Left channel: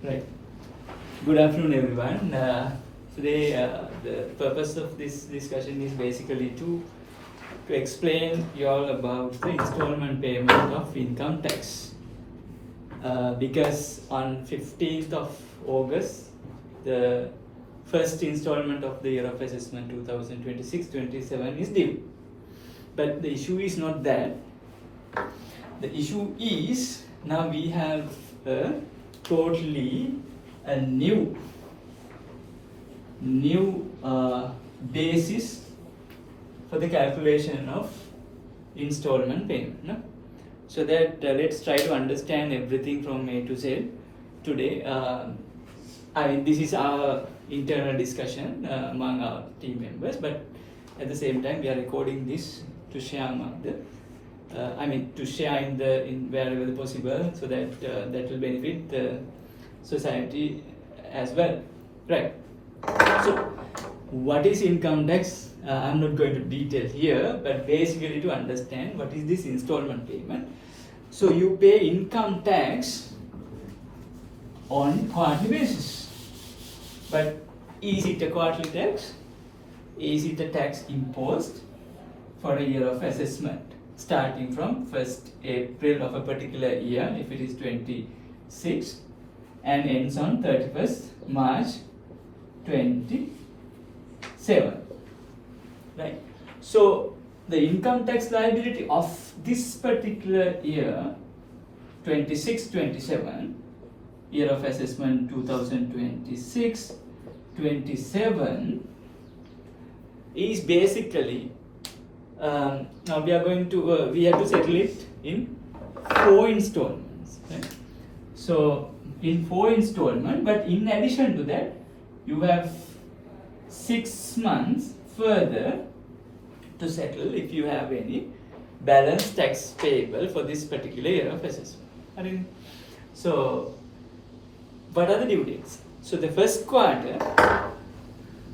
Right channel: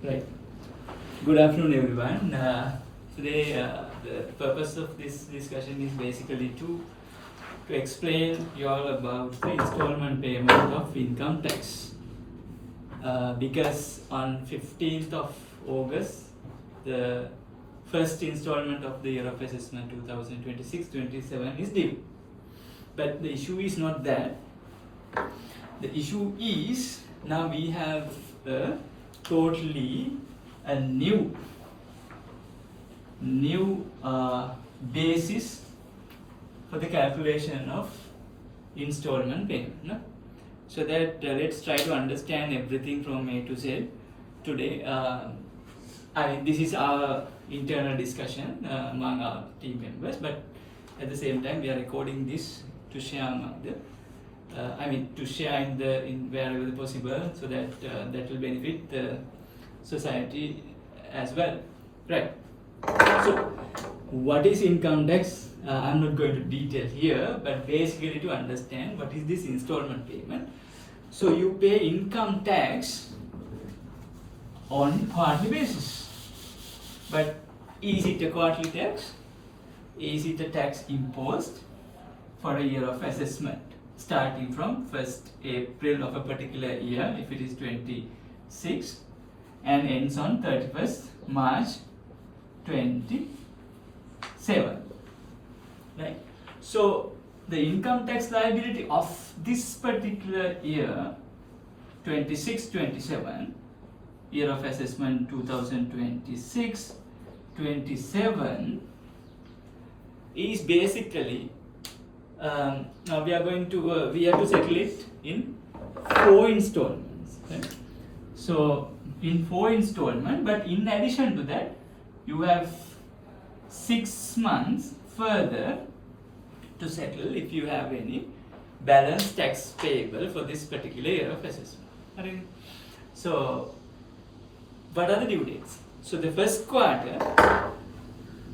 Right. Good afternoon, everyone. Today, the purpose of this discussion is basically to explain you all about the installment payment of income tax. Because on 15th of August, the first installment of the year of assessment 2026-27 is due. But the issue is not that. The issue is now we have a totally a new basis for the calculation of installment payment. No? So that let's try to understand everything from A to Z today. This is our internal discussion among our team members, but at the same time we are recording this to share among the to share in wherever possible, so that that will benefit the society as well, right? So, what is income tax? I'm not going to detail here, but basically to understand what is this installment payment. So you pay income tax on quarterly basis, but is it a quarterly tax? Is it a tax imposed for a year of assessment, starting from 1st April of a particular year, if it is 26, and ends on 31st March 27, right? So the income tax liability of this particular year, 26-27, year of assessment 2026-27, is basically now we are going to we have to settle it in 4 installments, right? So in 4 installments, but in addition to that, you have 6 months further to settle if you have any balance tax payable for this particular year of assessment. So what are the due dates? So the first quarter,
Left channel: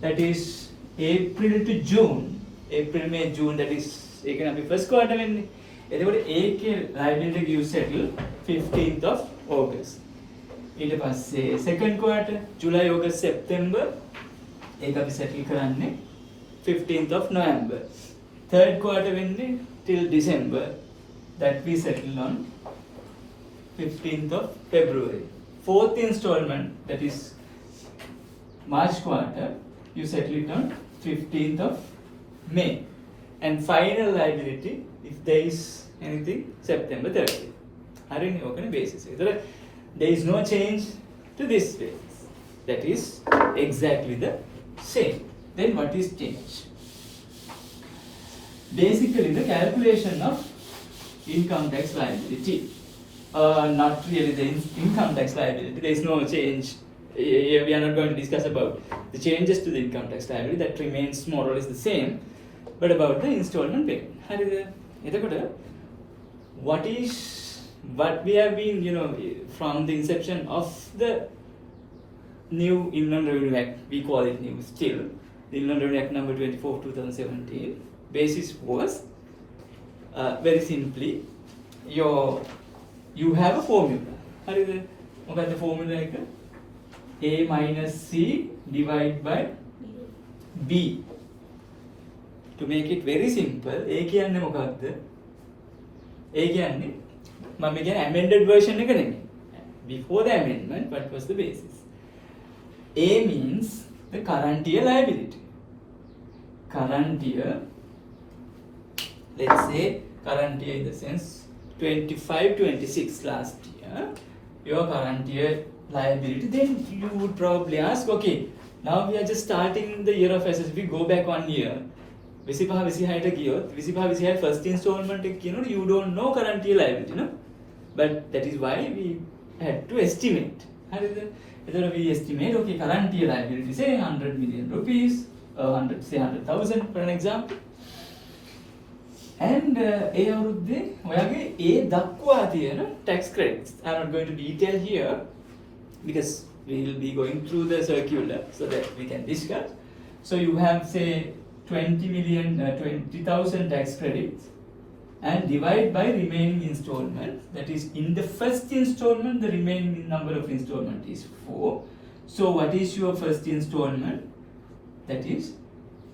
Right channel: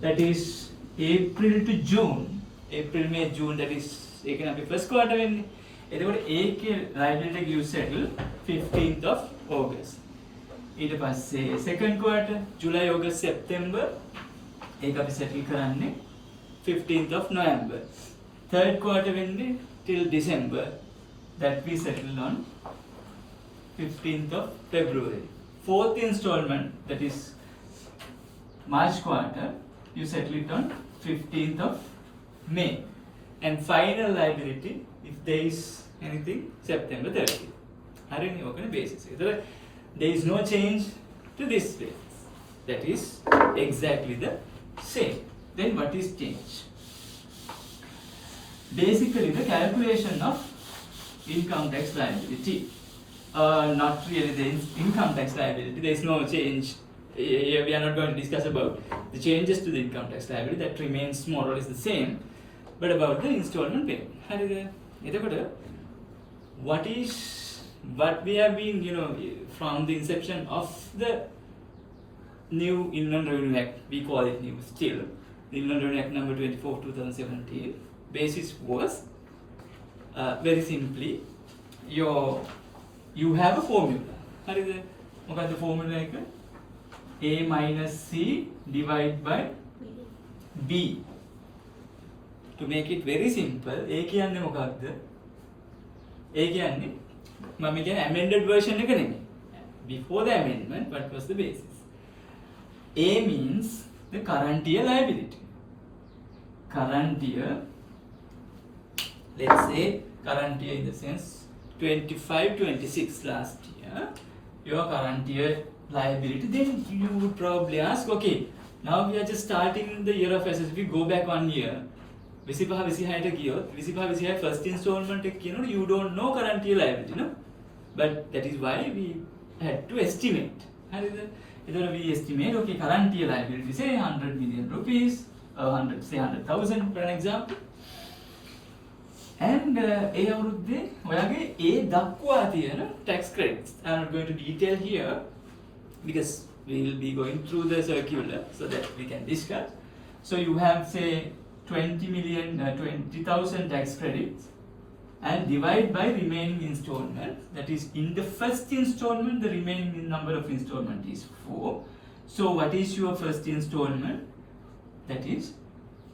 that is April to June, April, May, June, that is it can be first quarter when liability you settle 15th of August. ඊට පස්සේ second quarter July, August, September ඒක අපි settle කරන්නේ 15th of November. Third quarter වෙන්නේ till December, that we settle on 15th of February. Fourth installment, that is March quarter, you settle it on 15th of May. And final liability, if there is anything, September 30th. හරිනේ ඕකනේ basis. There is no change to this basis. That is exactly the same. Then what is changed? Basically the calculation of income tax liability. Not really the income tax liability. There is no change. We are not going to discuss about the changes to the income tax liability. That remains more or less the same. But about the installment payment. What we have been, from the inception of the new Inland Revenue Act, we call it new still, the Inland Revenue Act number 24 2017, basis was very simply, you have a formula. What is the formula? A minus C divided by B. To make it very simple, A කියන්නේ මොකක්ද? A කියන්නේ මම කියන්නේ amended version එක නෙමෙයි. Before the amendment, what was the basis? A means the current year liability. Current year, let's say current year in the sense 25-26 last year, your current year liability. Then you would probably ask, okay, now we are just starting the year of assessment. We go back 1 year. 25-26 ගියොත් 25-26 first installment එක කියනොත් you don't know current year liability, no? But that is why we had to estimate. හරිද? එතකොට we estimate, okay, current year liability say 100 million rupees, 100,000 for an example. And ඒ අවුරුද්දේ ඔයාගේ ඒ දක්වා තියෙන tax credits. I'm not going to detail here because we will be going through the circular so that we can discuss. So you have say 20,000 tax credits and divide by remaining installments. That is, in the first installment, the remaining number of installment is 4. So what is your first installment? That is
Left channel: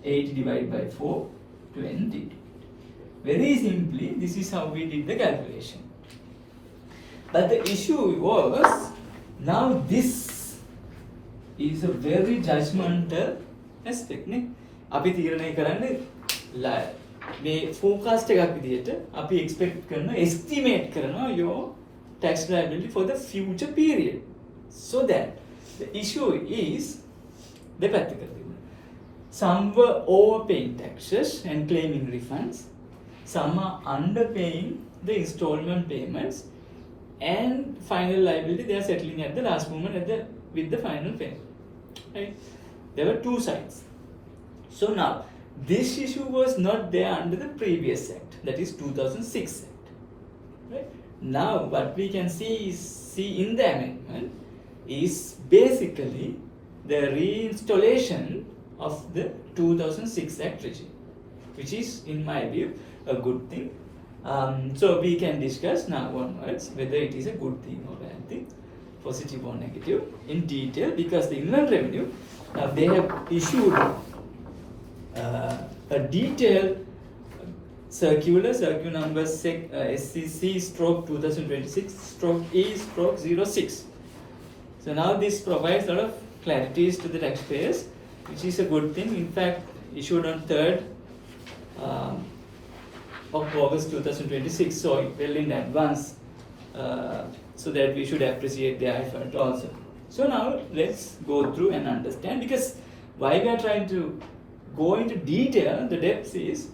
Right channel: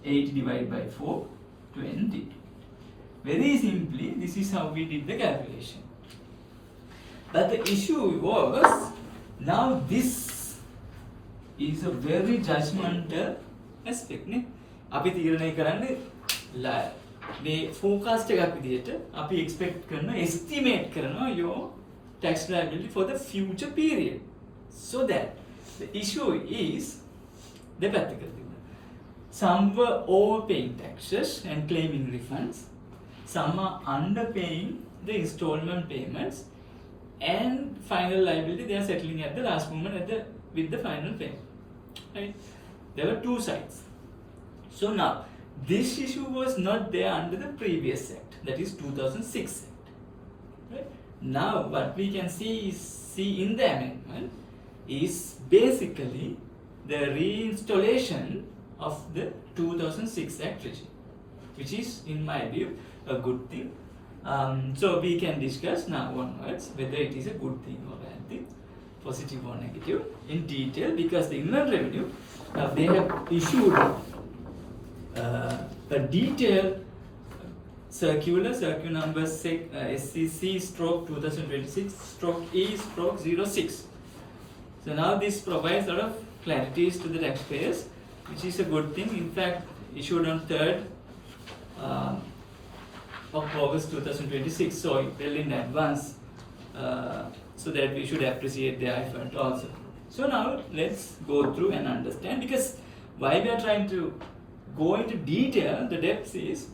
8 divided by 4, 20. Very simply, this is how we did the calculation. But the issue was, now this is a very judgmental aspect. අපි තීරණය කරන්නේ මේ forecast එකක් විදිහට අපි expect කරන estimate කරනවා your tax liability for the future period. So that the issue is දෙපැත්තකට තිබුණා. Some were overpaying taxes and claiming refunds. Some are underpaying the installment payments, and final liability they are settling at the last moment with the final payment. Right? There were two sides. So now, this issue was not there under the previous act, that is 2006 act. Right? Now, what we can see in the amendment is basically the reinstallation of the 2006 act regime, which is, in my view, a good thing. So we can discuss now onwards whether it is a good thing or bad thing, positive or negative, in detail, because the Inland Revenue, they have issued a detailed circular number SCC/2026/E/06. So now this provides a lot of clarities to the taxpayers, which is a good thing. In fact, issued on 3rd of August 2026, so well in advance, so that we should appreciate their effort also. So now let's go through and understand, because why we are trying to go into detail, the depths is,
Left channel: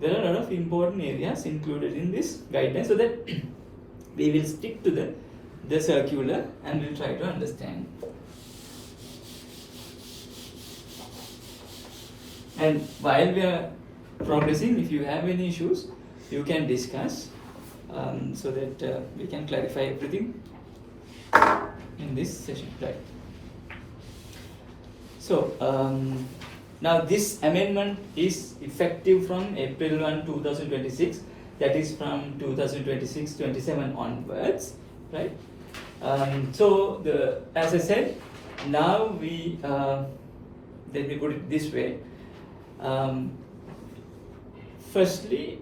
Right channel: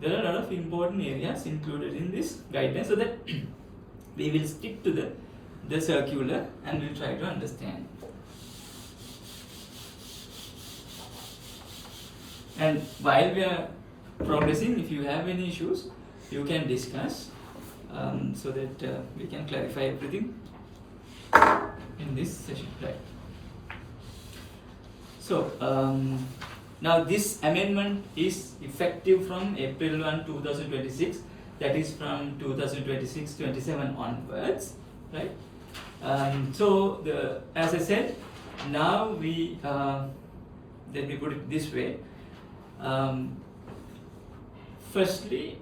there are a lot of important areas included in this guideline, so that we will stick to the circular and we'll try to understand. And while we are progressing, if you have any issues, you can discuss, so that we can clarify everything in this session. Right. So now this amendment is effective from April 1, 2026. That is from 2026-27 onwards, right? So as I said, now we let me put it this way. Firstly,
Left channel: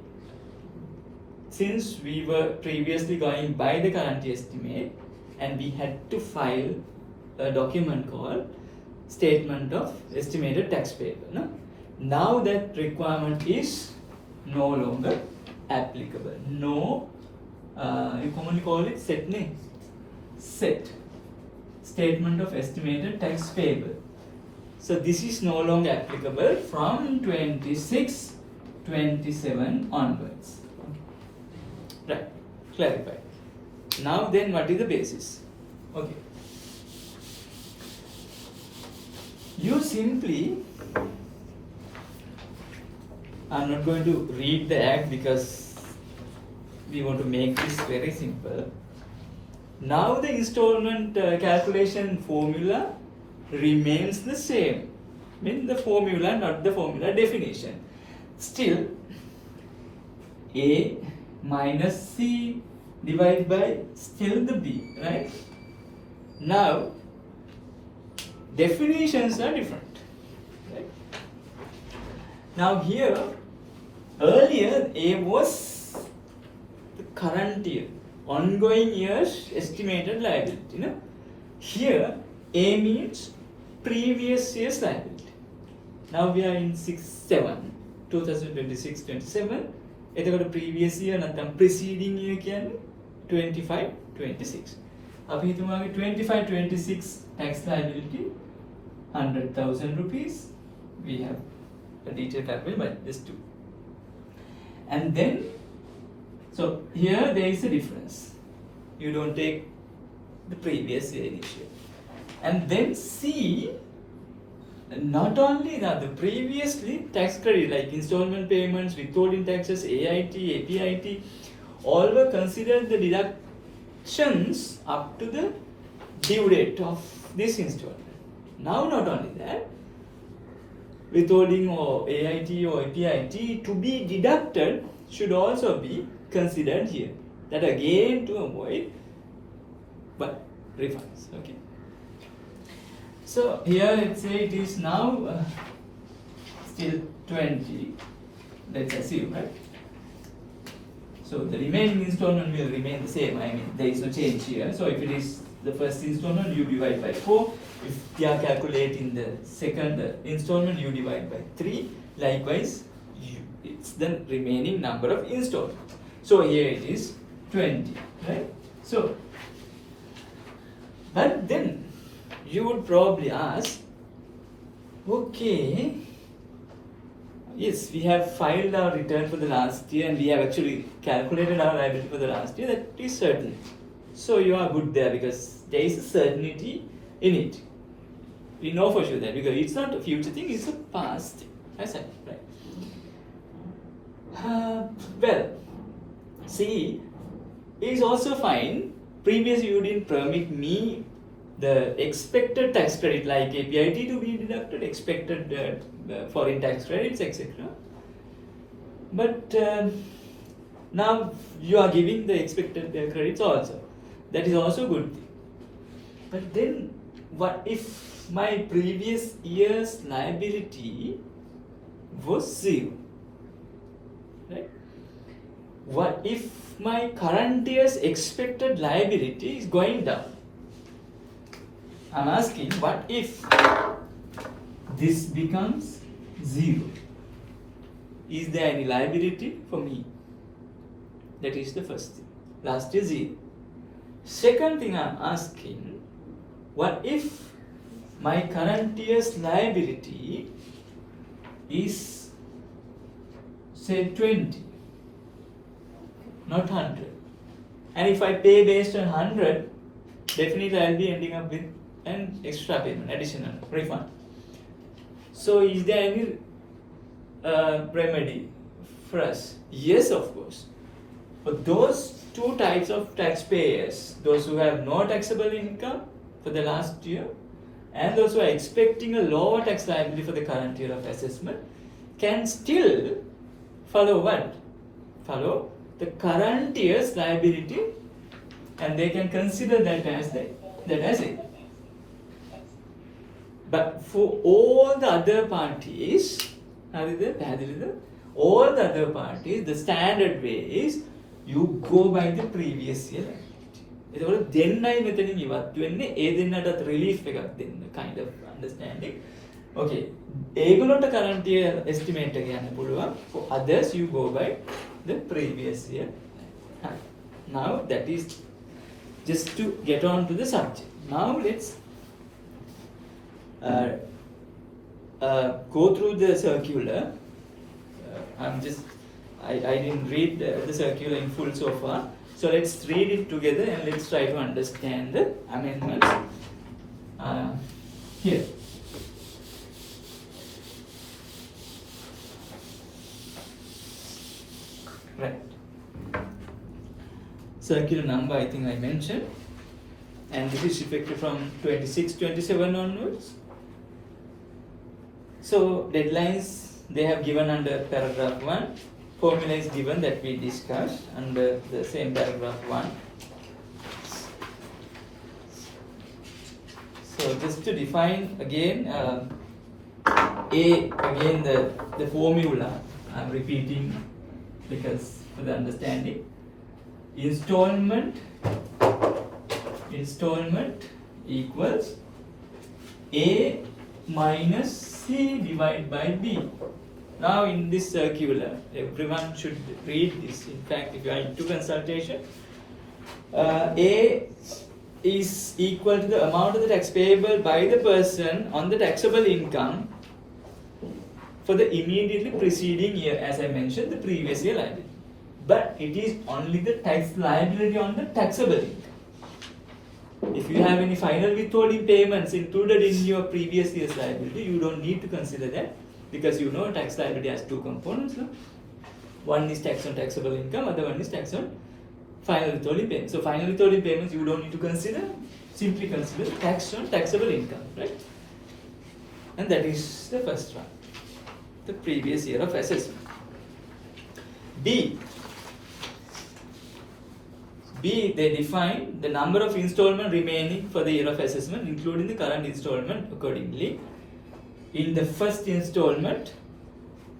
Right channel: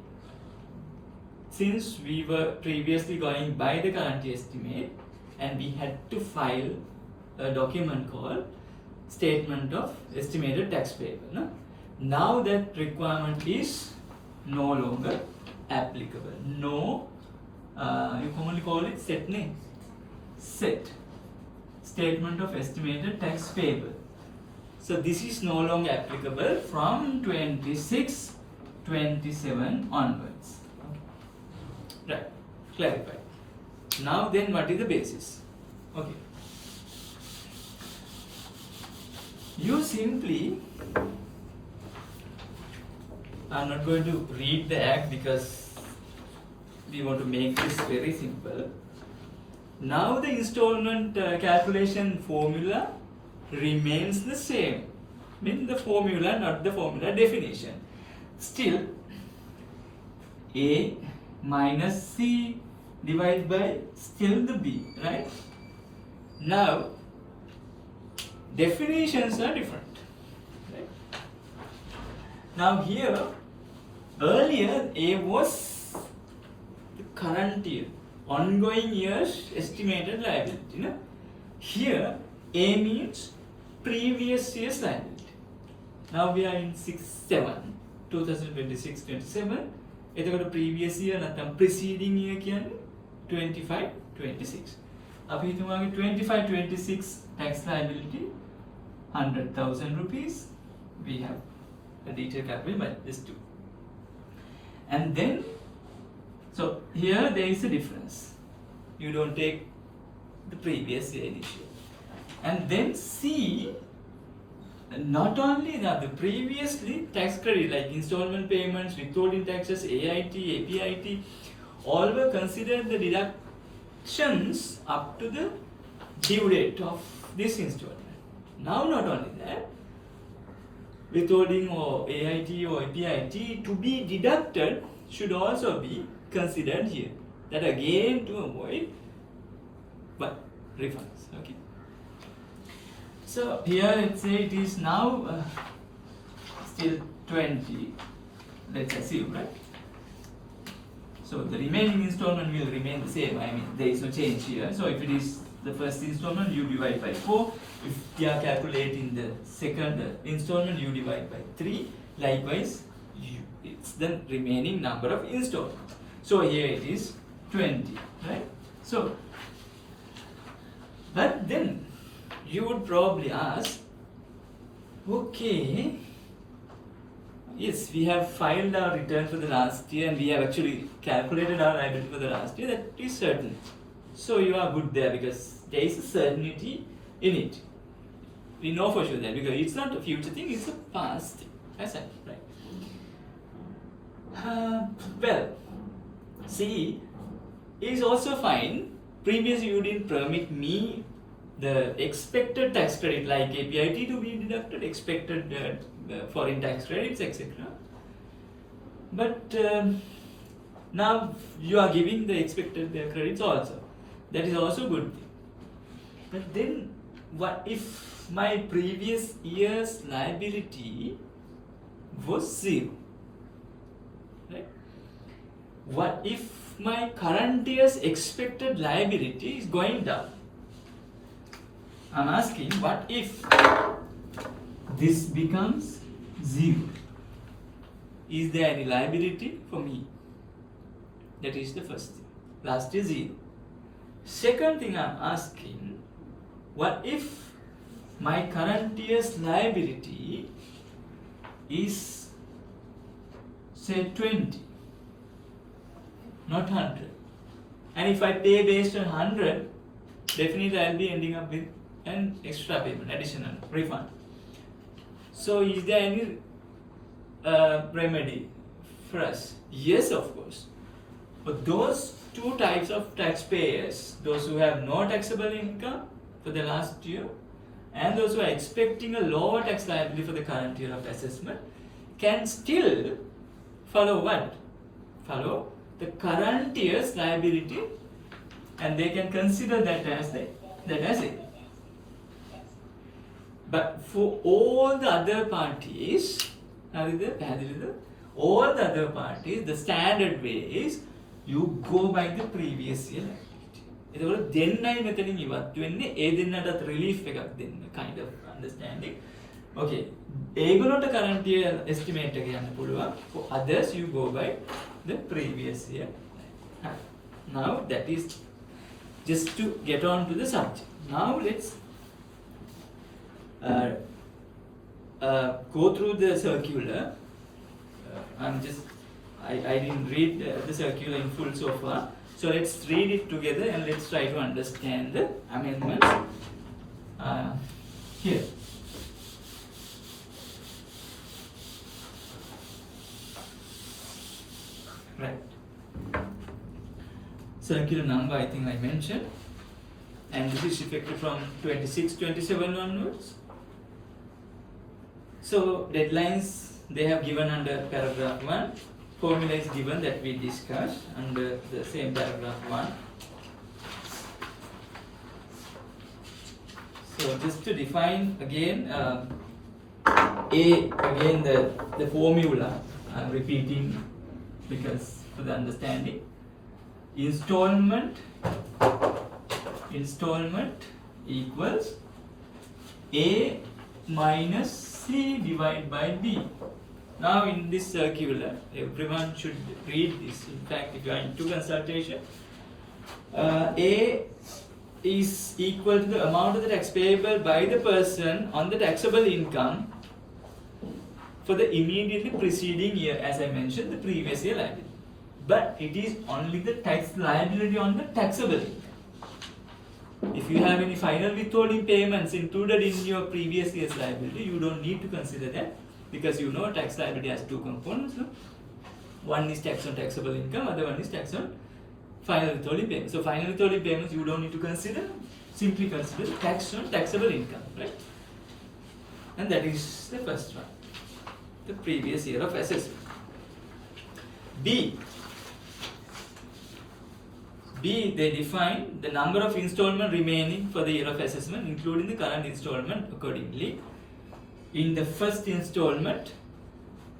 since we were previously going by the current estimate, and we had to file a document called Statement of Estimated Tax Payable. No? Now that requirement is no longer applicable. No, you commonly call it SET name. SET. Statement of Estimated Tax Payable. So this is no longer applicable from 26-27 onwards. Right, clarified. Now then, what is the basis? Okay. You simply, I'm not going to read the act because we want to make this very simple. Now the installment calculation formula remains the same. I mean the formula, not the formula definition. Still, A minus C divided by still the B, right? Now, definitions are different, right? Now here, earlier A was the current year, ongoing year's estimated liability. No? Here, A means previous year's liability. Now we are in 2026-27. එතකොට previous year නැත්නම් preceding year කියන්නේ 25-26. අපි හිතමුගේ 25-26 tax liability 100,000 rupees. We have a detailed calculation, but just two. And then, so here there is a difference. You don't take the previous year initial. And then C, not only that, the previously tax credit like installment payments, withholding taxes, AIT, APIT, all were considered the deductions up to the due date of this installment. Now not only that, withholding or AIT or APIT to be deducted should also be considered here. That again to avoid what refunds. Okay. So here let's say it is now still 20. Let's assume, right? So the remaining installment will remain the same. I mean, there is no change here. So if it is the first installment, you divide by 4. If you are calculating the second installment, you divide by 3. Likewise, it's the remaining number of installments. So here it is 20, right? So, but then you would probably ask, okay, yes, we have filed our return for the last year and we have actually calculated our liability for the last year. That is certain. So you are good there because there is a certainty in it. We know for sure that because it's not a future thing, it's a past thing. I said, right? Well, see, it is also fine. Previously, you didn't permit me the expected tax credit like APIT to be deducted, expected foreign tax credits, etc. But now you are giving the expected credits also. That is also good thing. But then, what if my previous year's liability was 0? Right? What if my current year's expected liability is going down? I'm asking, what if this becomes 0? Is there any liability for me? That is the first thing. Last is 0. Second thing I'm asking, what if my current year's liability is say 20, not 100? And if I pay based on 100, definitely I'll be ending up with an extra payment, additional refund. So is there any remedy for us? Yes, of course. For those two types of taxpayers, those who have no taxable income for the last year and those who are expecting a lower tax liability for the current year of assessment, can still follow what? Follow the current year's liability, and they can consider that as it. But for all the other parties, all the other parties, the standard way is you go by the previous year liability. එතකොට දෙන්නයි මෙතනින් ඉවත් වෙන්නේ, ඒ දෙන්නටත් relief එකක් දෙන්න, kind of understanding. Okay, ඒගොල්ලන්ට current year estimate එක යන්න පුළුවන්. For others you go by the previous year. Now that is just to get on to the subject. Now let's go through the circular. I didn't read the circular in full so far. So let's read it together and let's try to understand the amendments here. Right. Circular number I think I mentioned, and this is effective from 26-27 onwards. So deadlines they have given under paragraph 1. Formula is given that we discussed under the same paragraph 1. So just to define again, again the formula I'm repeating because for the understanding. Installment equals A minus C divided by B. Now in this circular, everyone should read this. In fact, if you are into consultation, A is equal to the amount of the tax payable by the person on the taxable income for the immediately preceding year, as I mentioned, the previous year liability. But it is only the tax liability on the taxable income. If you have any final withholding payments included in your previous year's liability, you don't need to consider that, because you know tax liability has two components. No? One is tax on taxable income, other one is tax on final withholding payments. So final withholding payments you don't need to consider, simply consider tax on taxable income, right? And that is the first one, the previous year of assessment. B, B, they define the number of installment remaining for the year of assessment, including the current installment accordingly. In the first installment,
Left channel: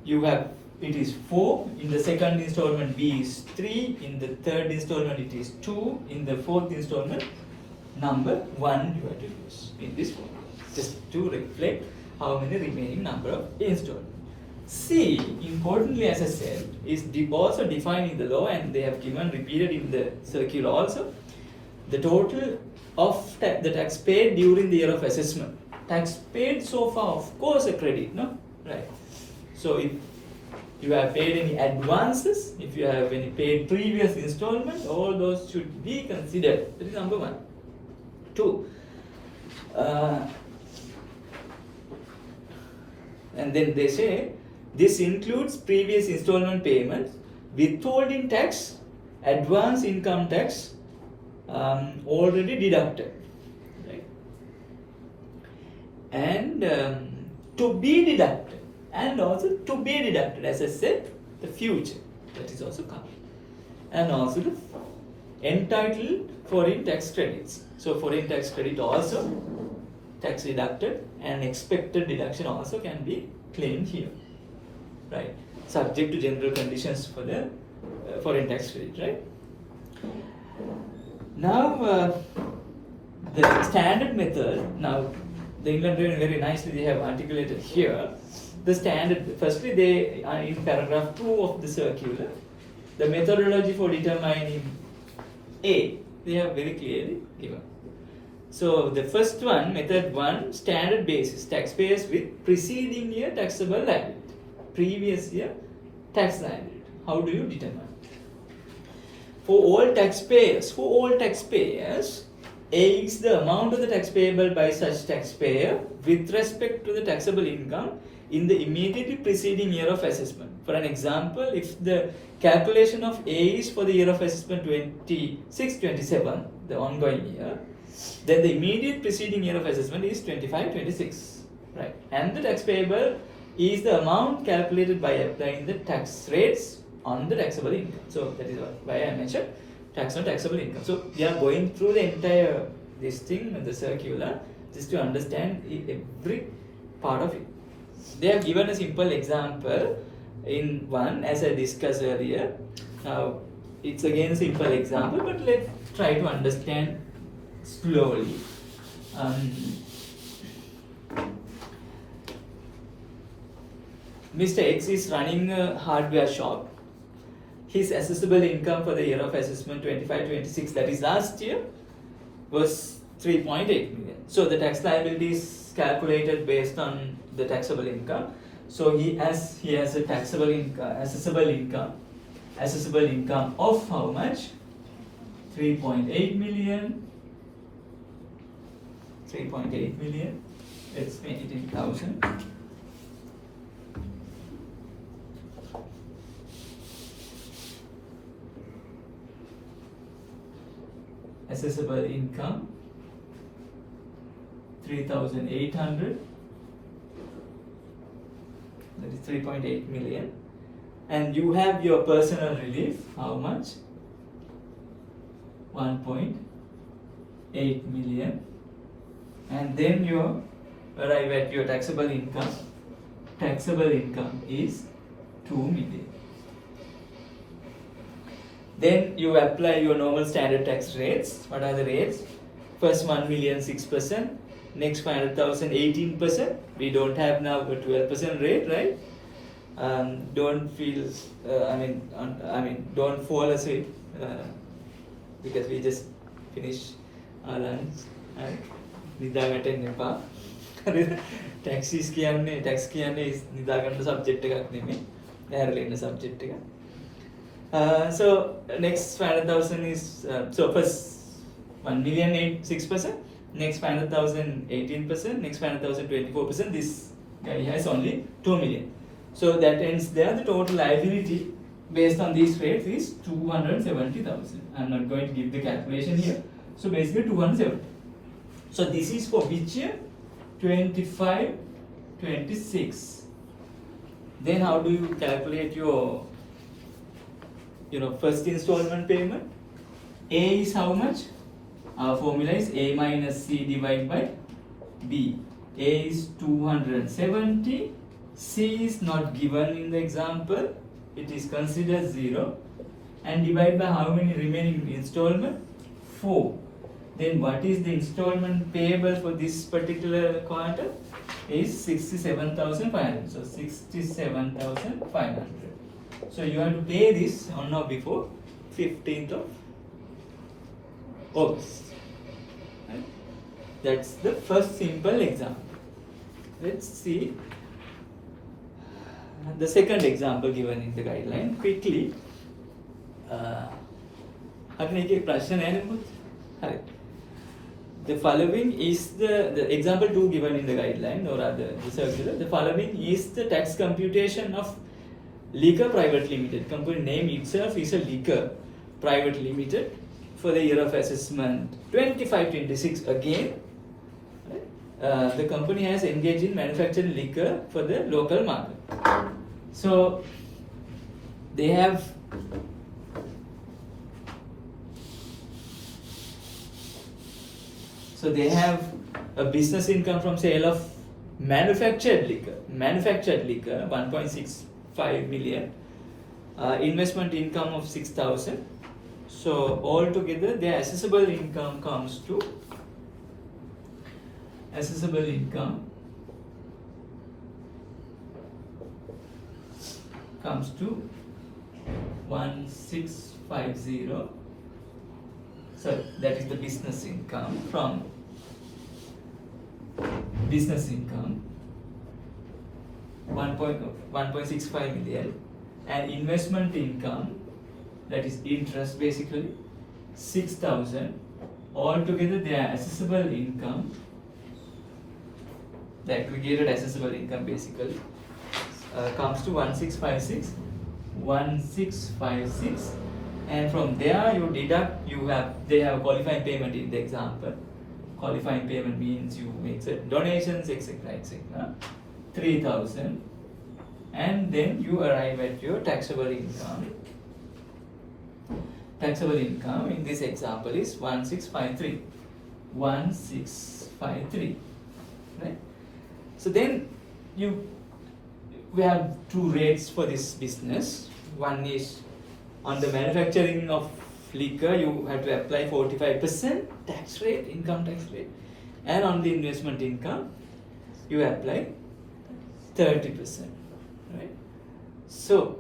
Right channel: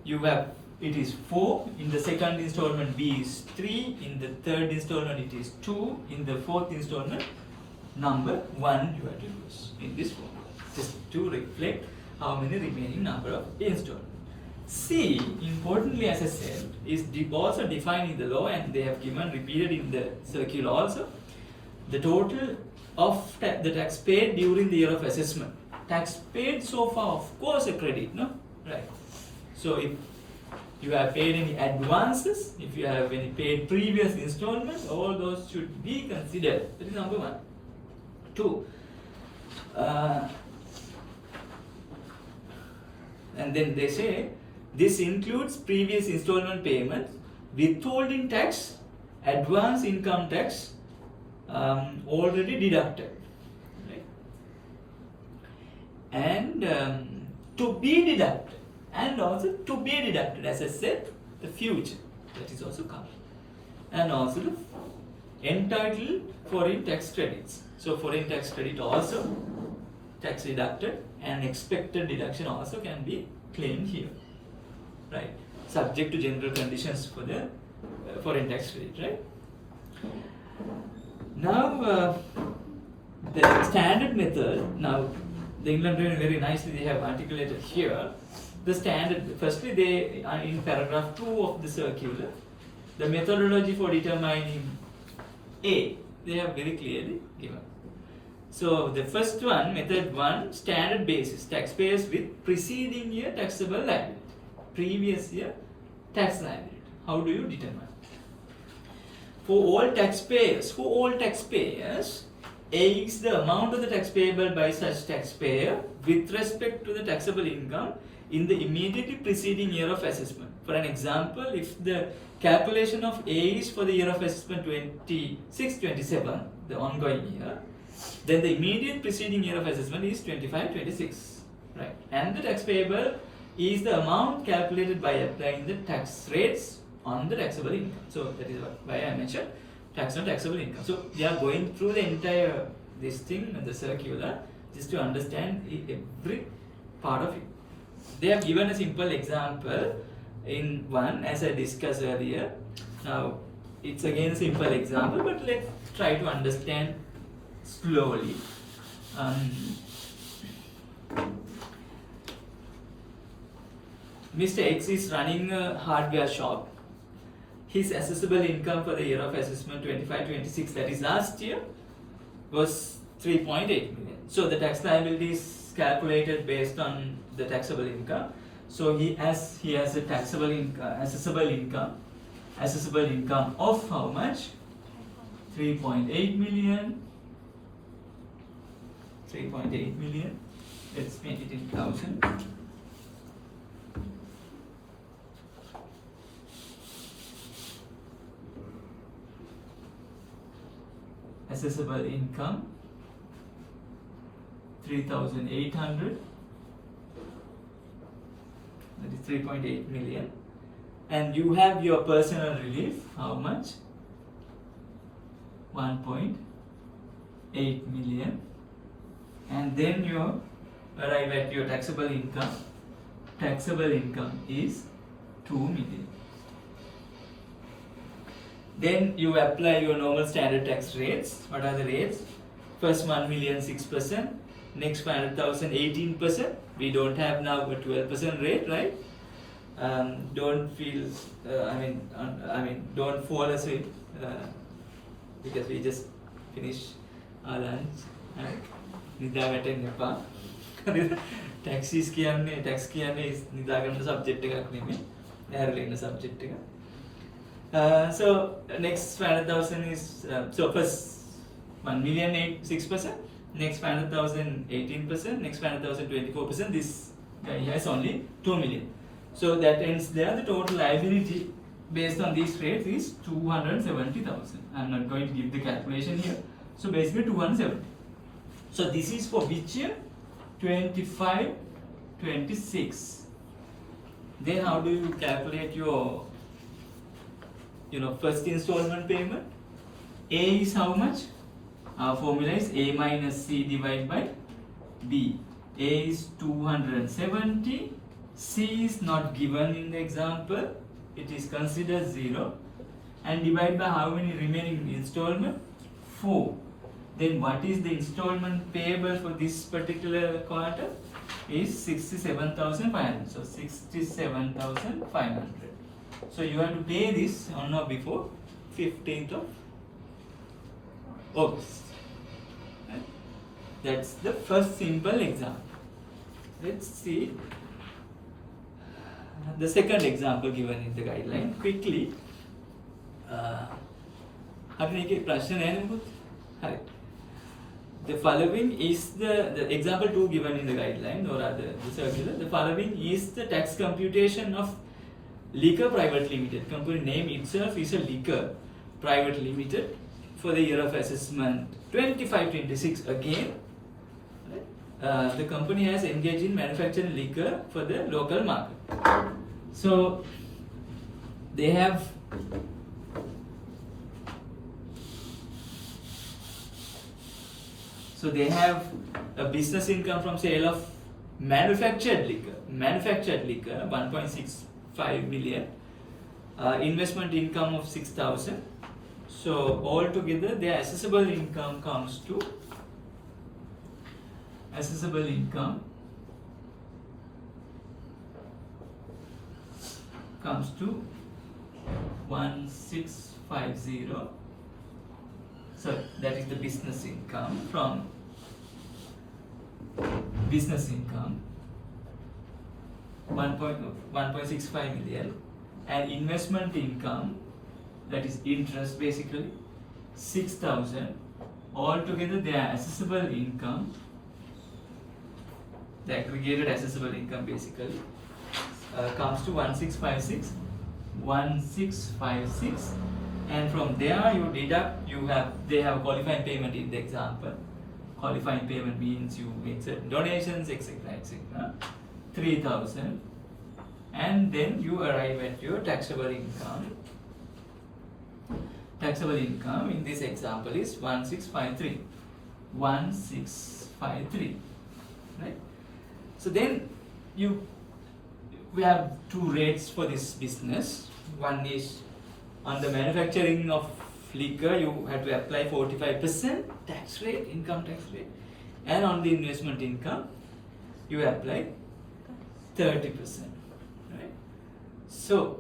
you have, it is 4. In the second installment, B is 3. In the third installment, it is 2. In the fourth installment, number 1 you have to use in this form, just to reflect how many remaining number of installments. C, importantly, as I said, is also defined in the law, and they have given repeated in the circular also, the total of the tax paid during the year of assessment. Tax paid so far, of course, a credit, no? Right. So if you have paid any advances, if you have any paid previous installment, all those should be considered. That is number 1. 2. And then they say, this includes previous installment payments, withholding tax, advance income tax already deducted, right? And to be deducted, and also to be deducted, as I said, the future, that is also coming. And also the entitled foreign tax credits. So foreign tax credit also tax deducted, and expected deduction also can be claimed here. Right, subject to general conditions for the foreign tax credit, right? Now, the standard method, now the England very nicely they have articulated here. The standard, firstly, they are in paragraph 2 of the circular, the methodology for determining A, they have very clearly given. So, the first one, method 1, standard basis, taxpayers with preceding year taxable liability. Previous year tax liability. How do you determine? For all taxpayers, A is the amount of the tax payable by such taxpayer with respect to the taxable income in the immediately preceding year of assessment. For an example, if the calculation of A is for the year of assessment 26-27, the ongoing year, then the immediate preceding year of assessment is 25-26, right? And the tax payable is the amount calculated by applying the tax rates on the taxable income. So that is why I mentioned tax on taxable income. So we are going through the entire this thing and the circular just to understand every part of it. They have given a simple example in one, as I discussed earlier. Now it's again a simple example, but let's try to understand slowly. Mr. X is running a hardware shop. His assessable income for the year of assessment 25-26, that is last year, was 3.8 million. So the tax liability is calculated based on the taxable income. So he has a taxable income, assessable income of how much? 3.8 million. 3.8 million. Let's make it in 1,000. Assessable income 3,800, that is 3.8 million, and you have your personal relief, how much? 1.8 million, and then you arrive at your taxable income. Taxable income is 2 million. Then you apply your normal standard tax rates. What are the rates? First 1 million 6%, next 500,000 18%. We don't have now a 12% rate, right? Don't feel, don't fall asleep because we just finished our lunch. Right? නිදාගන්න එපා. tax කියන්නේ නිදාගන්න subject එකක් නෙමෙයි. ඇරලා ඉන්න subject එක. So next 500,000 is so first 1 million 6%, next 500,000 18%, next 500,000 24%. This guy has only 2 million. So that ends there. The total liability based on these rates is 270,000. I'm not going to give the calculation here. So basically 270. So this is for which year? 25-26. Then how do you calculate your first installment payment? A is how much? Our formula is A minus C divided by B. A is 270. C is not given in the example. It is considered 0. And divide by how many remaining installment? 4. Then what is the installment payable for this particular quarter? Is 67,500. So 67,500. So you have to pay this on or before 15th of August. Right? That's the first simple example. Let's see the second example given in the guideline quickly. The following is the example 2 given in the guideline, or rather the circular. The following is the tax computation of Liquor Private Limited. Company name itself is a Liquor Private Limited for the year of assessment 25-26 again. The company has engaged in manufacturing liquor for the local market. So they have a business income from sale of manufactured liquor 1.65 million, investment income of 6,000. So altogether their assessable income comes to 1650. So that is the business income from business income 1.65 million, and investment income, that is interest basically, 6,000. Altogether their assessable income, the aggregated assessable income basically comes to 1656, and from there you deduct, they have qualifying payment in the example. Qualifying payment means you make certain donations, etc. 3,000, and then you arrive at your taxable income. Taxable income in this example is 1653, right? So then we have two rates for this business. One is on the manufacturing of liquor, you have to apply 45% tax rate, income tax rate, and on the investment income you apply 30%, right? So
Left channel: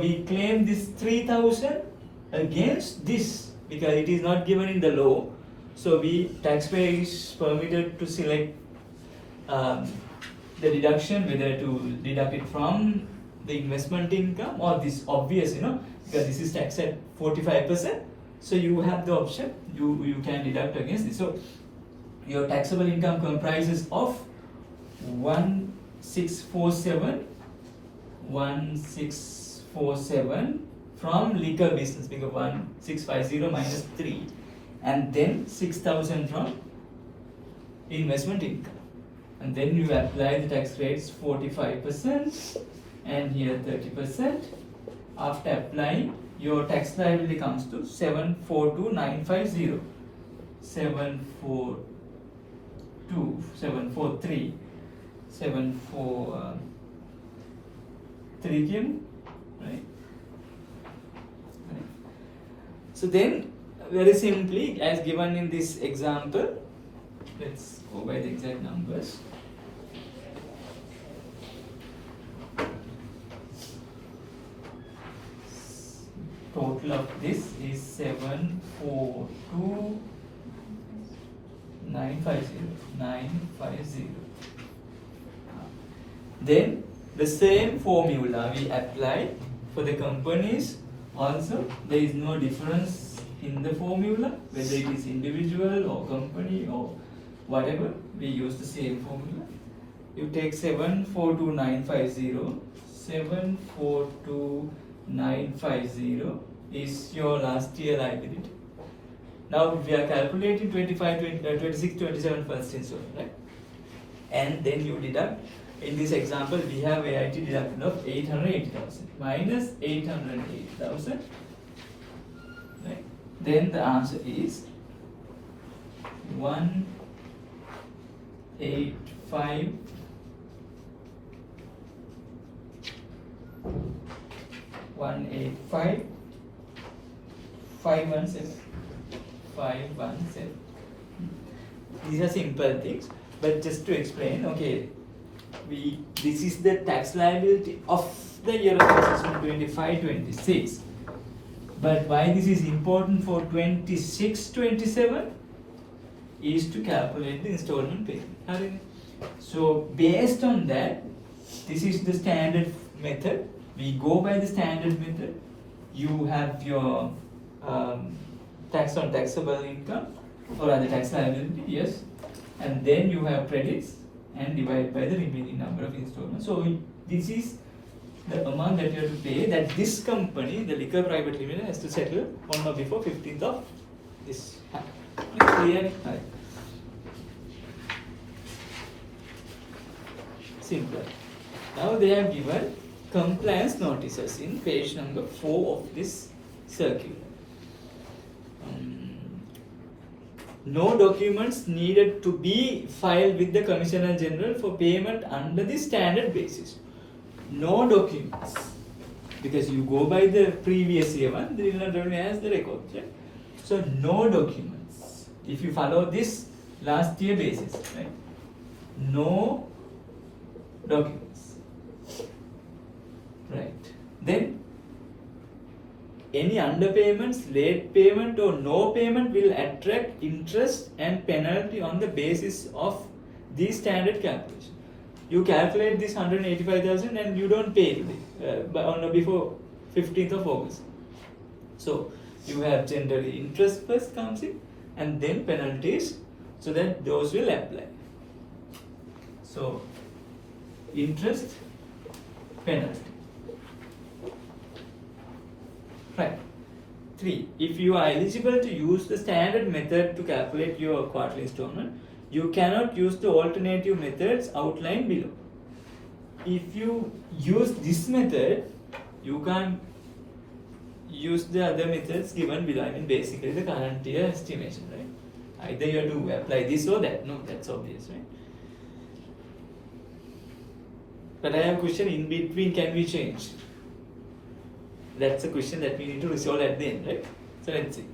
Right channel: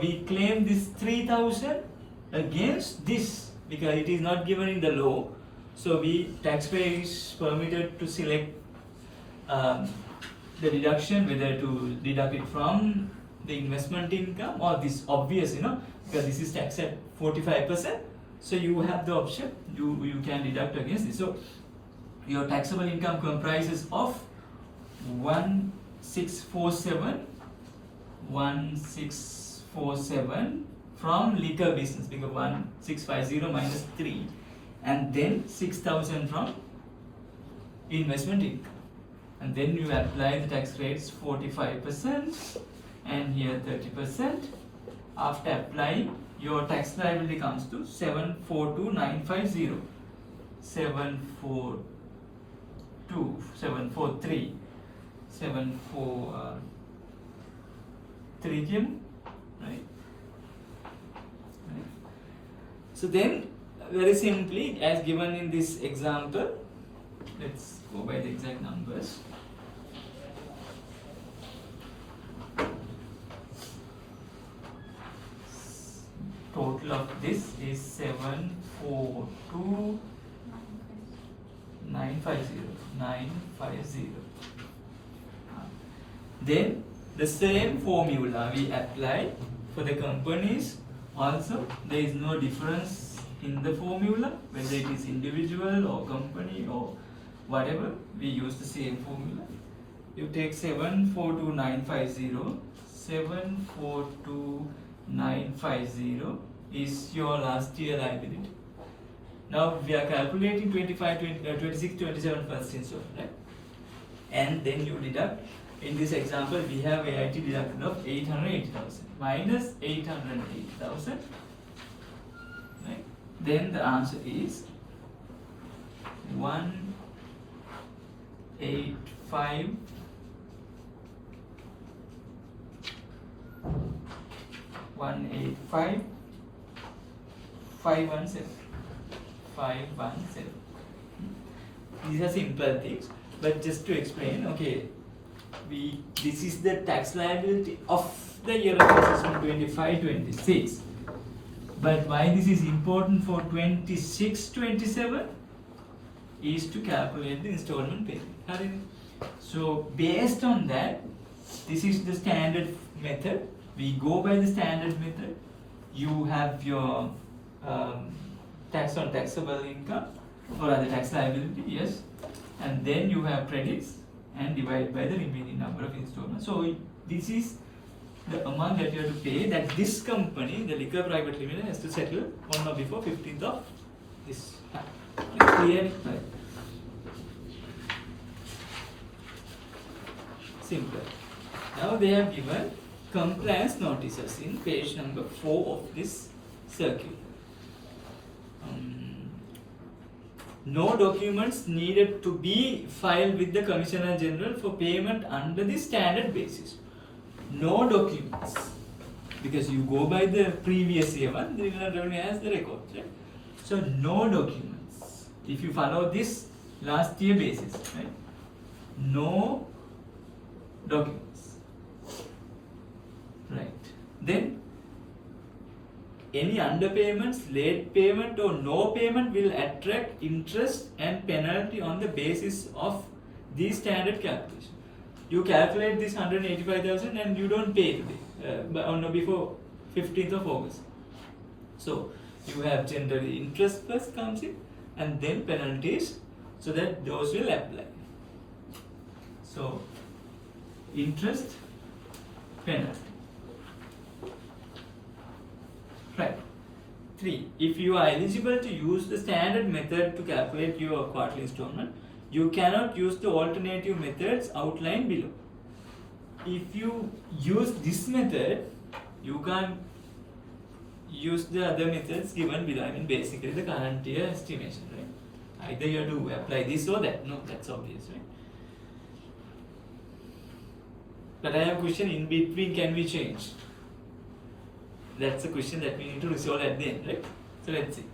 we claim this 3,000 against this because it is not given in the law. So taxpayer is permitted to select the deduction, whether to deduct it from the investment income or this obvious, because this is taxed at 45%. So you have the option, you can deduct against this. So your taxable income comprises of 1647 from liquor business, because 1650 minus 3, and then 6,000 from investment income. And then you apply the tax rates 45% and here 30%. After applying, your tax liability comes to 743. 743, right? So then, very simply, as given in this example, let's go by the exact numbers. Total of this is 742,950. Then the same formula we apply for the companies also. There is no difference in the formula, whether it is individual or company or whatever, we use the same formula. You take 742,950. 742,950 is your last year liability. Now we are calculating 26, 27 first installment, right? And then you deduct. In this example, we have AIT deduction of 880,000 minus 808,000 then the answer is 185 517. These are simple things, but just to explain, okay, this is the tax liability of the year of assessment 25-26. But why this is important for 26-27 is to calculate the installment payment. So based on that, this is the standard method. We go by the standard method. You have your tax on taxable income or other tax liability, yes, and then you have credits and divide by the remaining number of installments. So this is the amount that you have to pay that this company, the Liquor Private Limited, has to settle on or before 15th of this month. Clear? Right. Simple. Now they have given compliance notices in page number 4 of this circular. No documents needed to be filed with the Commissioner General for payment under the standard basis. No documents, because you go by the previous year one, the Inland Revenue has the records, right? So no documents. If you follow this last year basis, right? No documents, right? Then any underpayments, late payment or no payment will attract interest and penalty on the basis of the standard calculation. You calculate this 185,000 and you don't pay on or before 15th of August. So you have generally interest first comes in and then penalties, so that those will apply. So interest, penalty. Right. 3. If you are eligible to use the standard method to calculate your quarterly installment, you cannot use the alternative methods outlined below. If you use this method, you can't use the other methods given below. I mean, basically the current year estimation, right? Either you have to apply this or that. No, that's obvious, right? But I have a question in between, can we change? That's a question that we need to resolve at the end, right? So let's see.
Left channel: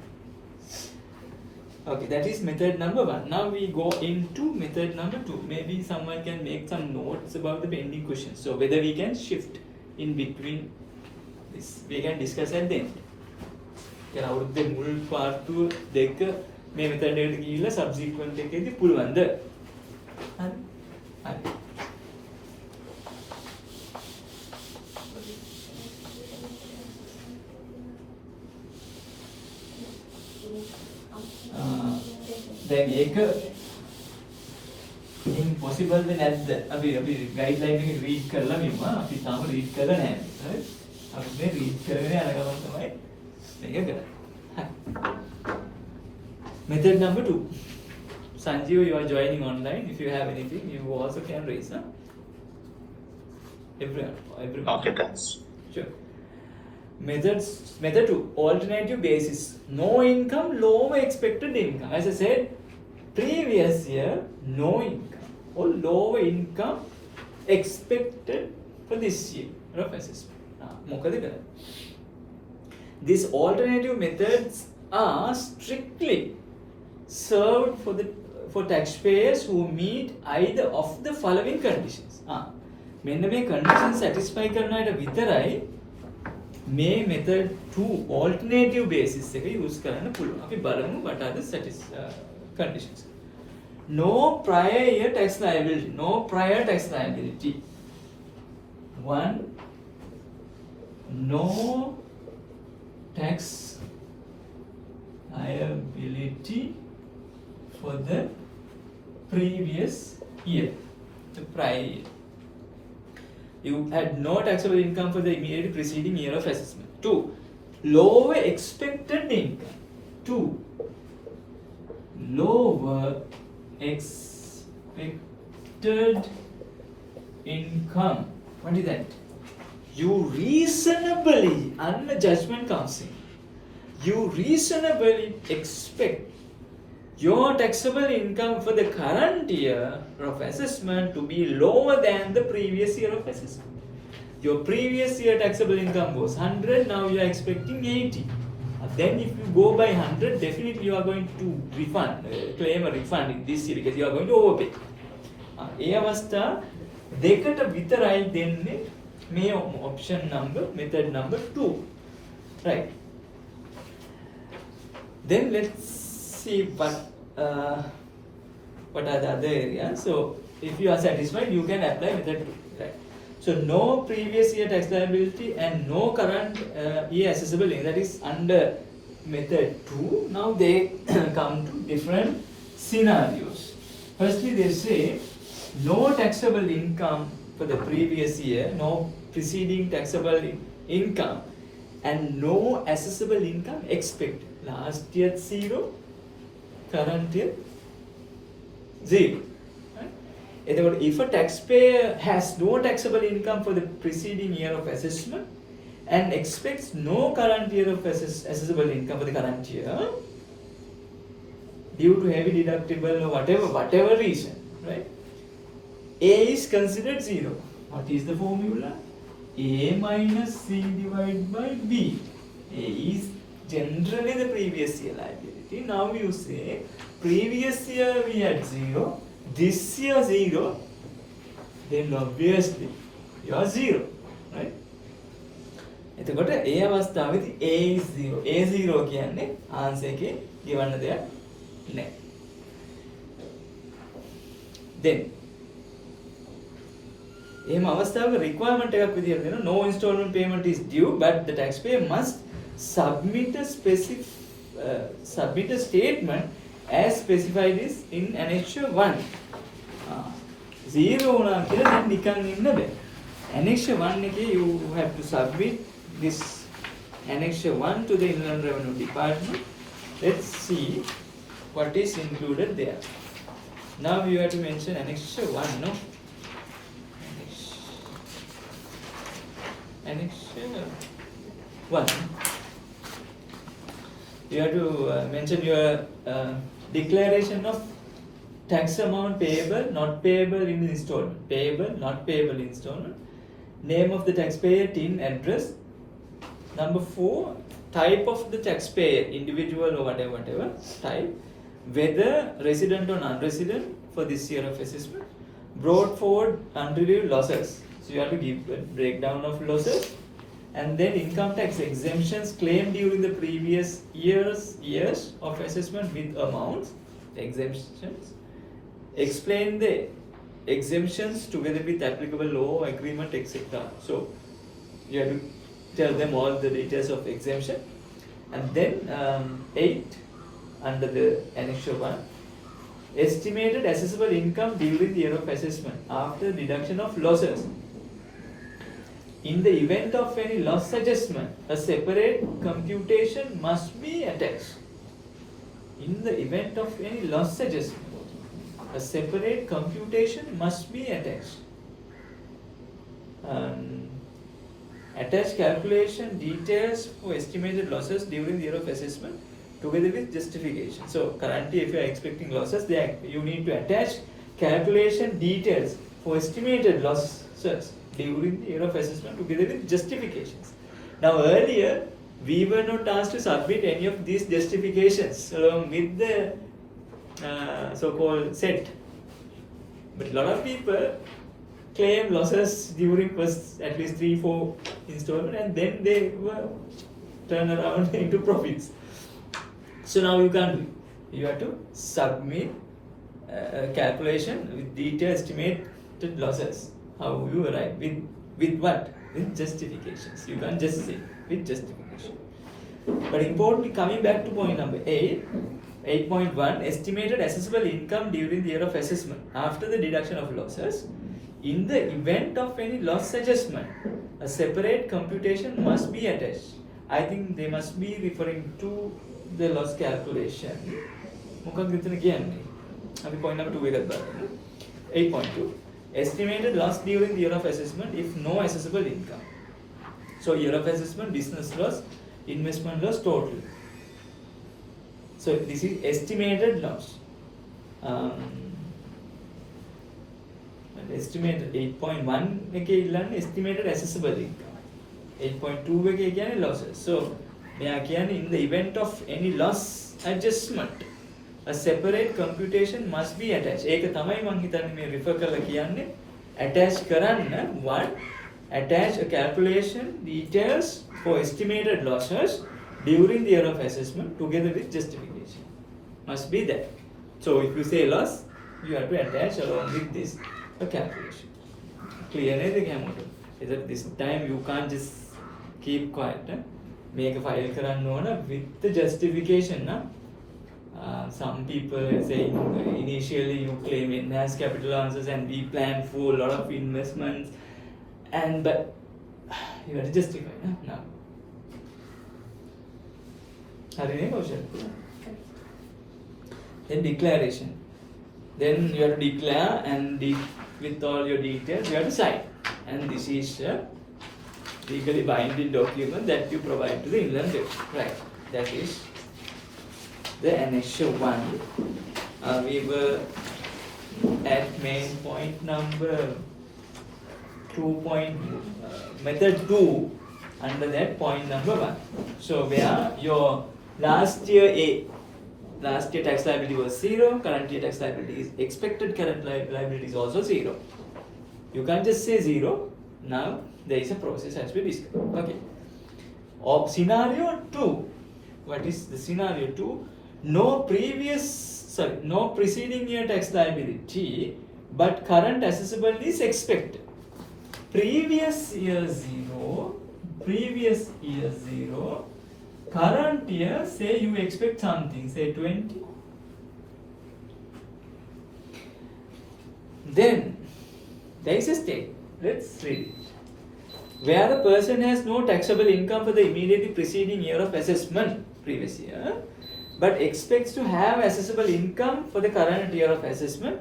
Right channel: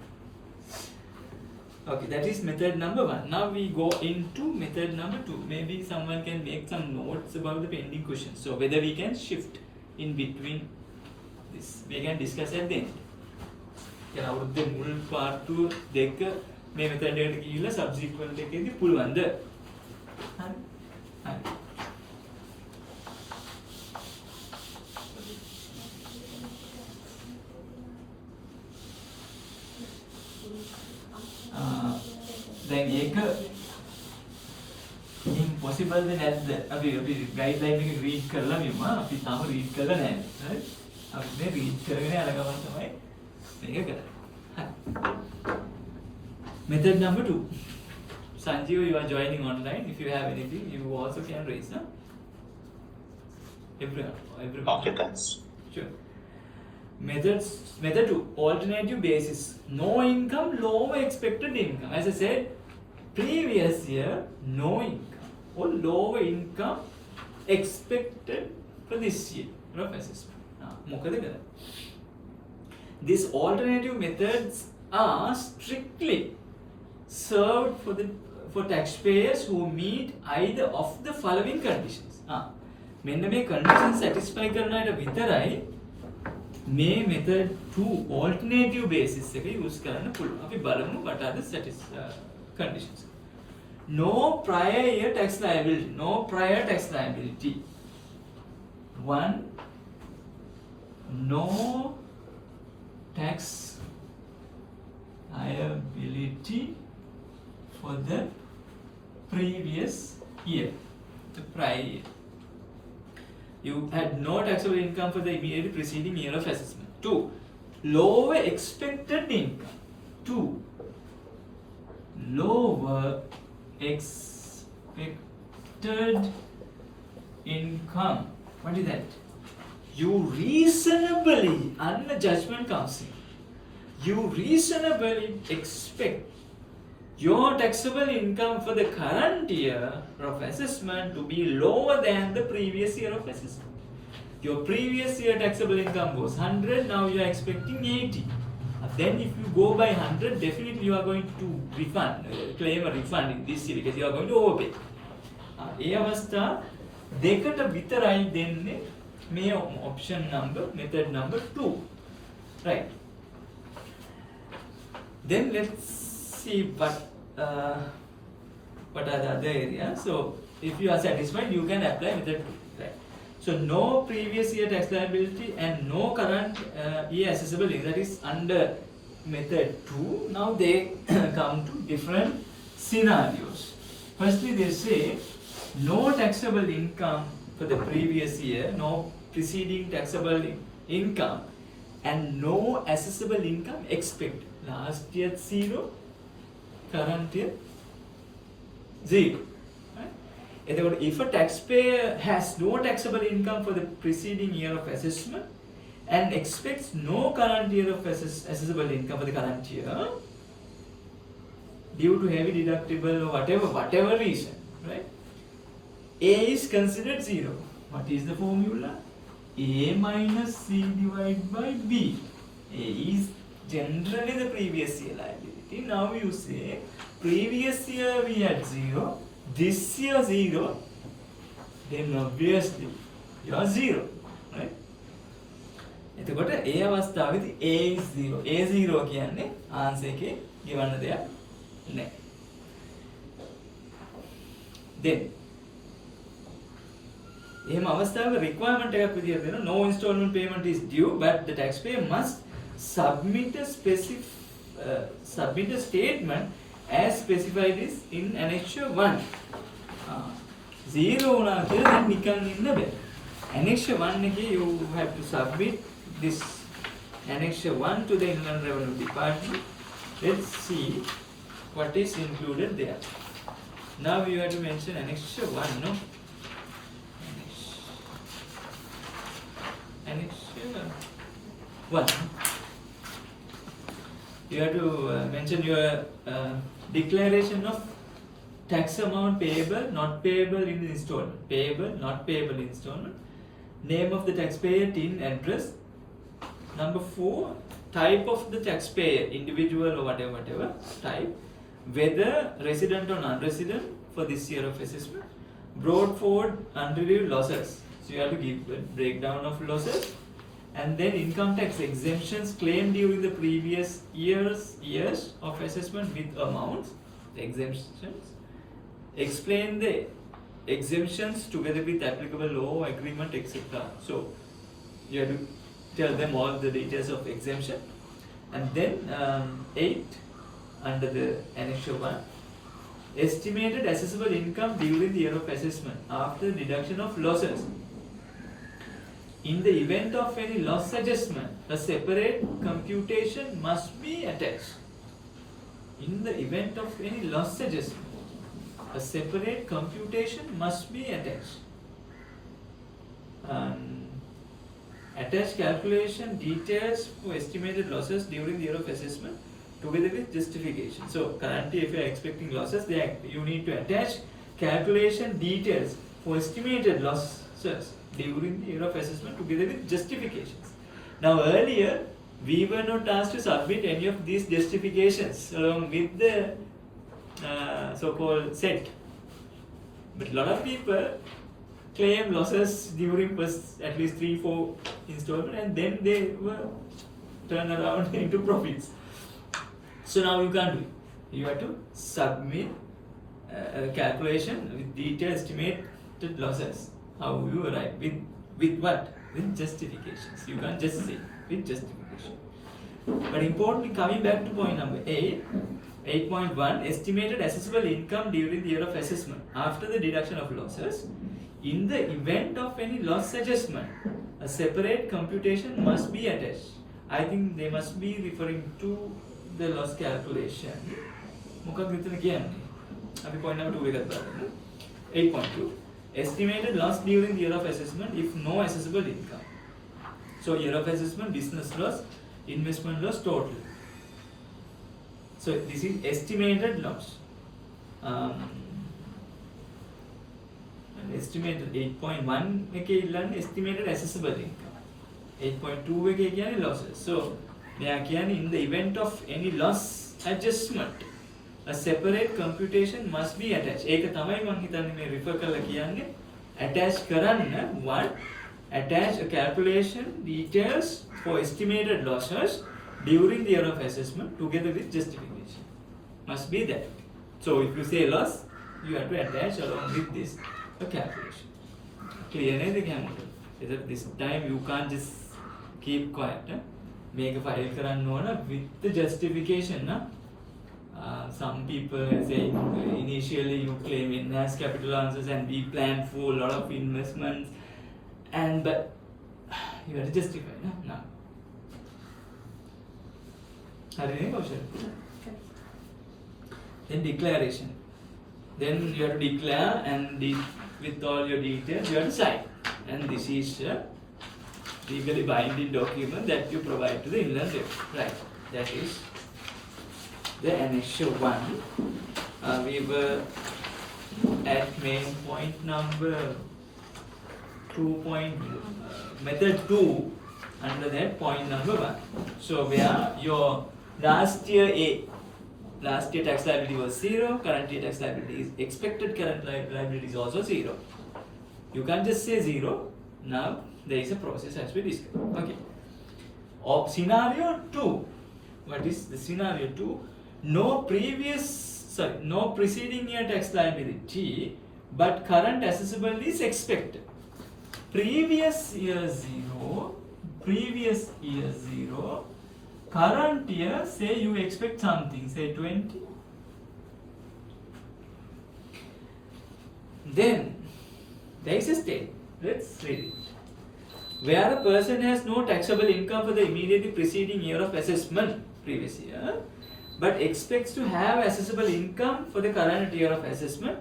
Okay, that is method number 1. Now we go into method number 2. Maybe someone can make some notes about the pending questions. So whether we can shift in between this, we can discuss at the end. අවුරුද්දේ මුල් part 2 දෙක මේ method එකට ගිහිල්ලා subsequent එකේදී පුළුවන්ද? හරි. හරි. දැන් ඒක impossible නැද්ද? අපි guideline එක read කරලා මෙම අපි තාම read කරලා නැහැ. හරි? අපි මේ read කරගෙන යන ගමන් තමයි මේක කරන්නේ. හරි. Method number 2. Sanjeev, you are joining online. If you have anything, you also can raise. Huh? Everyone. Okay, thanks. Sure. Method 2. Alternative basis. No income, lower expected income. As I said, previous year, no income or lower income expected for this year of assessment. These alternative methods are strictly served for taxpayers who meet either of the following conditions. මෙන්න මේ conditions satisfy කරන අයට විතරයි මේ method 2 alternative basis එක use කරන්න පුළුවන්. අපි බලමු what are the conditions. No prior year tax liability. No prior tax liability. 1. No tax liability for the previous year, the prior year. You had no taxable income for the immediately preceding year of assessment. 2. Lower expected income. 2. Lower expected income. What is that? You reasonably, and the judgment comes in, you reasonably expect your taxable income for the current year of assessment to be lower than the previous year of assessment. Your previous year taxable income was 100, now you are expecting 80. Then if you go by 100, definitely you are going to claim a refund in this year because you are going to overpay. ඒ අවස්ථා දෙකට විතරයි දෙන්නේ මේ option number, method number 2. Right. Then let's see what are the other areas. So if you are satisfied, you can apply method 2. Right. So no previous year tax liability and no current year assessable income, that is under method 2. Now they come to different scenarios. Firstly, they say no taxable income for the previous year, no preceding taxable income, and no assessable income expected. Last year 0, current year 0. If a taxpayer has no taxable income for the preceding year of assessment and expects no current year of assessable income for the current year due to heavy deductible or whatever reason, right? A is considered 0. What is the formula? A minus C divided by B. A is generally the previous year liability. Now you say previous year we had 0. This year 0, then obviously you are 0, right? එතකොට ඒ අවස්ථාවේදී A is 0. A0 කියන්නේ answer එකේ ගෙවන්න දෙයක් නැහැ. Then එහෙම අවස්ථාවක requirement එකක් විදියට දෙනවා, no installment payment is due but the taxpayer must submit a statement as specified is in annexure 1. 0 වුණා කියලා දැන් නිකන් ඉන්න බෑ. Annexure 1 එකේ you have to submit this annexure 1 to the Inland Revenue Department. Let's see what is included there. Now you have to mention annexure 1, no? Annexure 1. You have to mention your declaration of tax amount payable, not payable in installment. Payable, not payable in installment. Name of the taxpayer, TIN, address. Number 4, type of the taxpayer, individual or whatever type. Whether resident or non-resident for this year of assessment. Brought forward unreviewed losses. So you have to give a breakdown of losses. And then income tax exemptions claimed during the previous years of assessment with amounts, exemptions. Explain the exemptions together with applicable law, agreement, etc. So you have to tell them all the details of exemption. And then 8 under the annexure 1, estimated assessable income during the year of assessment after deduction of losses. In the event of any loss adjustment, a separate computation must be attached. In the event of any loss adjustment, a separate computation must be attached. Attach calculation details for estimated losses during the year of assessment together with justification. So currently if you are expecting losses, you need to attach calculation details for estimated losses during the year of assessment together with justifications. Now earlier we were not asked to submit any of these justifications along with the so-called set. But a lot of people claim losses during first at least 3-4 installment and then they were turn around into profits. So now you can't do it. You have to submit a calculation with detailed estimated losses. How you arrive with what? With justifications. You can't just say with justification. But importantly, coming back to point number 8, 8.1, estimated assessable income during the year of assessment after the deduction of losses. In the event of any loss adjustment, a separate computation must be attached. I think they must be referring to the loss calculation. මොකක්ද මෙතන කියන්නේ? අපි point number 2 එකත් බලමු. 8.2, estimated loss during the year of assessment if no assessable income. So year of assessment, business loss, investment loss total. So this is estimated loss. Estimated 8.1 එකේ ඉල්ලන්නේ estimated assessable income. 8.2 එකේ කියන්නේ losses. So මෙයා කියන්නේ in the event of any loss adjustment a separate computation must be attached. ඒක තමයි මම හිතන්නේ මේ refer කරලා කියන්නේ attach කරන්න one attach a calculation details for estimated losses during the year of assessment together with justification. Must be that. So if you say loss, you have to attach along with this a calculation. Clear name the camera. Is that this time you can't just keep quiet. Make a file karanna ona with the justification. Some people say initially you claim enhanced capital answers and we plan for a lot of investments, and but you have to justify now. Then declaration. Then you have to declare and with all your details you have to sign. And this is a legally binding document that you provide to the inland revenue. Right. That is the initial one. We were at main point number 2. Method 2 under that point number 1. So where your last year tax liability was 0, current year tax liability is expected, current liability is also 0. You can't just say 0. Now there is a process as we discussed. Okay. Of scenario 2. What is the scenario 2? No preceding year tax liability, but current assessable is expected. Previous year 0, current year, say you expect something, say 20. Then there is a state. Let's read it. Where a person has no taxable income for the immediately preceding year of assessment, previous year, but expects to have assessable income for the current year of assessment,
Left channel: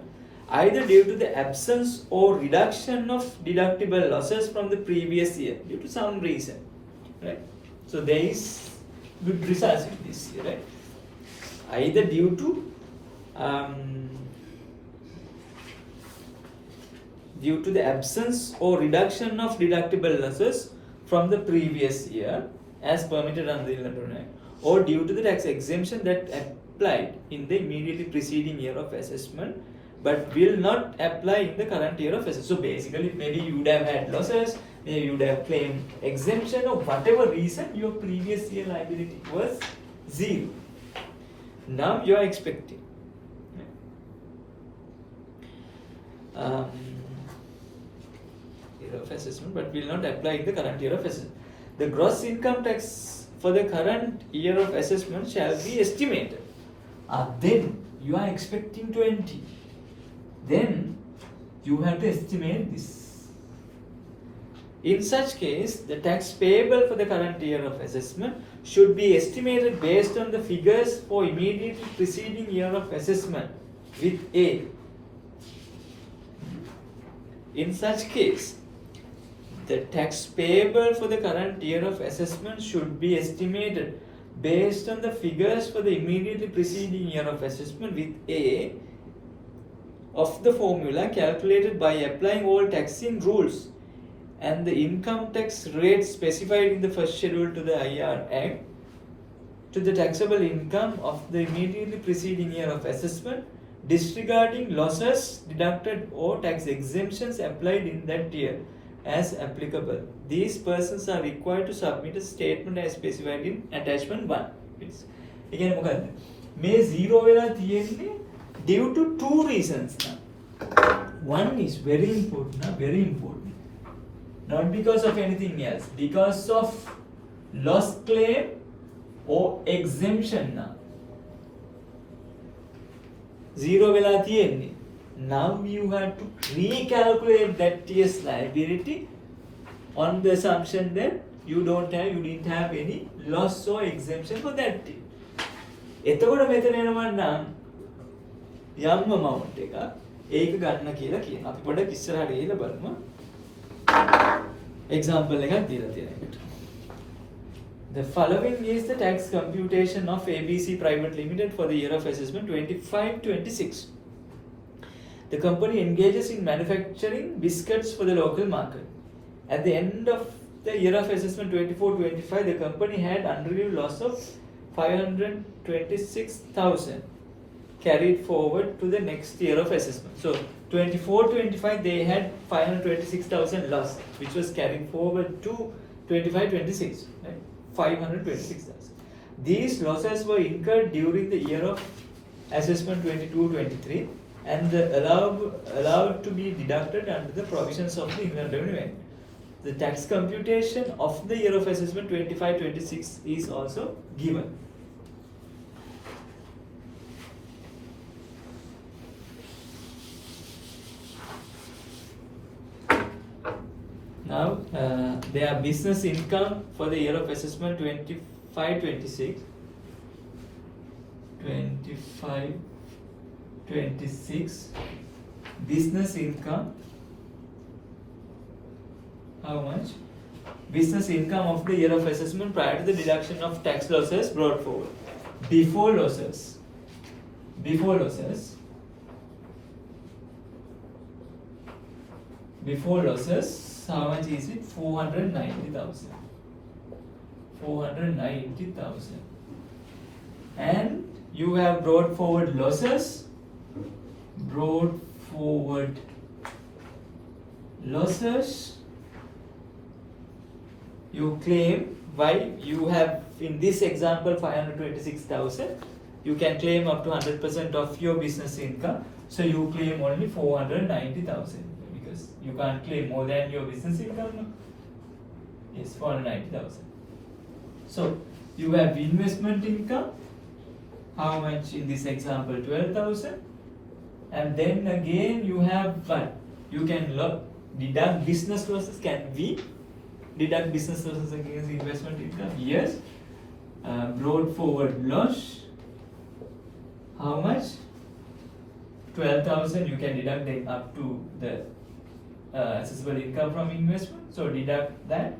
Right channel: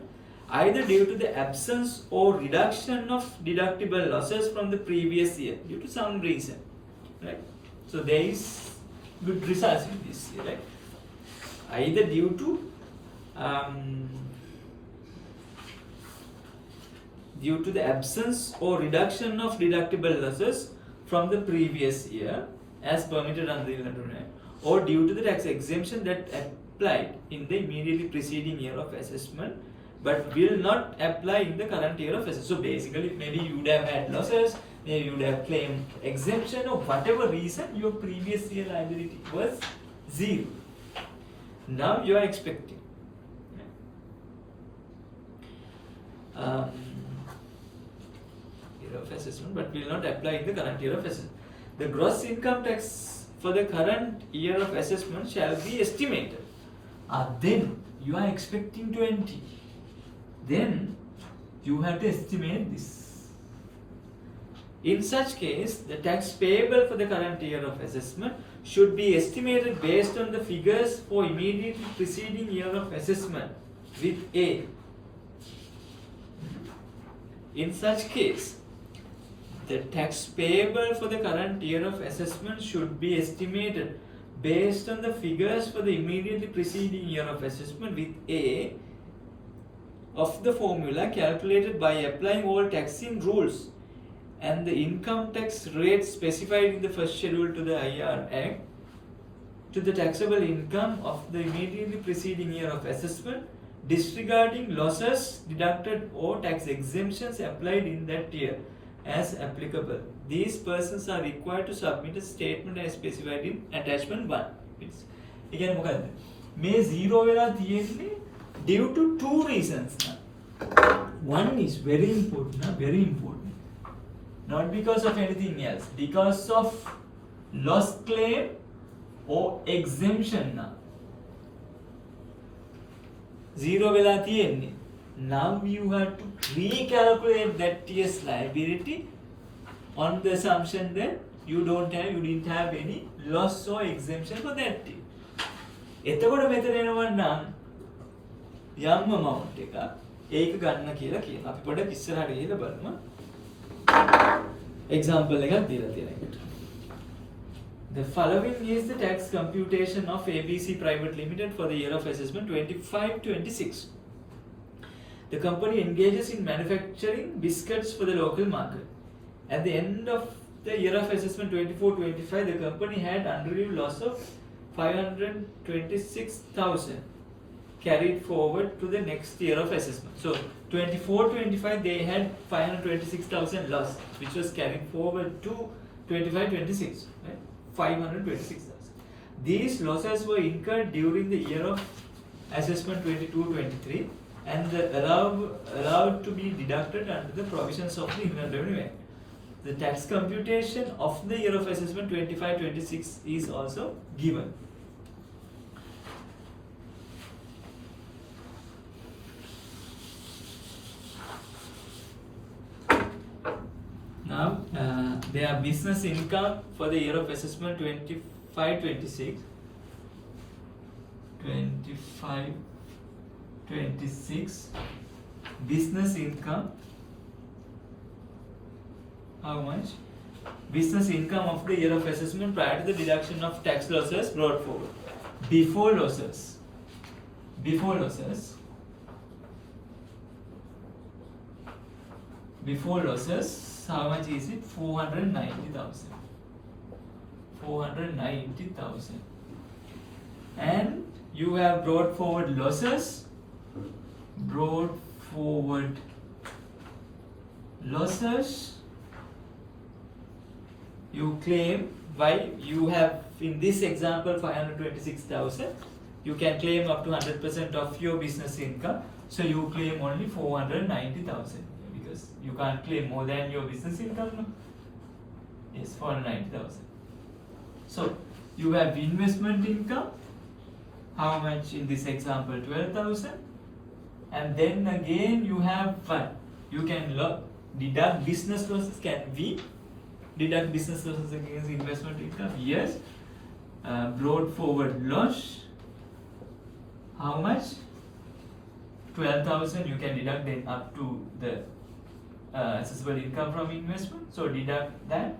either due to the absence or reduction of deductible losses from the previous year, due to some reason, right? So there is good results in this year, right? Either due to the absence or reduction of deductible losses from the previous year as permitted under the Inland Act, or due to the tax exemption that applied in the immediately preceding year of assessment but will not apply in the current year of assessment. So basically maybe you would have had losses, maybe you would have claimed exemption, or whatever reason your previous year liability was 0. Now you are expecting. Year of assessment but will not apply in the current year of assessment. The gross income tax for the current year of assessment shall be estimated. Then you are expecting 20. Then you have to estimate this. In such case, the tax payable for the current year of assessment should be estimated based on the figures for immediately preceding year of assessment with A. In such case, the tax payable for the current year of assessment should be estimated based on the figures for the immediately preceding year of assessment with A of the formula calculated by applying all taxing rules and the income tax rate specified in the first schedule to the IR Act to the taxable income of the immediately preceding year of assessment, disregarding losses deducted or tax exemptions applied in that year as applicable. These persons are required to submit a statement as specified in attachment 1. It's again මොකද්ද මේ 0 වෙලා තියෙන්නේ due to 2 reasons. One is very important, not because of anything else, because of loss claim or exemption. 0 වෙලා තියෙන්නේ. Now you have to recalculate that year's liability on the assumption that you didn't have any loss or exemption for that year. එතකොට මෙතන එනවා නම් යම් amount එක ඒක ගන්න කියලා කියනවා. අපි පොඩ්ඩක් ඉස්සරහට ගිහලා බලමු. example එකක් දීලා තියෙනවා. The following is the tax computation of ABC Private Limited for the year of assessment 25-26. The company engages in manufacturing biscuits for the local market. At the end of the year of assessment 24-25, the company had unrealized loss of 526,000 carried forward to the next year of assessment. So 24-25 they had 526,000 loss, which was carried forward to 25-26, right? 526,000. These losses were incurred during the year of assessment 22-23 and allowed to be deducted under the provisions of the Inland Revenue Act. The tax computation of the year of assessment 25-26 is also given. Now, their business income for the year of assessment 25-26. 25-26 business income. How much? Business income of the year of assessment prior to the deduction of tax losses brought forward. Before losses, how much is it? 490,000. 490,000. And you have brought forward losses. You claim, why you have in this example 526,000, you can claim up to 100% of your business income, so you claim only 490,000 because you can't claim more than your business income, no? Yes, 490,000. So you have investment income, how much in this example? 12,000, and then again you have what? You can deduct business losses. Can we deduct business losses against investment income? Yes. Brought forward loss, how much? 12,000. You can deduct it up to the assessable income from investment, so deduct that.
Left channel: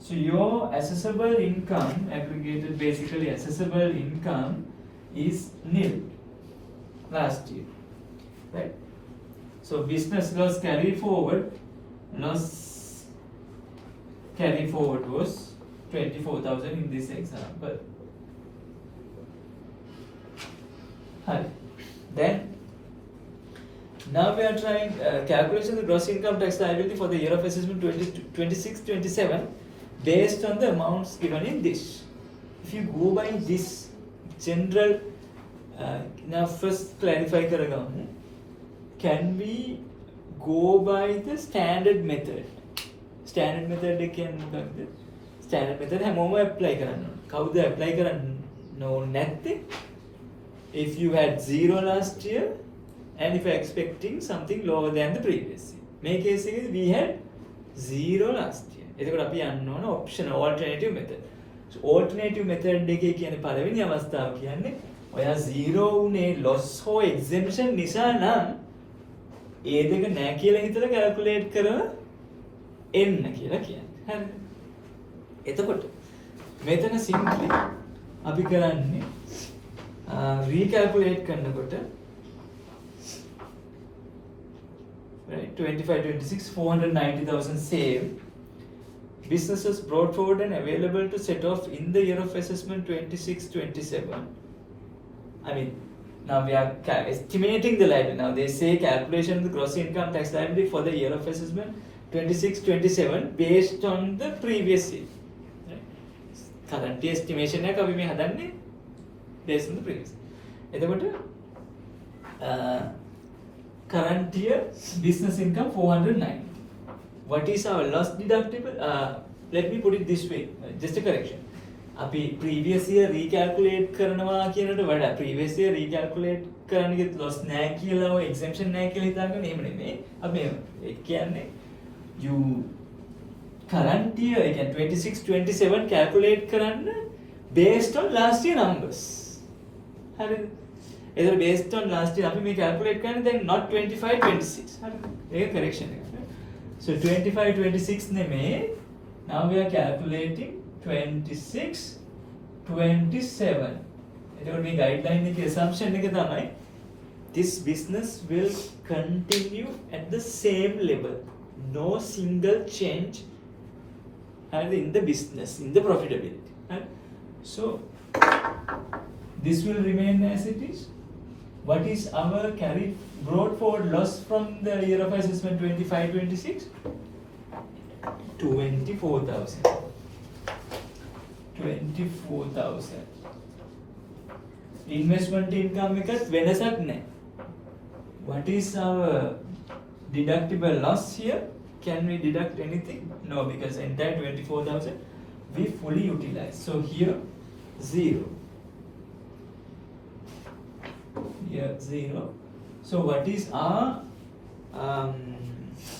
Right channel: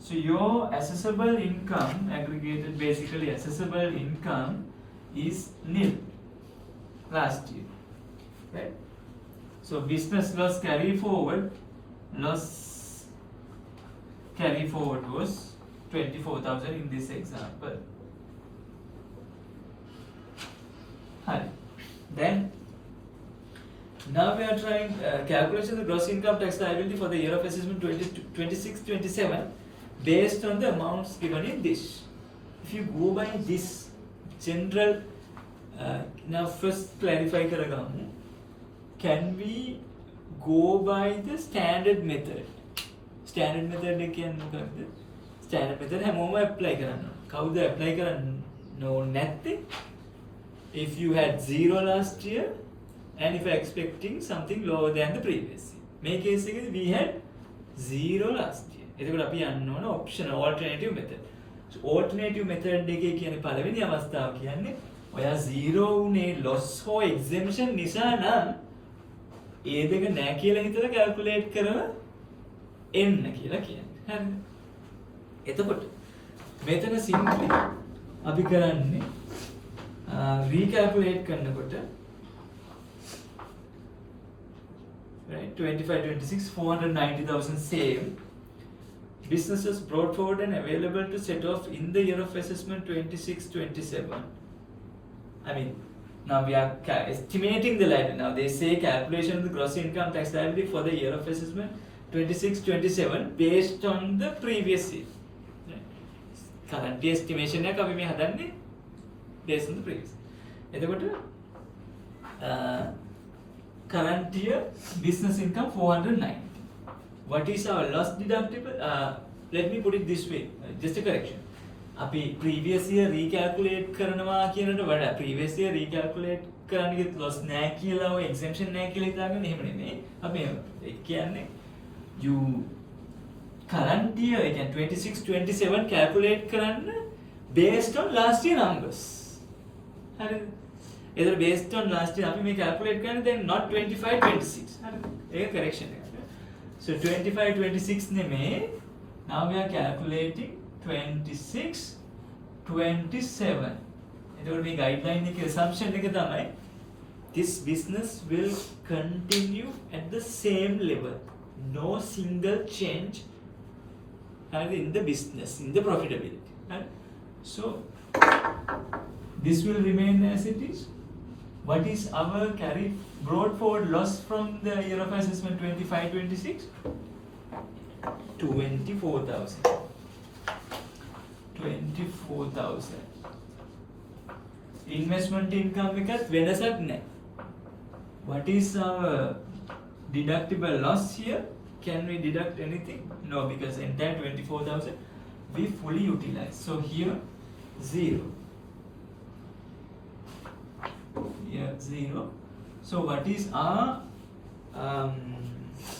So your assessable income, aggregated basically assessable income, is nil last year, right? So business loss carry forward was 24,000 in this example. Right. Then now we are trying calculation of the gross income tax liability for the year of assessment 26-27 based on the amounts given in this. If you go by this general, now first clarify karagamu, can we go by the standard method? Standard method එකෙන් මොකක්ද? Standard method හැමෝම apply කරන්න. කවුද apply කරන්න නැත්තේ? If you had 0 last year and if you are expecting something lower than the previous year. මේ case එකේදී we had 0 last year. එතකොට අපි යන්න ඕන optional alternative method. So alternative method එකේ කියන්නේ පළවෙනි අවස්ථාව කියන්නේ ඔයා 0 උනේ loss හෝ exemption නිසා නම් ඒ දෙක නැහැ කියලා හිතලා calculate කරව එන්න කියලා කියන්නේ. හරිද? එතකොට මෙතන simply අපි කරන්නේ recalculate කරනකොට right 25-26 490,000 save businesses brought forward and available to set off in the year of assessment 26-27. I mean, now we are estimating the liability. Now they say calculation of the gross income tax liability for the year of assessment 26-27 based on the previous year. Right? Current estimation එක අපි මේ හදන්නේ based on the previous. එතකොට current year business income 490. What is our loss deductible? Let me put it this way, just a correction. අපි previous year recalculate කරනවා කියනට වඩා previous year recalculate කරන්න ගියත් loss නැහැ කියලා ඔය exemption නැහැ කියලා හිතාගෙන එහෙම නෙමෙයි. අපි ඒ කියන්නේ you current year again 26-27 calculate කරන්න based on last year numbers. හරිද? either based on last year අපි මේ calculate කරන්නේ then not 25-26. හරිද? ඒක correction එක. So 25-26 නෙමෙයි. Now we are calculating 26 27 එතකොට මේ guideline එකේ assumption එක තමයි this business will continue at the same level, no single change in the business, in the profitability, right? So this will remain as it is. What is our carried brought forward loss from the year of assessment 25-26? 24,000. 24,000. Investment income එකත් වෙනසක් නැහැ. What is our deductible loss here? Can we deduct anything? No, because entire 24,000 we fully utilize. So here 0. Here 0. So what is our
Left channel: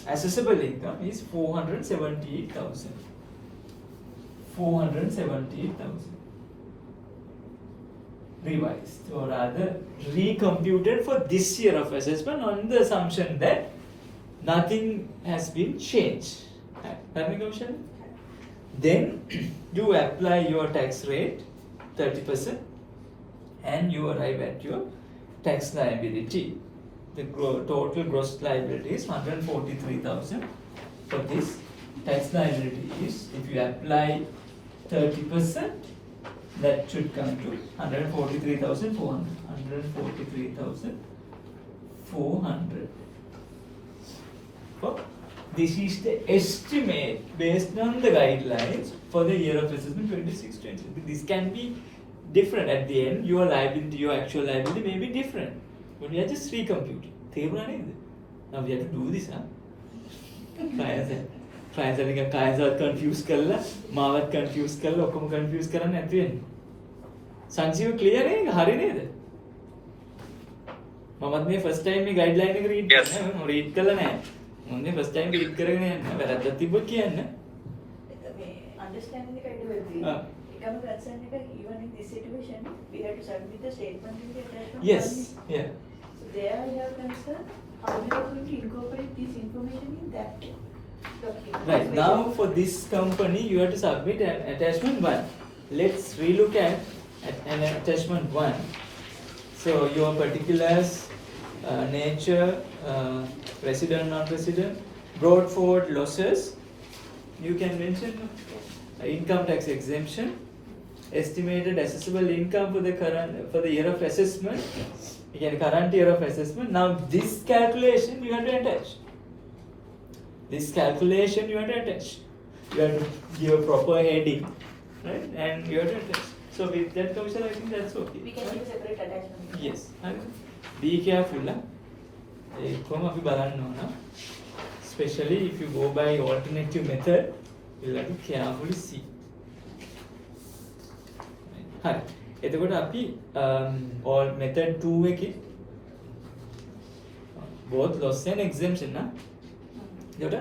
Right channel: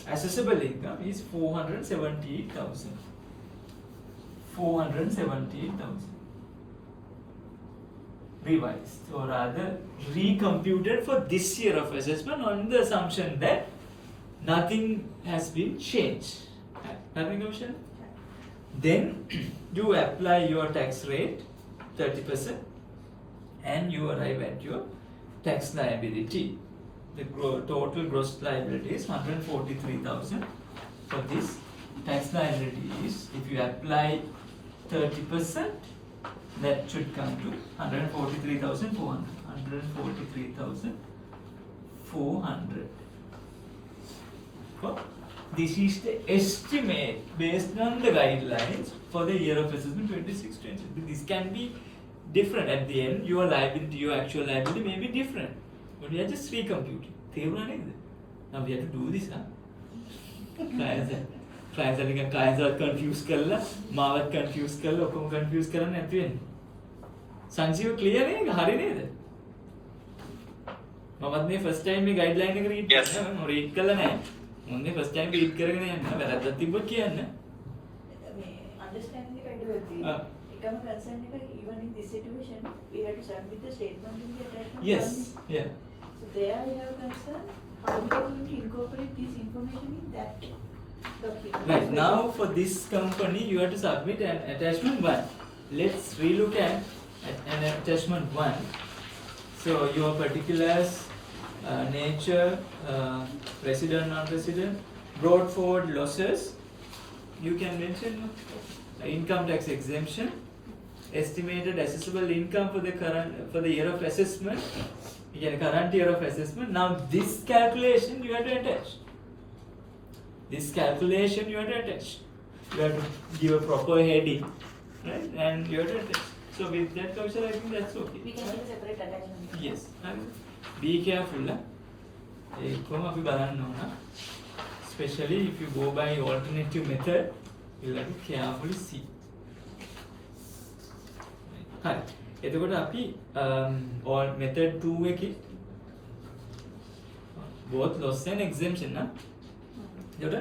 assessable income is 478,000. 478,000. Revised or rather recomputed for this year of assessment on the assumption that nothing has been changed. Then you apply your tax rate 30% and you arrive at your tax liability. The total gross liability is 143,000. For this tax liability is, if you apply 30%, that should come to 143,400. 143,400. This is the estimate based on the guidelines for the year of assessment 26-27. This can be different at the end. Your liability, your actual liability may be different, but we are just recomputing. Now we have to do this, huh? Clients are confused කරලා මාවත් confuse කරලා ඔක්කොම confuse කරන්න නැති වෙන්නේ. Sanjeewa clear නේ? හරි නේද? මමත් මේ first time මේ guideline එක read කරනවා. මම read කළා නෑ. මම මේ first time read කරගෙන යන්න වැරද්දක් තිබ්බොත් කියන්න. මේ understanding එක ඉදුවේදී එකම concern එක even in this situation we have to submit the statement in the attachment. Yes. Yeah. So there you have concern how we are going to incorporate this information in that document. Right, now for this company you have to submit an attachment 1. Let's relook at an attachment 1. So your particulars, nature, resident, non-resident, brought forward losses. You can mention income tax exemption, estimated assessable income for the year of assessment, again current year of assessment. Now this calculation you have to attach. This calculation you have to attach. You have to give a proper heading, right? And you have to attach. So with that, Kaushal, I think that's okay. We can do separate attachment. Yes. Be careful. Especially if you go by alternative method, you have to carefully see. Hi. එතකොට අපි or method 2 එකේ both loss and exemption නා එතකොට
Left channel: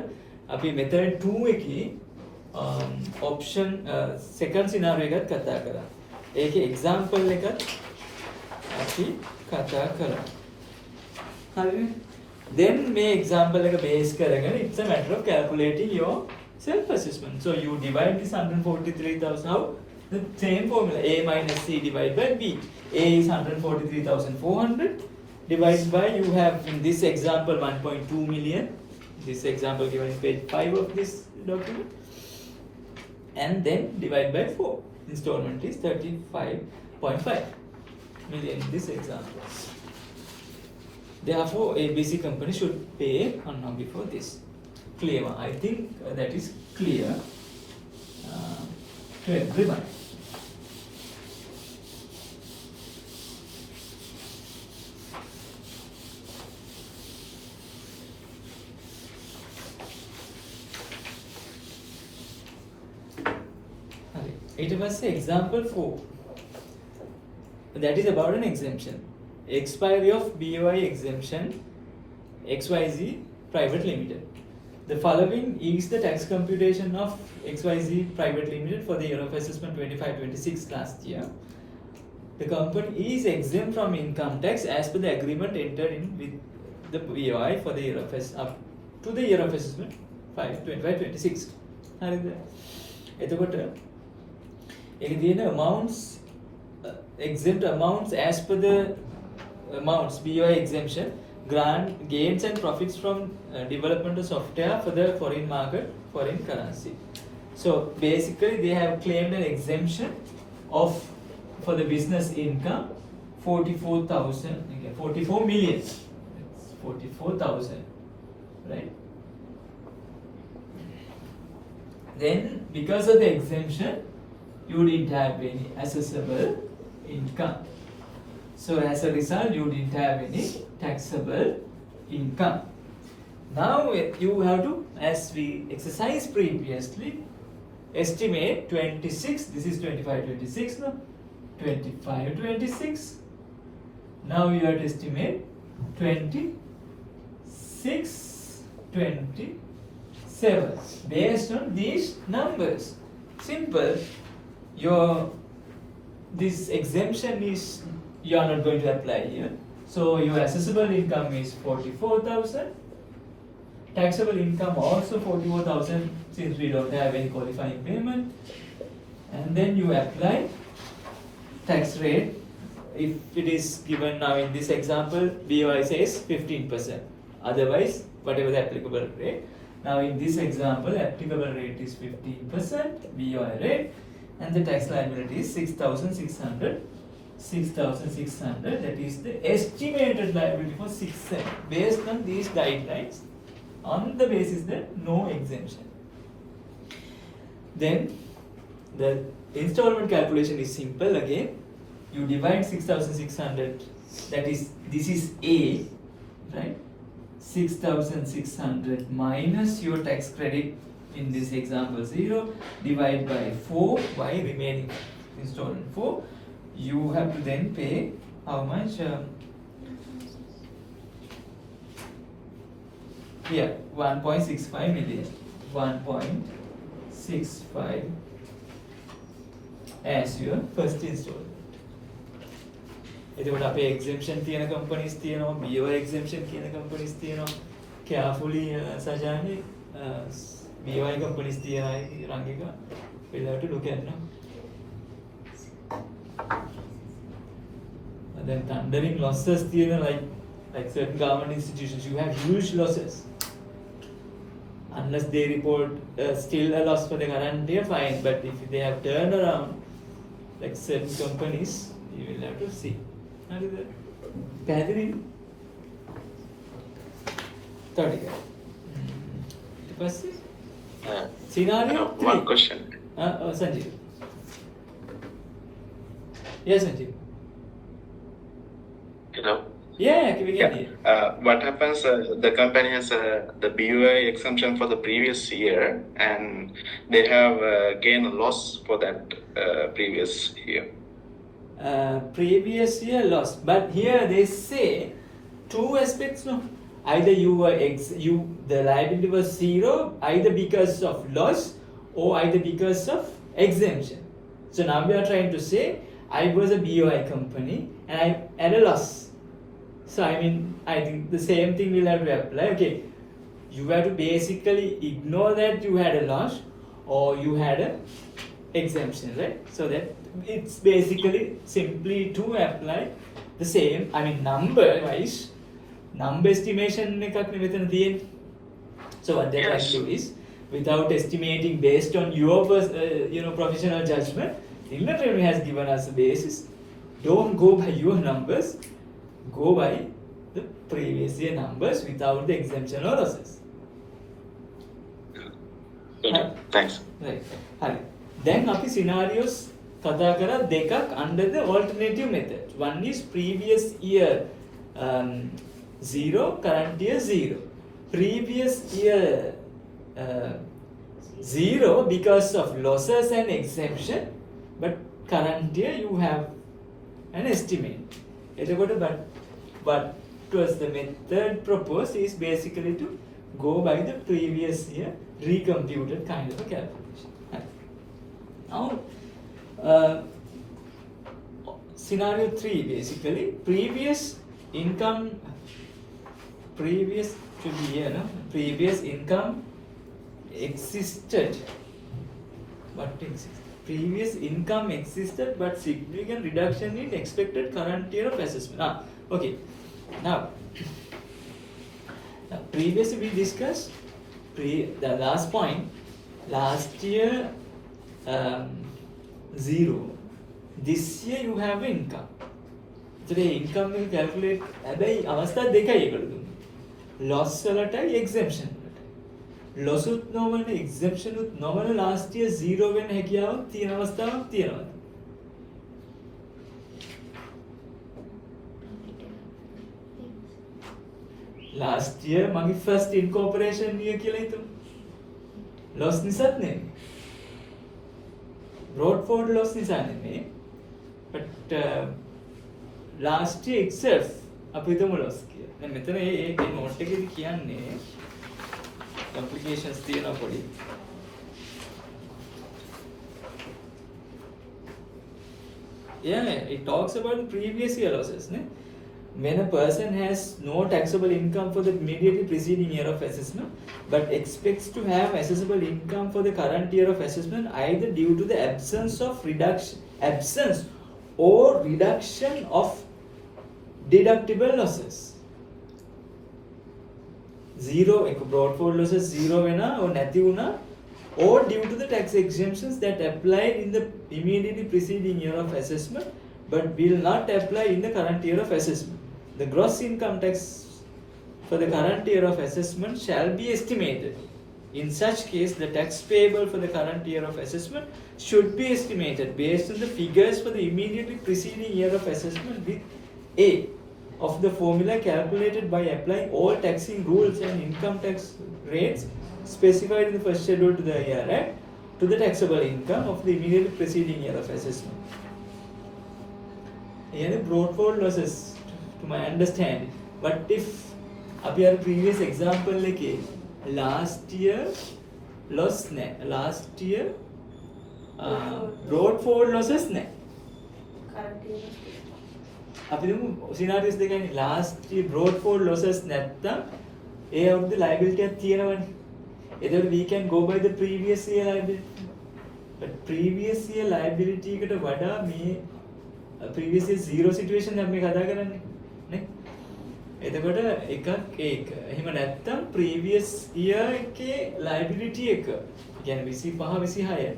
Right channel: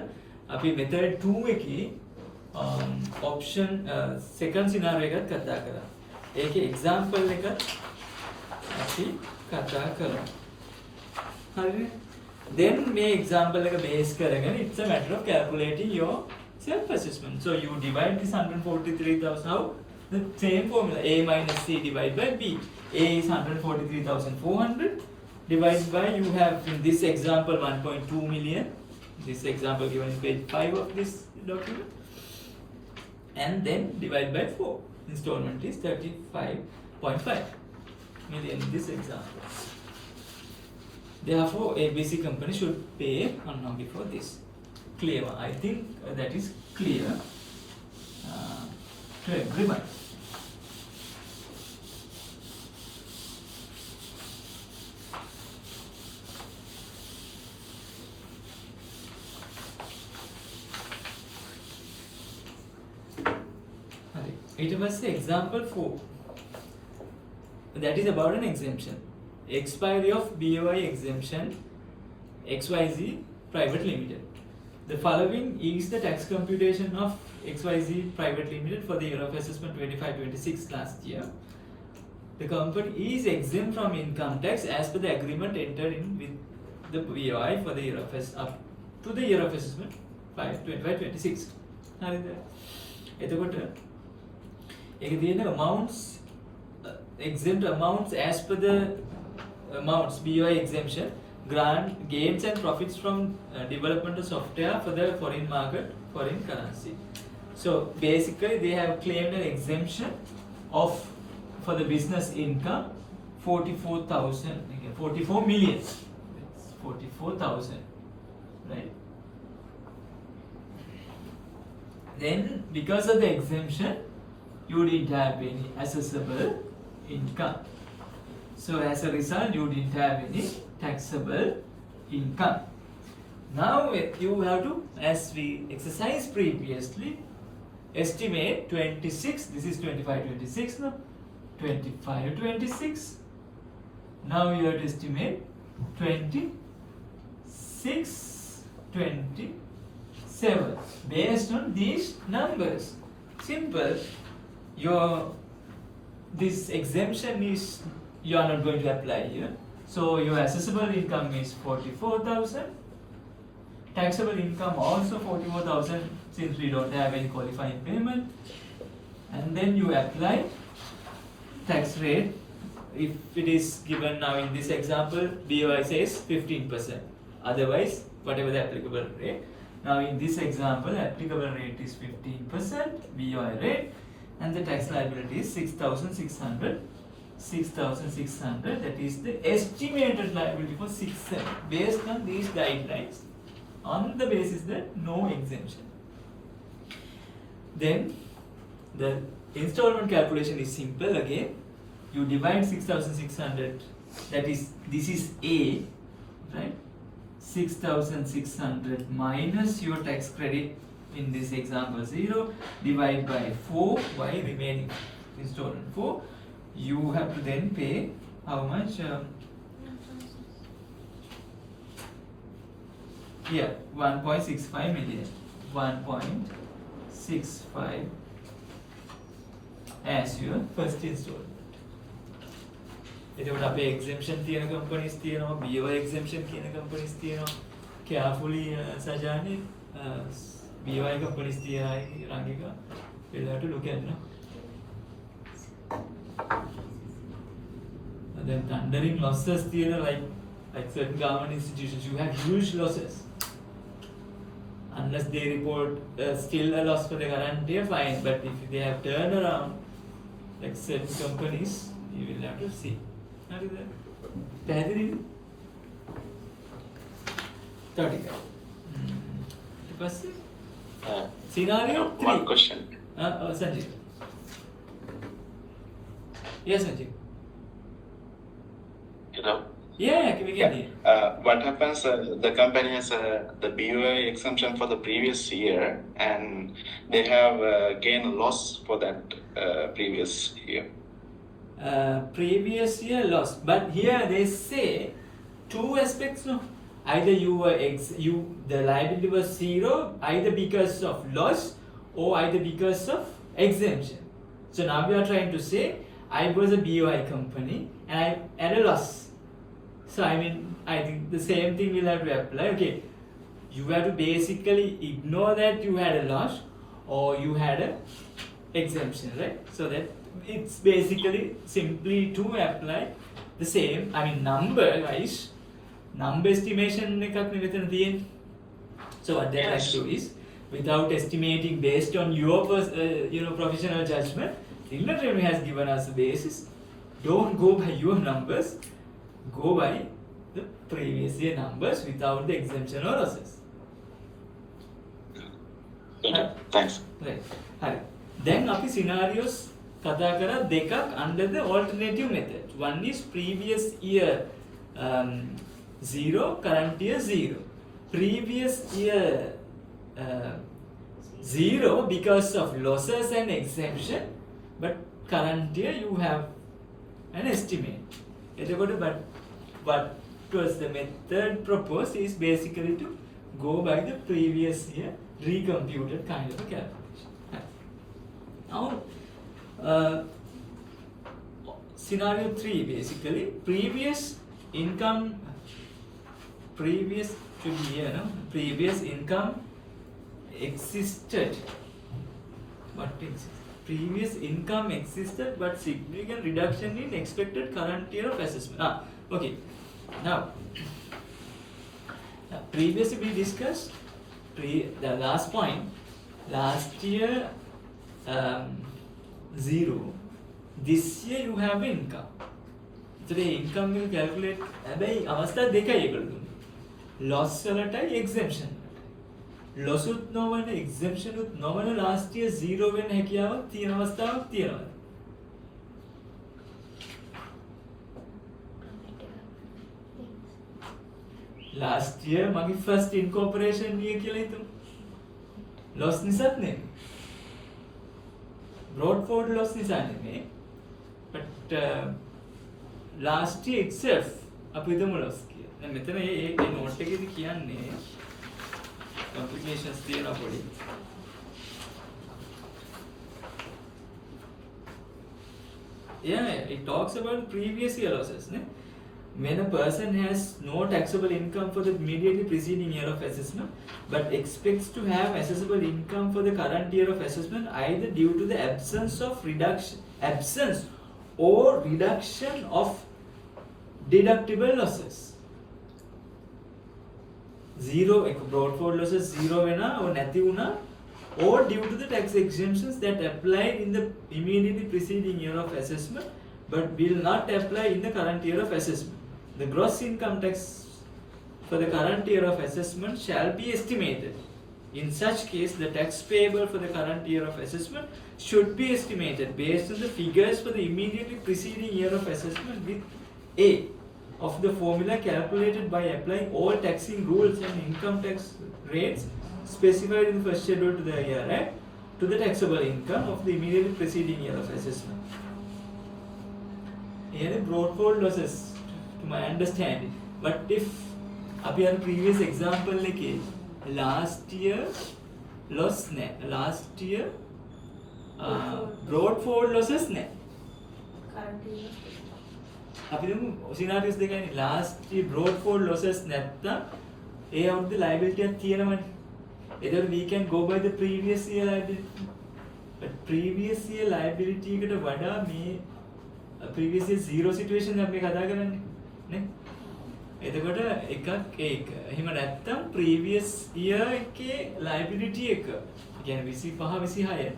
අපි method 2 එකේ option second scenario එකත් කතා කරා. ඒකේ example එක අපි කතා කරා. හරිනේ? Then මේ example එක base කරගෙන it's a matter of calculating your self assessment. So you divide this 143,000 out. The same formula, A minus C divided by B. A is 143,400 divided by, you have in this example 1.2 million. This example given in page 5 of this document. And then divide by 4. Installment is 35.5 million in this example. Therefore, ABC company should pay on now before this. Clear? I think that is clear to everyone. It was example 4. That is about an exemption. Expiry of BOI exemption XYZ Private Limited. The following is the tax computation of XYZ Private Limited for the year of assessment 25-26 last year. The company is exempt from income tax as per the agreement entered in with the BOI for the year of up to the year of assessment 25-26. එතකොට ඒකේ තියෙන amounts exempt amounts as per the amounts BOI exemption grant gains and profits from development of software for the foreign market foreign currency. So basically they have claimed an exemption of for the business income 44 million. It's 44,000, right? Then because of the exemption you didn't have any assessable income. So as a result you didn't have any taxable income. Now you have to, as we exercised previously, estimate 26, this is 25-26 now, 25-26. Now you have to estimate 26-27 based on these numbers. Simple. This exemption is, you are not going to apply here. So your assessable income is 44,000. Taxable income also 44,000 since we don't have any qualifying payment. And then you apply tax rate. If it is given now in this example, BOI says 15%. Otherwise, whatever the applicable rate. Now in this example, applicable rate is 15% BOI rate, and the tax liability is 6,600. 6,600, that is the estimated liability for 6/7 based on these guidelines, on the basis that no exemption. Then the installment calculation is simple again. You divide 6,600, that is, this is A, right? 6,600 minus your tax credit, in this example 0, divide by 4, by remaining installment 4. You have to then pay how much? Yeah, 1.65 million. 1.65 as your first installment. එතකොට අපේ exemption තියෙන companies තියෙනවා, BOI exemption කියන companies තියෙනවා. Carefully සජානේ BOI companies තියෙනවා රංගික. we'll have to look at now. And then thundering losses, like certain government institutions, you have huge losses. Unless they report still a loss for the current year, fine. But if they have turned around, like certain companies, you will have to see. How is that? පැහැදිලි? තව ටිකක්. Scenario 3. One question. Sanjeev. Yes, Sanjeev. Hello. Yeah, we can hear. What happens? The company has the BUI exemption for the previous year, and they have gain or loss for that previous year. Previous year loss, but here they say two aspects. No, either you were the liability was 0, either because of loss or either because of exemption. So now we are trying to say I was a BOI company and I had a loss. So I think the same thing will have to apply. Okay, you have to basically ignore that you had a loss or you had a exemption, right? So that it's basically simply to apply the same. Number wise, number estimation එකක් මෙතන තියෙන්නේ. So what they try to do is, without estimating based on your professional judgment, Inland Revenue has given us a basis. Don't go by your numbers, go by the previous year numbers without the exemption or losses. Thanks. Right. හරි. දැන් අපි scenarios කතා කරා දෙකක් under the alternative method. One is previous year 0, current year 0. Previous year 0 because of losses and exemption, but current year you have an estimate. But was the method proposed is basically to go by the previous year recomputed kind of a calculation. Now, scenario 3 basically, previous should be here, no? Previous income existed. What existed? previous income existed but significant reduction in expected current year of assessment. Okay. Now previously we discussed the last point. Last year 0. This year you have an income. Today income will calculate හැබැයි අවස්ථා දෙකයි ඒකට දුන්නේ. Loss වලටයි exemption වලටයි. Loss උත් නොවන exemption උත් නොවන last year 0 වෙන්න හැකියාවක් තියෙන අවස්ථාවක් තියෙනවා. Last year මගේ first incorporation year කියලා හිතමු. Loss නිසාත් නෙමෙයි. Brought forward loss නිසා නෙමෙයි. But last year itself අපි හිතමු loss කියලා. දැන් මෙතන මේ note එකේදී කියන්නේ complications තියෙනවා පොඩි. Yeah, it talks about previous year losses, ne? When a person has no taxable income for the immediately preceding year of assessment but expects to have assessable income for the current year of assessment either due to the absence or reduction of deductible losses. 0 brought forward losses 0 වෙනා or නැති වුණා or due to the tax exemptions that applied in the immediately preceding year of assessment but will not apply in the current year of assessment. The gross income tax for the current year of assessment shall be estimated. In such case, the tax payable for the current year of assessment should be estimated based on the figures for the immediately preceding year of assessment with A of the formula calculated by applying all taxing rules and income tax rates specified in the first schedule to the year to the taxable income of the immediately preceding year of assessment. Here the brought forward losses to my understanding. But if appear previous example like last year loss ne, last year brought forward losses ne. current year අපි දුමු scenarios දෙකයි. last year brought forward losses නැත්තම් ඒ අවුරුද්ද liability එකක් තියෙනවනේ. එතකොට we can go by the previous year liability. But previous year liability එකට වඩා මේ previous year zero situation එක අපි කතා කරන්නේ නේ. එතකොට එකක් ඒක. එහෙම නැත්තම් previous year එකේ liability එක කියන්නේ 25 26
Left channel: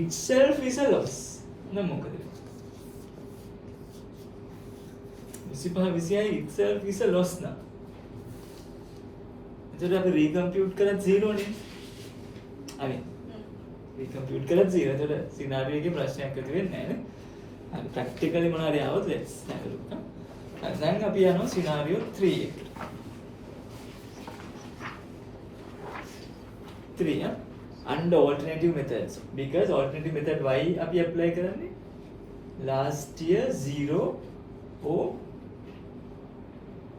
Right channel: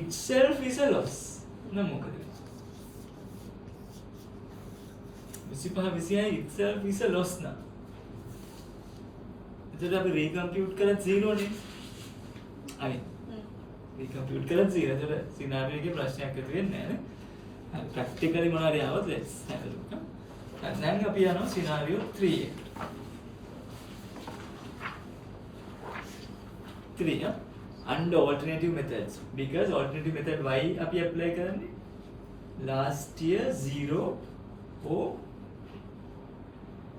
itself is a loss. නේද මොකද? 25 26 itself is a loss now. එතකොට අපි recompute කරත් 0 නේ. I mean recompute කරත් 0. එතකොට scenario එකේ ප්‍රශ්නයක් ඇති වෙන්නේ නැහැ නේ. හරි practically මොනවාරි ආවොත් let's have a look. දැන් අපි යනවා scenario 3 එකට. 3 under alternative methods because alternative method y අපි apply කරන්නේ last year 0 or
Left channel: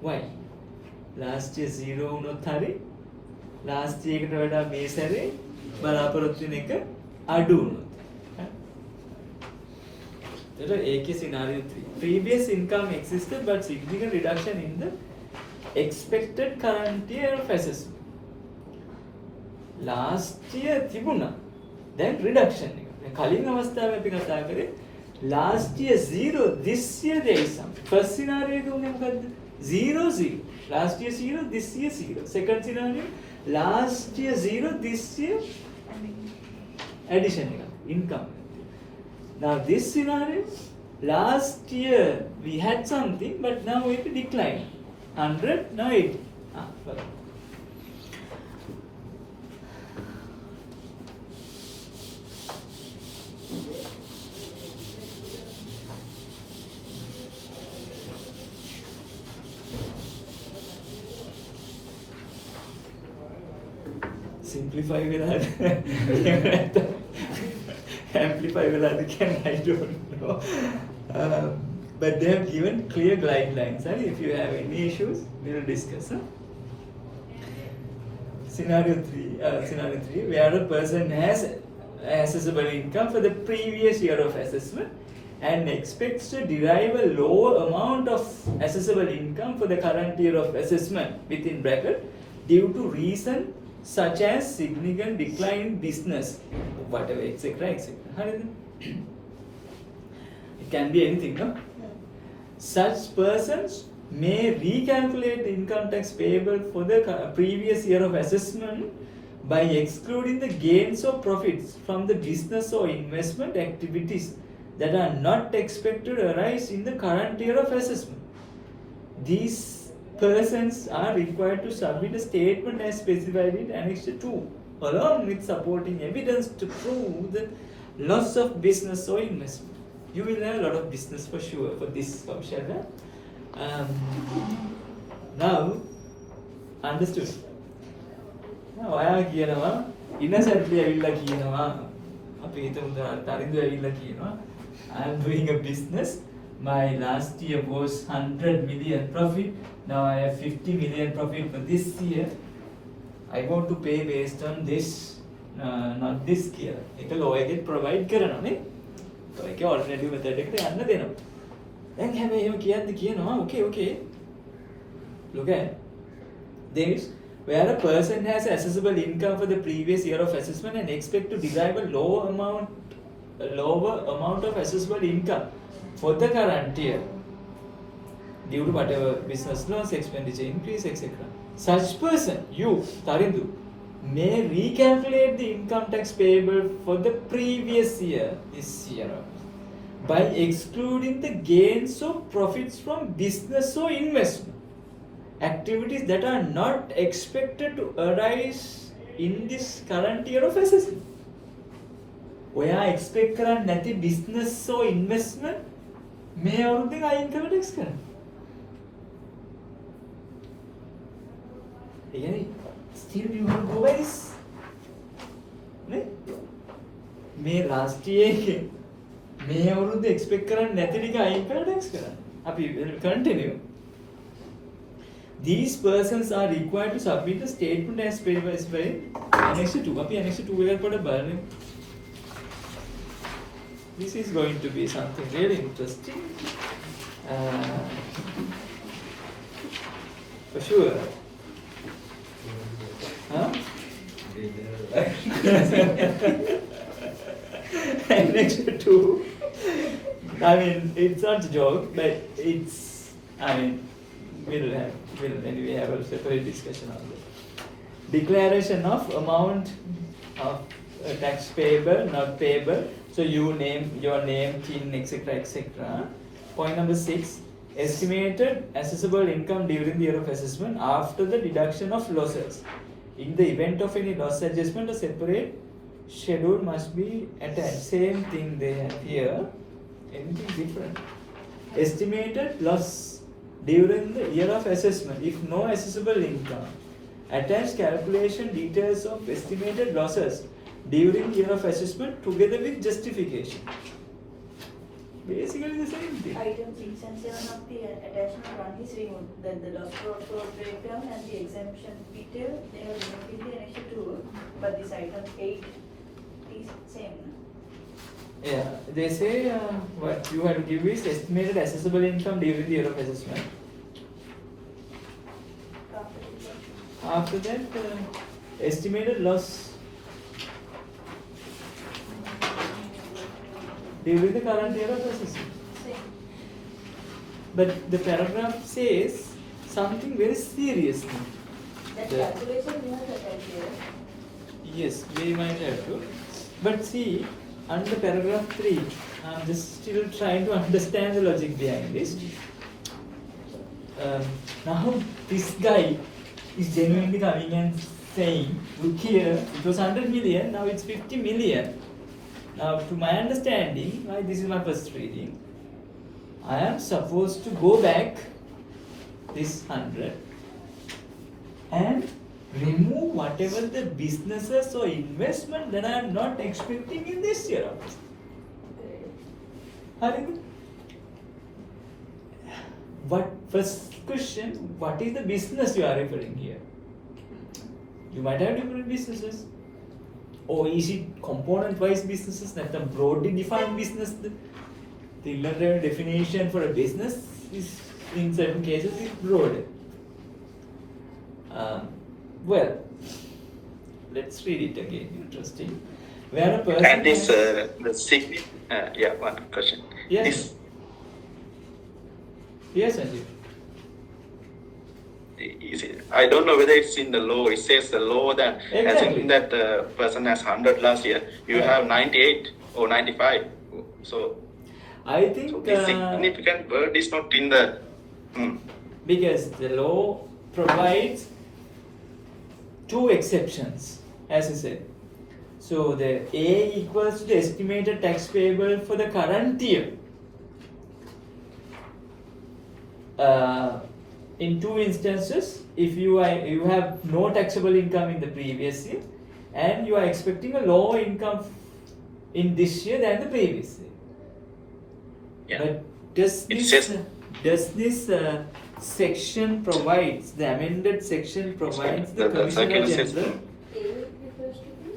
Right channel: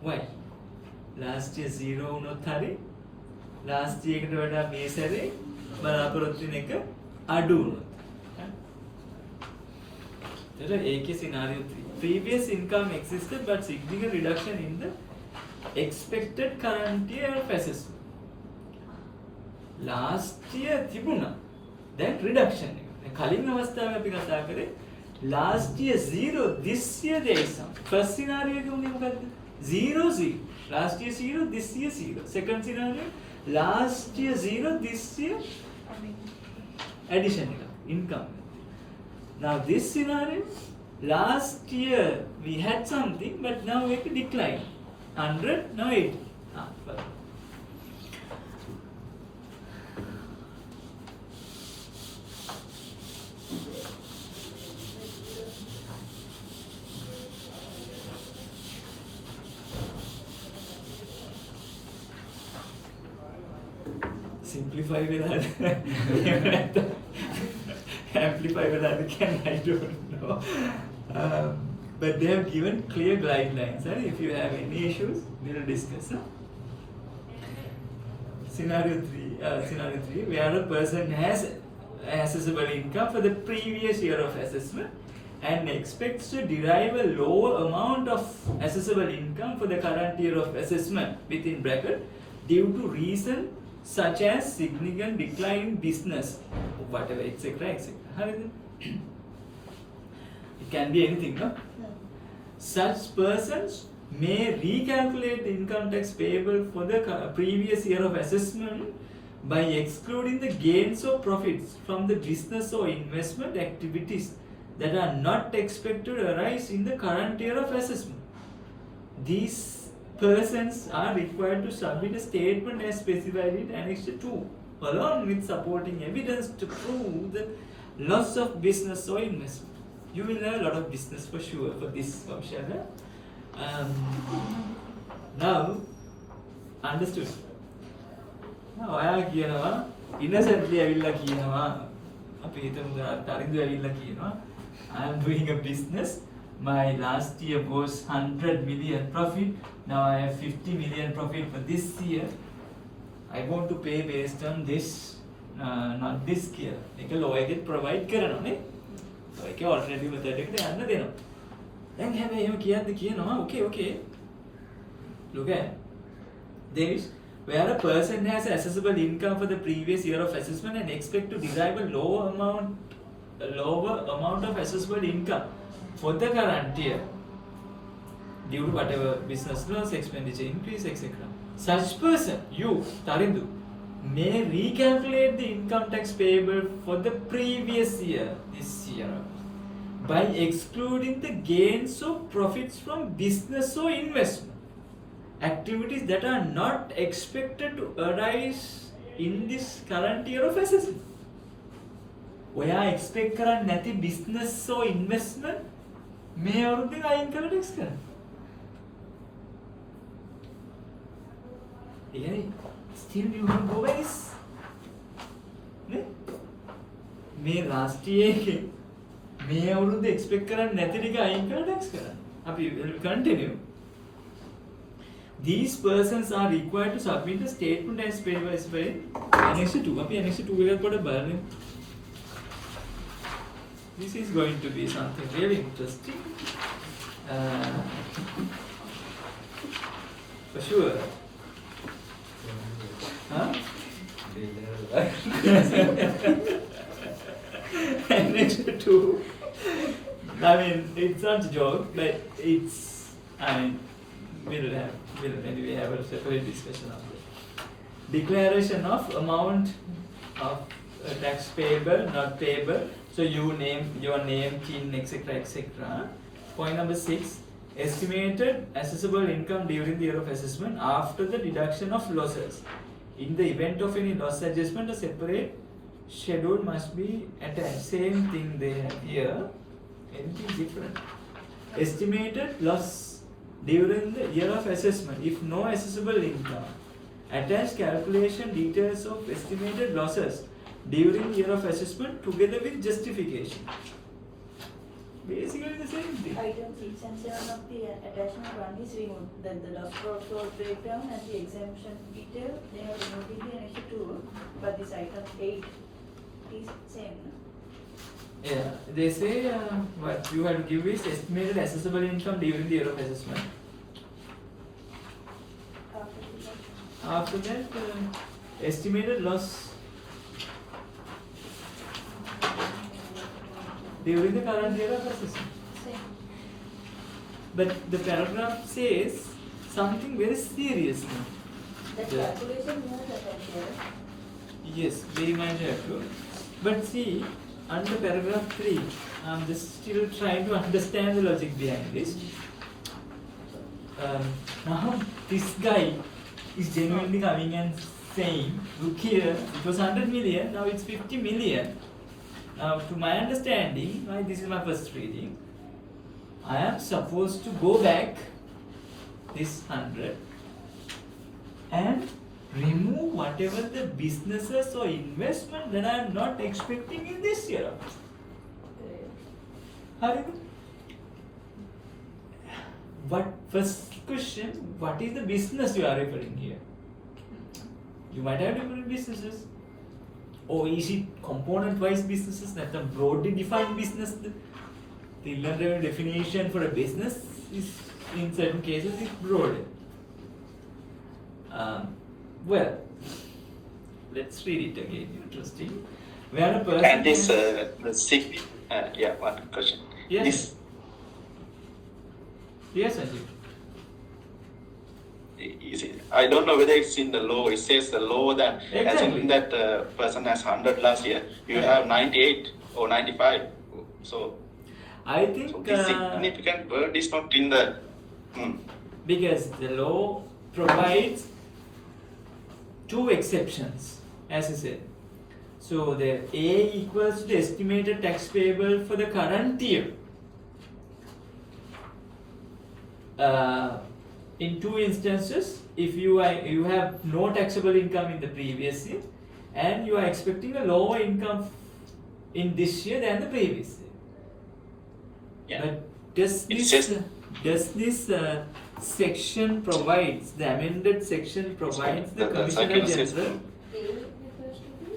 y. last year 0 වුණොත් හරි last year එකට වඩා මේ සැරේ බලාපොරොත්තු වෙන එක අඩු වුණොත්. එතකොට ඒකේ scenario 3. Previous income existed but significant reduction in the expected current year of assessment. Last year තිබුණා. දැන් reduction එක. දැන් කලින් අවස්ථාවේ අපි කතා කරේ last year 0 this year there is some. First scenario එක උනේ මොකද්ද? 0 0. Last year 0 this year 0. Second scenario last year 0 this year addition එක income. Now this scenario last year we had something but now it declined 100 now 80. Well. Simplify වෙලාද amplify වෙලාද can I don't know. But they have given clear guidelines. If you have any issues, we will discuss. Scenario 3, where a person has accessible income for the previous year of assessment and expects to derive a lower amount of accessible income for the current year of assessment within bracket due to reason such as significant decline in business, whatever, etc., etc. It can be anything, no? Such persons may recalculate the income tax payable for the previous year of assessment by excluding the gains or profits from the business or investment activities that are not expected to arise in the current year of assessment. These persons are required to submit a statement as specified in Annex 2, along with supporting evidence to prove the loss of business or investment. You will have a lot of business for sure for this function. Now, understood? ඔයා කියනවා innocently ඇවිල්ලා කියනවා අපි හිතමු තරිඳු ඇවිල්ලා කියනවා I am doing a business, my last year was 100 million profit, now I have 50 million profit for this year, I want to pay based on this, not this year. ඒක ලෝයගෙත් provide කරනවා නේ. ඔයක alternative method එකට යන්න දෙනවා. දැන් හැබැයි එහෙම කියනවා okay look at this, where a person has accessible income for the previous year of assessment and expect to derive a lower amount of accessible income for the current year due to whatever business loss, expenditure increase, etc. Such person, you, Tarindu, may recalculate the income tax payable for the previous year, this year, by excluding the gains or profits from business or investment activities that are not expected to arise in this current year of assessment. ඔයා expect කරන්නේ නැති business or investment මේ අවුරුද්දේ අයින් කරලා tax කරන්න. ඒ කියන්නේ still you have always නේ මේ last year එකේ මේ අවුරුද්දේ expect කරන්නේ නැති ටික අයින් කරලා tax කරන්න. අපි continue. These persons are required to submit a statement as specified in Annex 2. අපි Annex 2 එකක් පොඩ්ඩක් බලමු. This is going to be something really interesting. For sure. Huh? Annex 2. I mean, it's not a joke, but it's, I mean, we'll anyway have a separate discussion on that. Declaration of amount of tax payable, not payable. So you name your name, kin, etc., etc. Point number 6: estimated accessible income during the year of assessment after the deduction of losses. In the event of any loss adjustment, a separate schedule must be attached. Same thing they have here. Anything different? Estimated loss during the year of assessment, if no accessible income, attach calculation details of estimated losses during year of assessment together with justification. Basically the same thing. Item 6 and 7 of the attachment 1 is removed. Then the loss profit breakdown and the exemption detail, they are removed in the Annex 2, but this item 8 is same. Yeah, they say what you have to give is estimated accessible income during the year of assessment. After that, estimated loss during the current year of assessment. Same. But the paragraph says something very serious. That Yeah. calculation we must attach here. Yes, we might have to. But see, under paragraph 3, I'm just still trying to understand the logic behind this. Now, this guy is genuinely coming and saying, look here, it was 100 million, now it's 50 million. Now, to my understanding, this is my first reading, I am supposed to go back this 100 and remove whatever the businesses or investment that I am not expecting in this year. What first question? What is the business you are referring here? You might have different businesses, or is it component-wise businesses? That the broadly defined business. The inland definition for a business is, in certain cases, is broad. Well, let's read it again. Interesting. Where a person And this, has... the signi- yeah, one question. Yes. This, Yes, Sanjeev. I don't know whether it's in the law. It says the law that Exactly. assuming that the person has 100 last year, you Yeah. have 98 or 95. So I think the significant word is not in the. because the law provides two exceptions, as I said. So the A equals to the estimated tax payable for the current year. In two instances, if you have no taxable income in the previous year, and you are expecting a lower income in this year than the previous year. Yeah. But does this section provides, the amended section provides the The Commissioner second General? A refers to the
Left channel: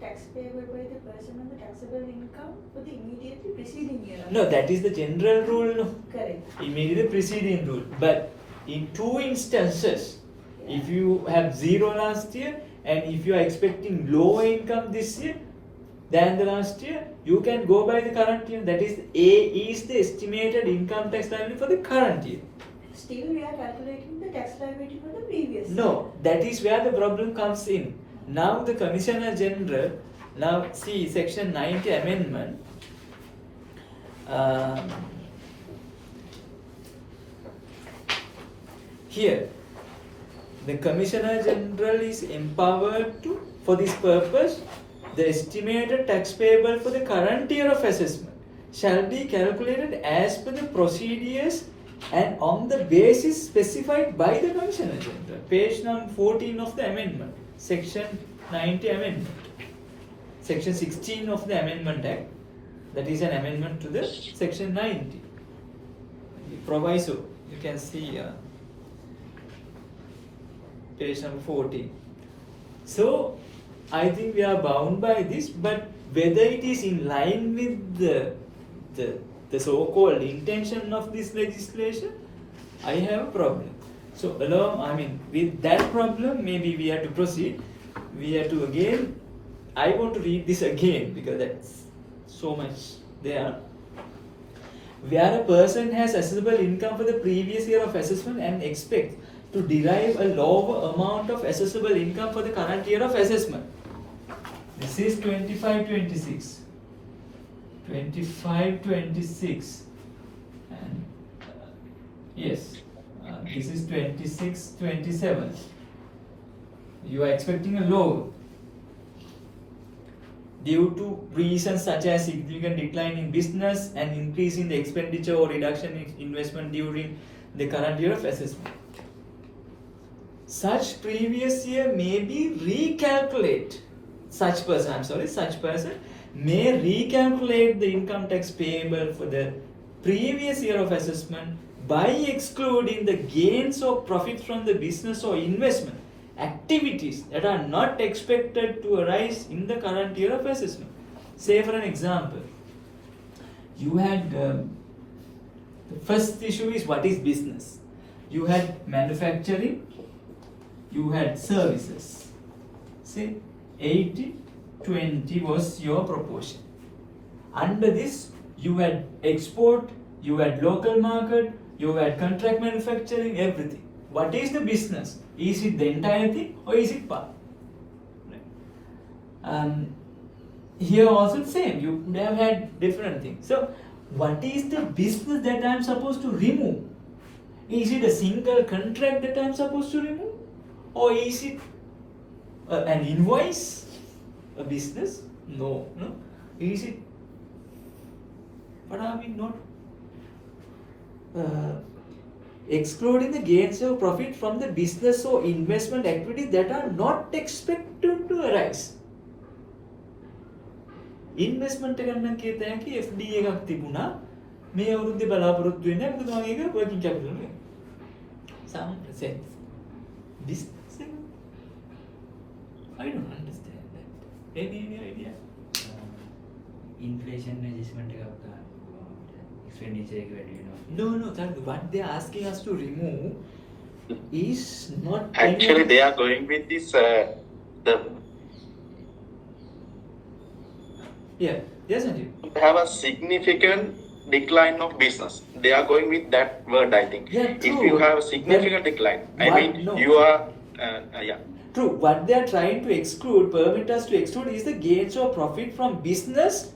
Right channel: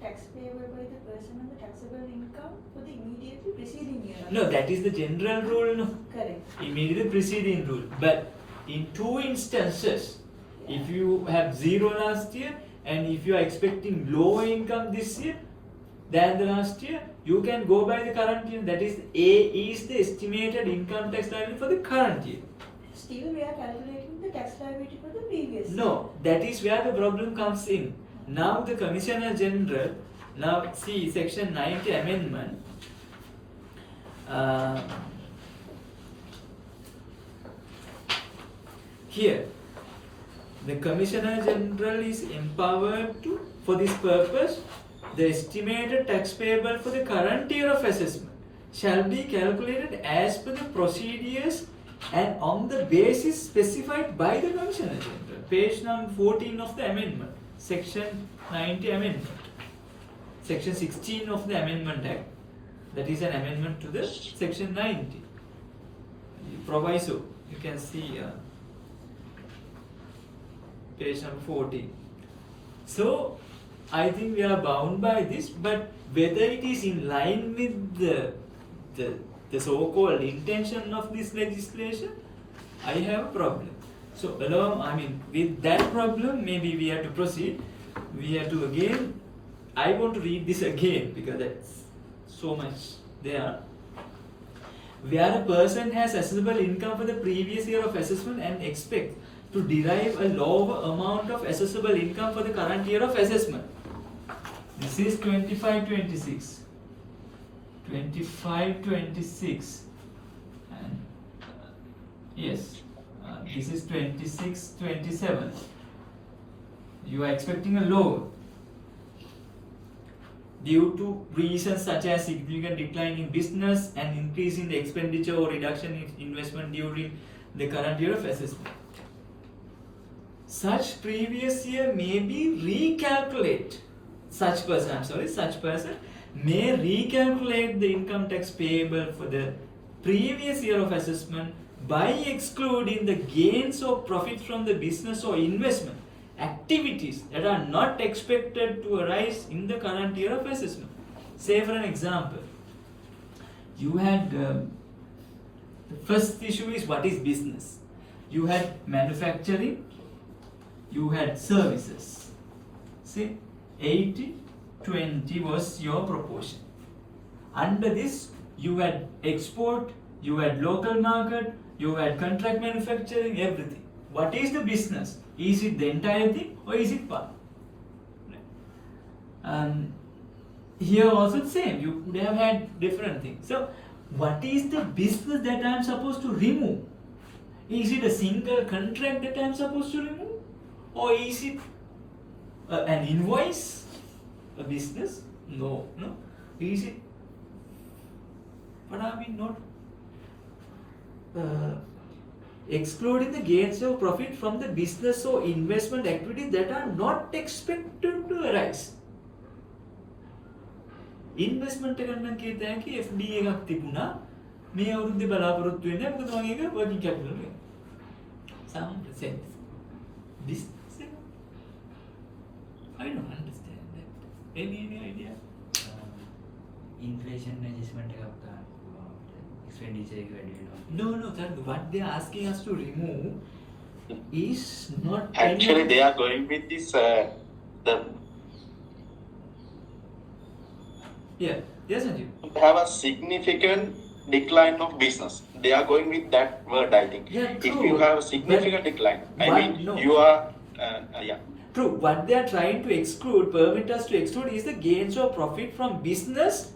tax payable by the person on the taxable income for the immediately preceding year. No, that is the general rule. No? Correct. Immediately preceding rule. But in two instances, if you have zero last year and if you are expecting lower income this year than the last year, you can go by the current year. That is, A is the estimated income tax liability for the current year. Still, we are calculating the tax liability for the previous year. No, that is where the problem comes in. Now the Commissioner General, now see section 90 amendment. Here, the Commissioner General is empowered to, for this purpose, the estimated tax payable for the current year of assessment shall be calculated as per the procedures and on the basis specified by the Commissioner General. Page number 14 of the amendment, section 90 amendment. Section 16 of the Amendment Act, that is an amendment to the section 90. Proviso, you can see page number 14. So, I think we are bound by this, but whether it is in line with the so-called intention of this legislation, I have a problem. So, with that problem, maybe we have to proceed. We have to again, I want to read this again because that's so much there. Where a person has assessable income for the previous year of assessment and expects to derive a lower amount of assessable income for the current year of assessment. This is 25-26. 25-26. And yes, this is 26-27. You are expecting a lower due to reasons such as significant decline in business and increase in the expenditure or reduction in investment during the current year of assessment. Such previous year may be recalculate. Such person may recalculate the income tax payable for the previous year of assessment by excluding the gains or profit from the business or investment activities that are not expected to arise in the current year of assessment. Say for an example, you had the first issue is what is business. You had manufacturing, you had services. See, 80-20 was your proportion. Under this, you had export, you had local market, you had contract manufacturing, everything. What is the business? Is it the entire thing or is it part? Here also the same, you may have had different things. So, what is the business that I am supposed to remove? Is it a single contract that I am supposed to remove? Or is it an invoice? A business? No. Is it? What are we not? Excluding the gains or profit from the business or investment activities that are not expected to arise. Investment එකක් නම් කියත හැකි FD එකක් තිබුණා මේ අවුරුද්දේ බලාපොරොත්තු වෙන්නේ මොකද මම ඒක working capital එක. Some sense. Business එක. I don't understand that. Any idea? Inflation adjustment expenditure එක වැඩි වෙනවා. No, what they are asking us to remove is not Actually, they are going with this the Yeah. Yes, Sanjeev. have a significant decline of business. They are going with that word, I think. Yeah, If true. you have a significant decline, I What? mean, No. you are, yeah. True. What they are trying to exclude, permit us to exclude, is the gains or profit from business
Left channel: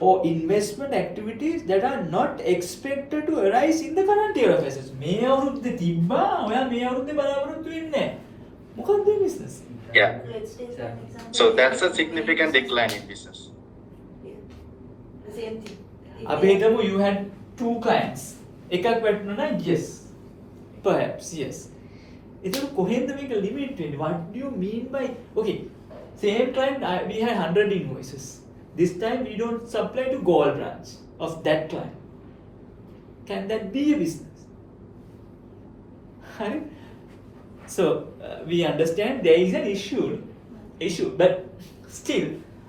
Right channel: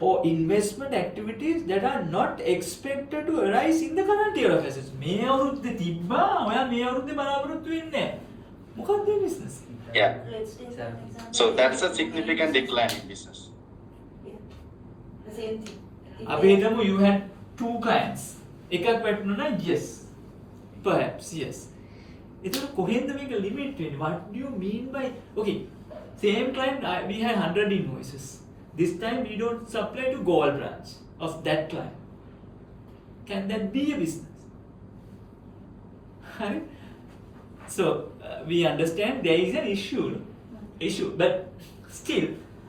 or investment activities that are not expected to arise in the current year of assets. මේ අවුරුද්දේ තිබ්බා ඔයා මේ අවුරුද්දේ බලාපොරොත්තු වෙන්නේ නැහැ. මොකක්ද මේ business? Yeah. Let's take an example. So that's a significant decline in business. Yeah. The same thing. If අපි they- හිතමු you had 2 clients. එකක් වැටුණා නම් yes. Perhaps yes. එතකොට කොහෙන්ද මේක limit වෙන්නේ? What do you mean by okay, same client we had 100 invoices. This time we don't supply to gold branch of that client. Can that be a business? Right? So we understand there is an issue, but still,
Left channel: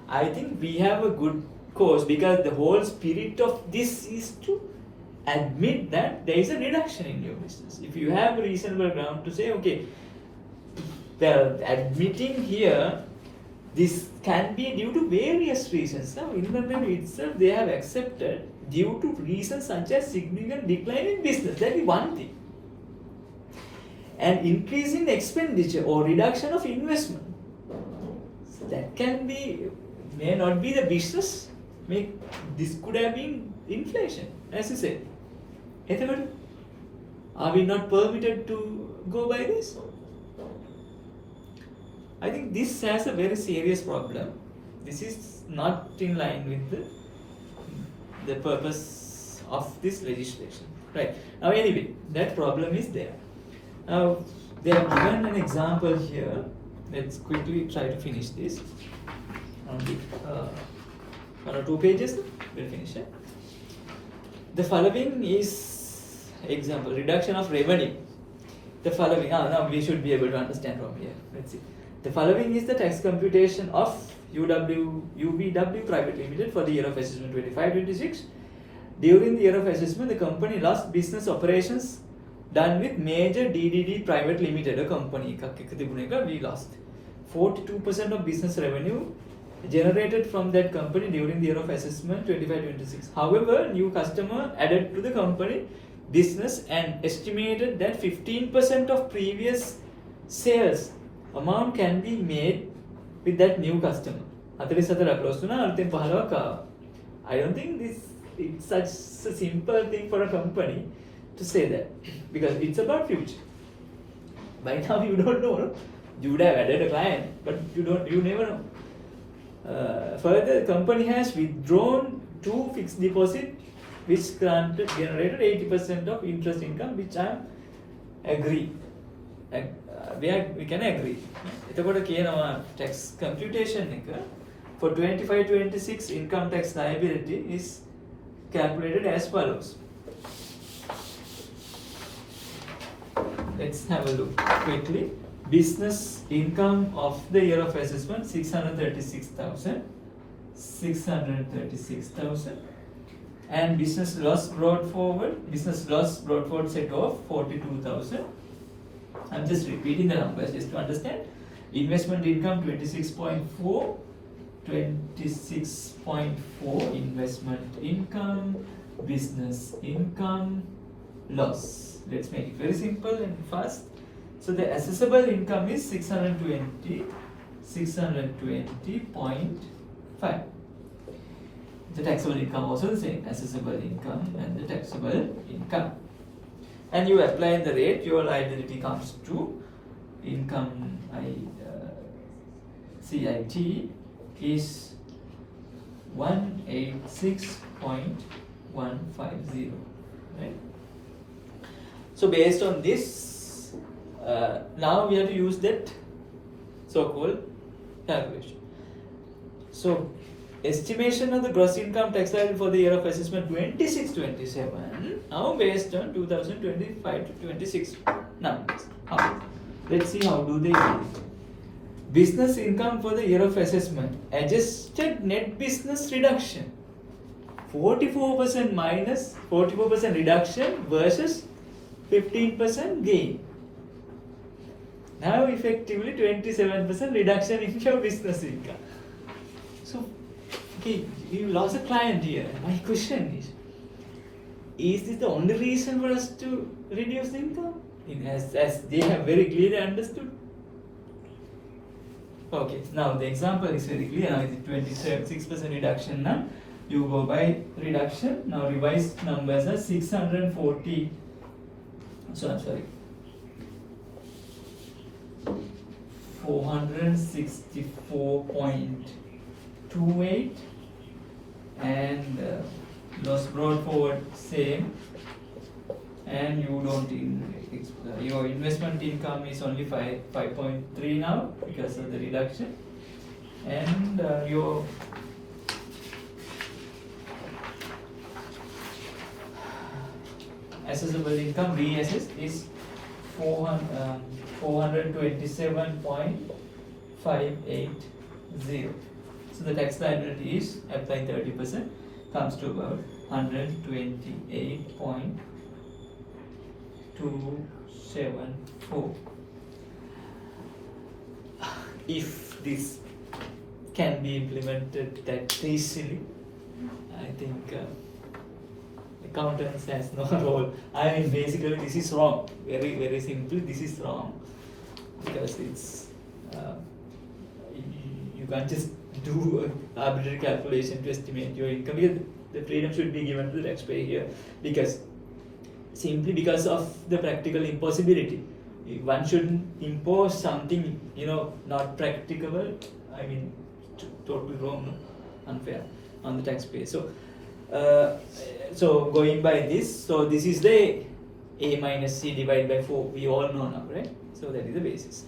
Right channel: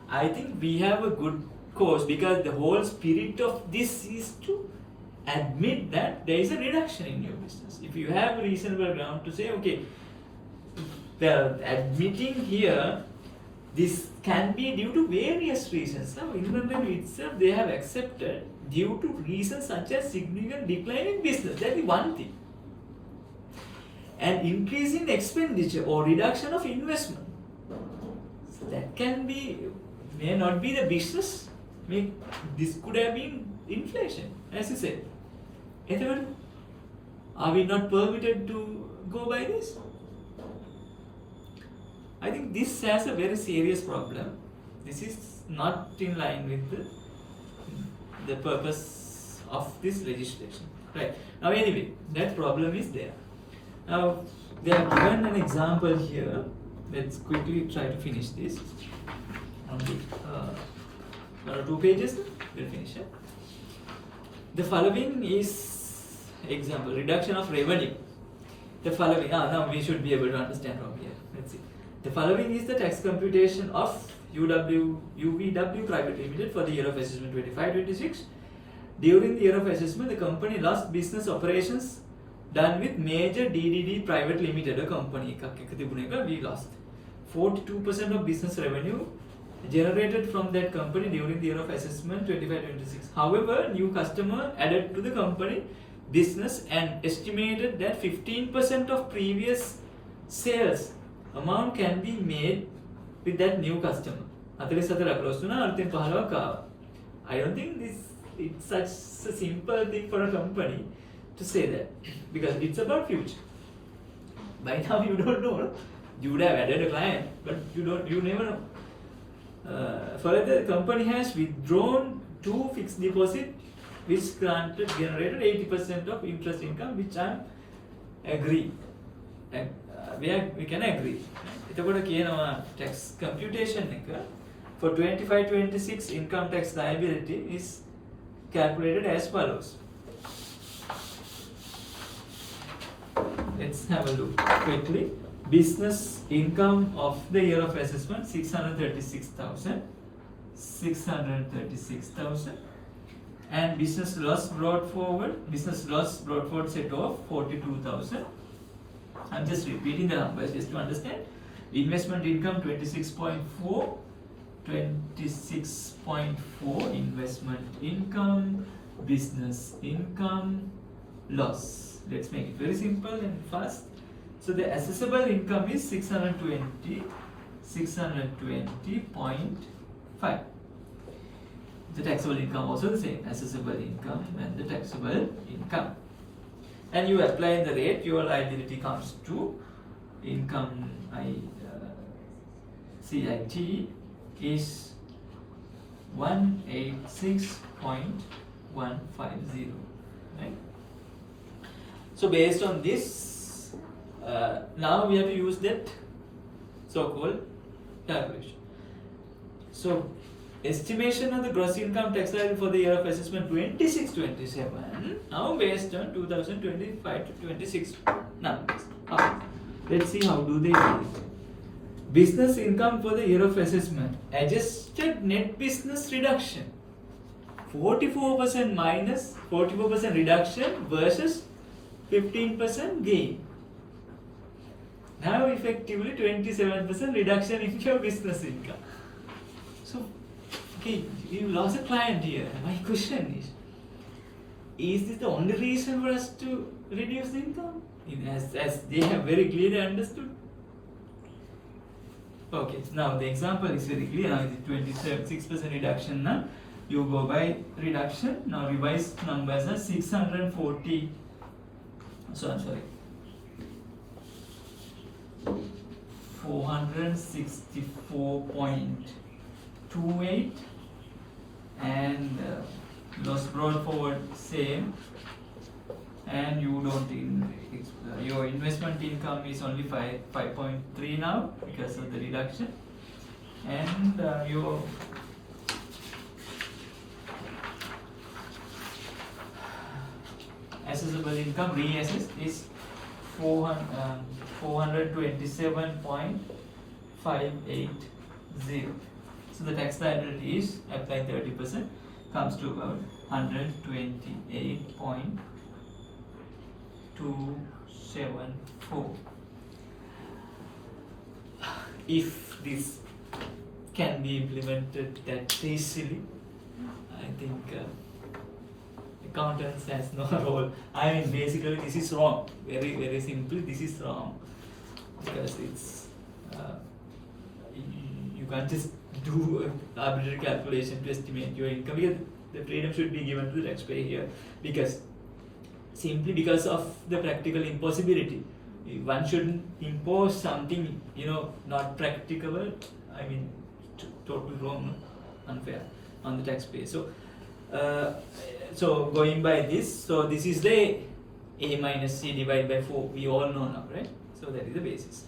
I think we have a good cause because the whole spirit of this is to admit that there is a reduction in your business. If you have a reasonable ground to say, okay, the admitting here, this can be due to various reasons. Now, Inland Revenue itself, they have accepted due to reasons such as significant decline in business. That is one thing. And increase in expenditure or reduction of investment. So that can be, may not be the business. This could have been inflation, as you said. Ethel, are we not permitted to go by this? I think this has a very serious problem. This is not in line with the purpose of this legislation. Right. Now anyway, that problem is there. Now they have given an example here. Let's quickly try to finish this. Only 1 or 2 pages, we'll finish it. The following is example, reduction of revenue. The following, now we should be able to understand from here. Let's see. The following is the tax computation of UVW Private Limited for the year of assessment 25-26. During the year of assessment, the company lost business operations done with major DDD Private Limited, a company. We lost 42% of business revenue generated from that company during the year of assessment 25-26. However, new customer added to the company business and estimated that 15% of previous sales amount can be made with that new customer. 44 across තුන අලුතෙන් 15ක් ආවා. I don't think it's such a simple thing for a company to say that because it's about future. By now you don't know. You would have added a client, but you never know. Further, the company has withdrawn 2 fixed deposit which generated 80% of interest income, which I agree. And we can agree. එතකොට කියනවා tax computation එක for 25-26 income tax liability is calculated as follows. Let's have a look quickly. Business income of the year of assessment 636,000 and business loss brought forward set of 42,000. I'm just repeating the numbers just to understand. Investment income 26.4 investment income, business income, loss. Let's make it very simple and fast. So the assessable income is 620.5. The taxable income also the same, assessable income and the taxable income. And you apply the rate, your liability comes to income CIT is 186.150, right? So based on this, now we have to use that so-called calculation. So estimation of the gross income tax liability for the year of assessment 26-27 now based on 2025-26 numbers. Let's see how do they do it. Business income for the year of assessment, adjusted net business reduction 44% minus 44% reduction versus 15% gain. Now effectively 27% reduction in your business income. So okay, you lost a client here. My question is this the only reason for us to reduce the income? As they have very clearly understood. Okay, now the example is very clear. Now it's 26% reduction. Now you go by reduction. Now revised numbers are 640. So I'm sorry. 464.28 and loss brought forward same, and you don't your investment income is only 5.3 now because of the reduction, and your assessable income reassessed is 427.580. So the tax liability is applying 30% comes to about 128.274. If this can be implemented that easily, I think accountants has no role. I mean, basically this is wrong. Very, very simple. This is wrong because it's you can't just do arbitrary calculation to estimate your income. Because the freedom should be given to the taxpayer here, because simply because of the practical impossibility. One shouldn't impose something not practicable. I mean, totally wrong, no? Unfair on the taxpayer. So going by this, so this is the A minus C divided by 4. We all know now, right? So that is the basis.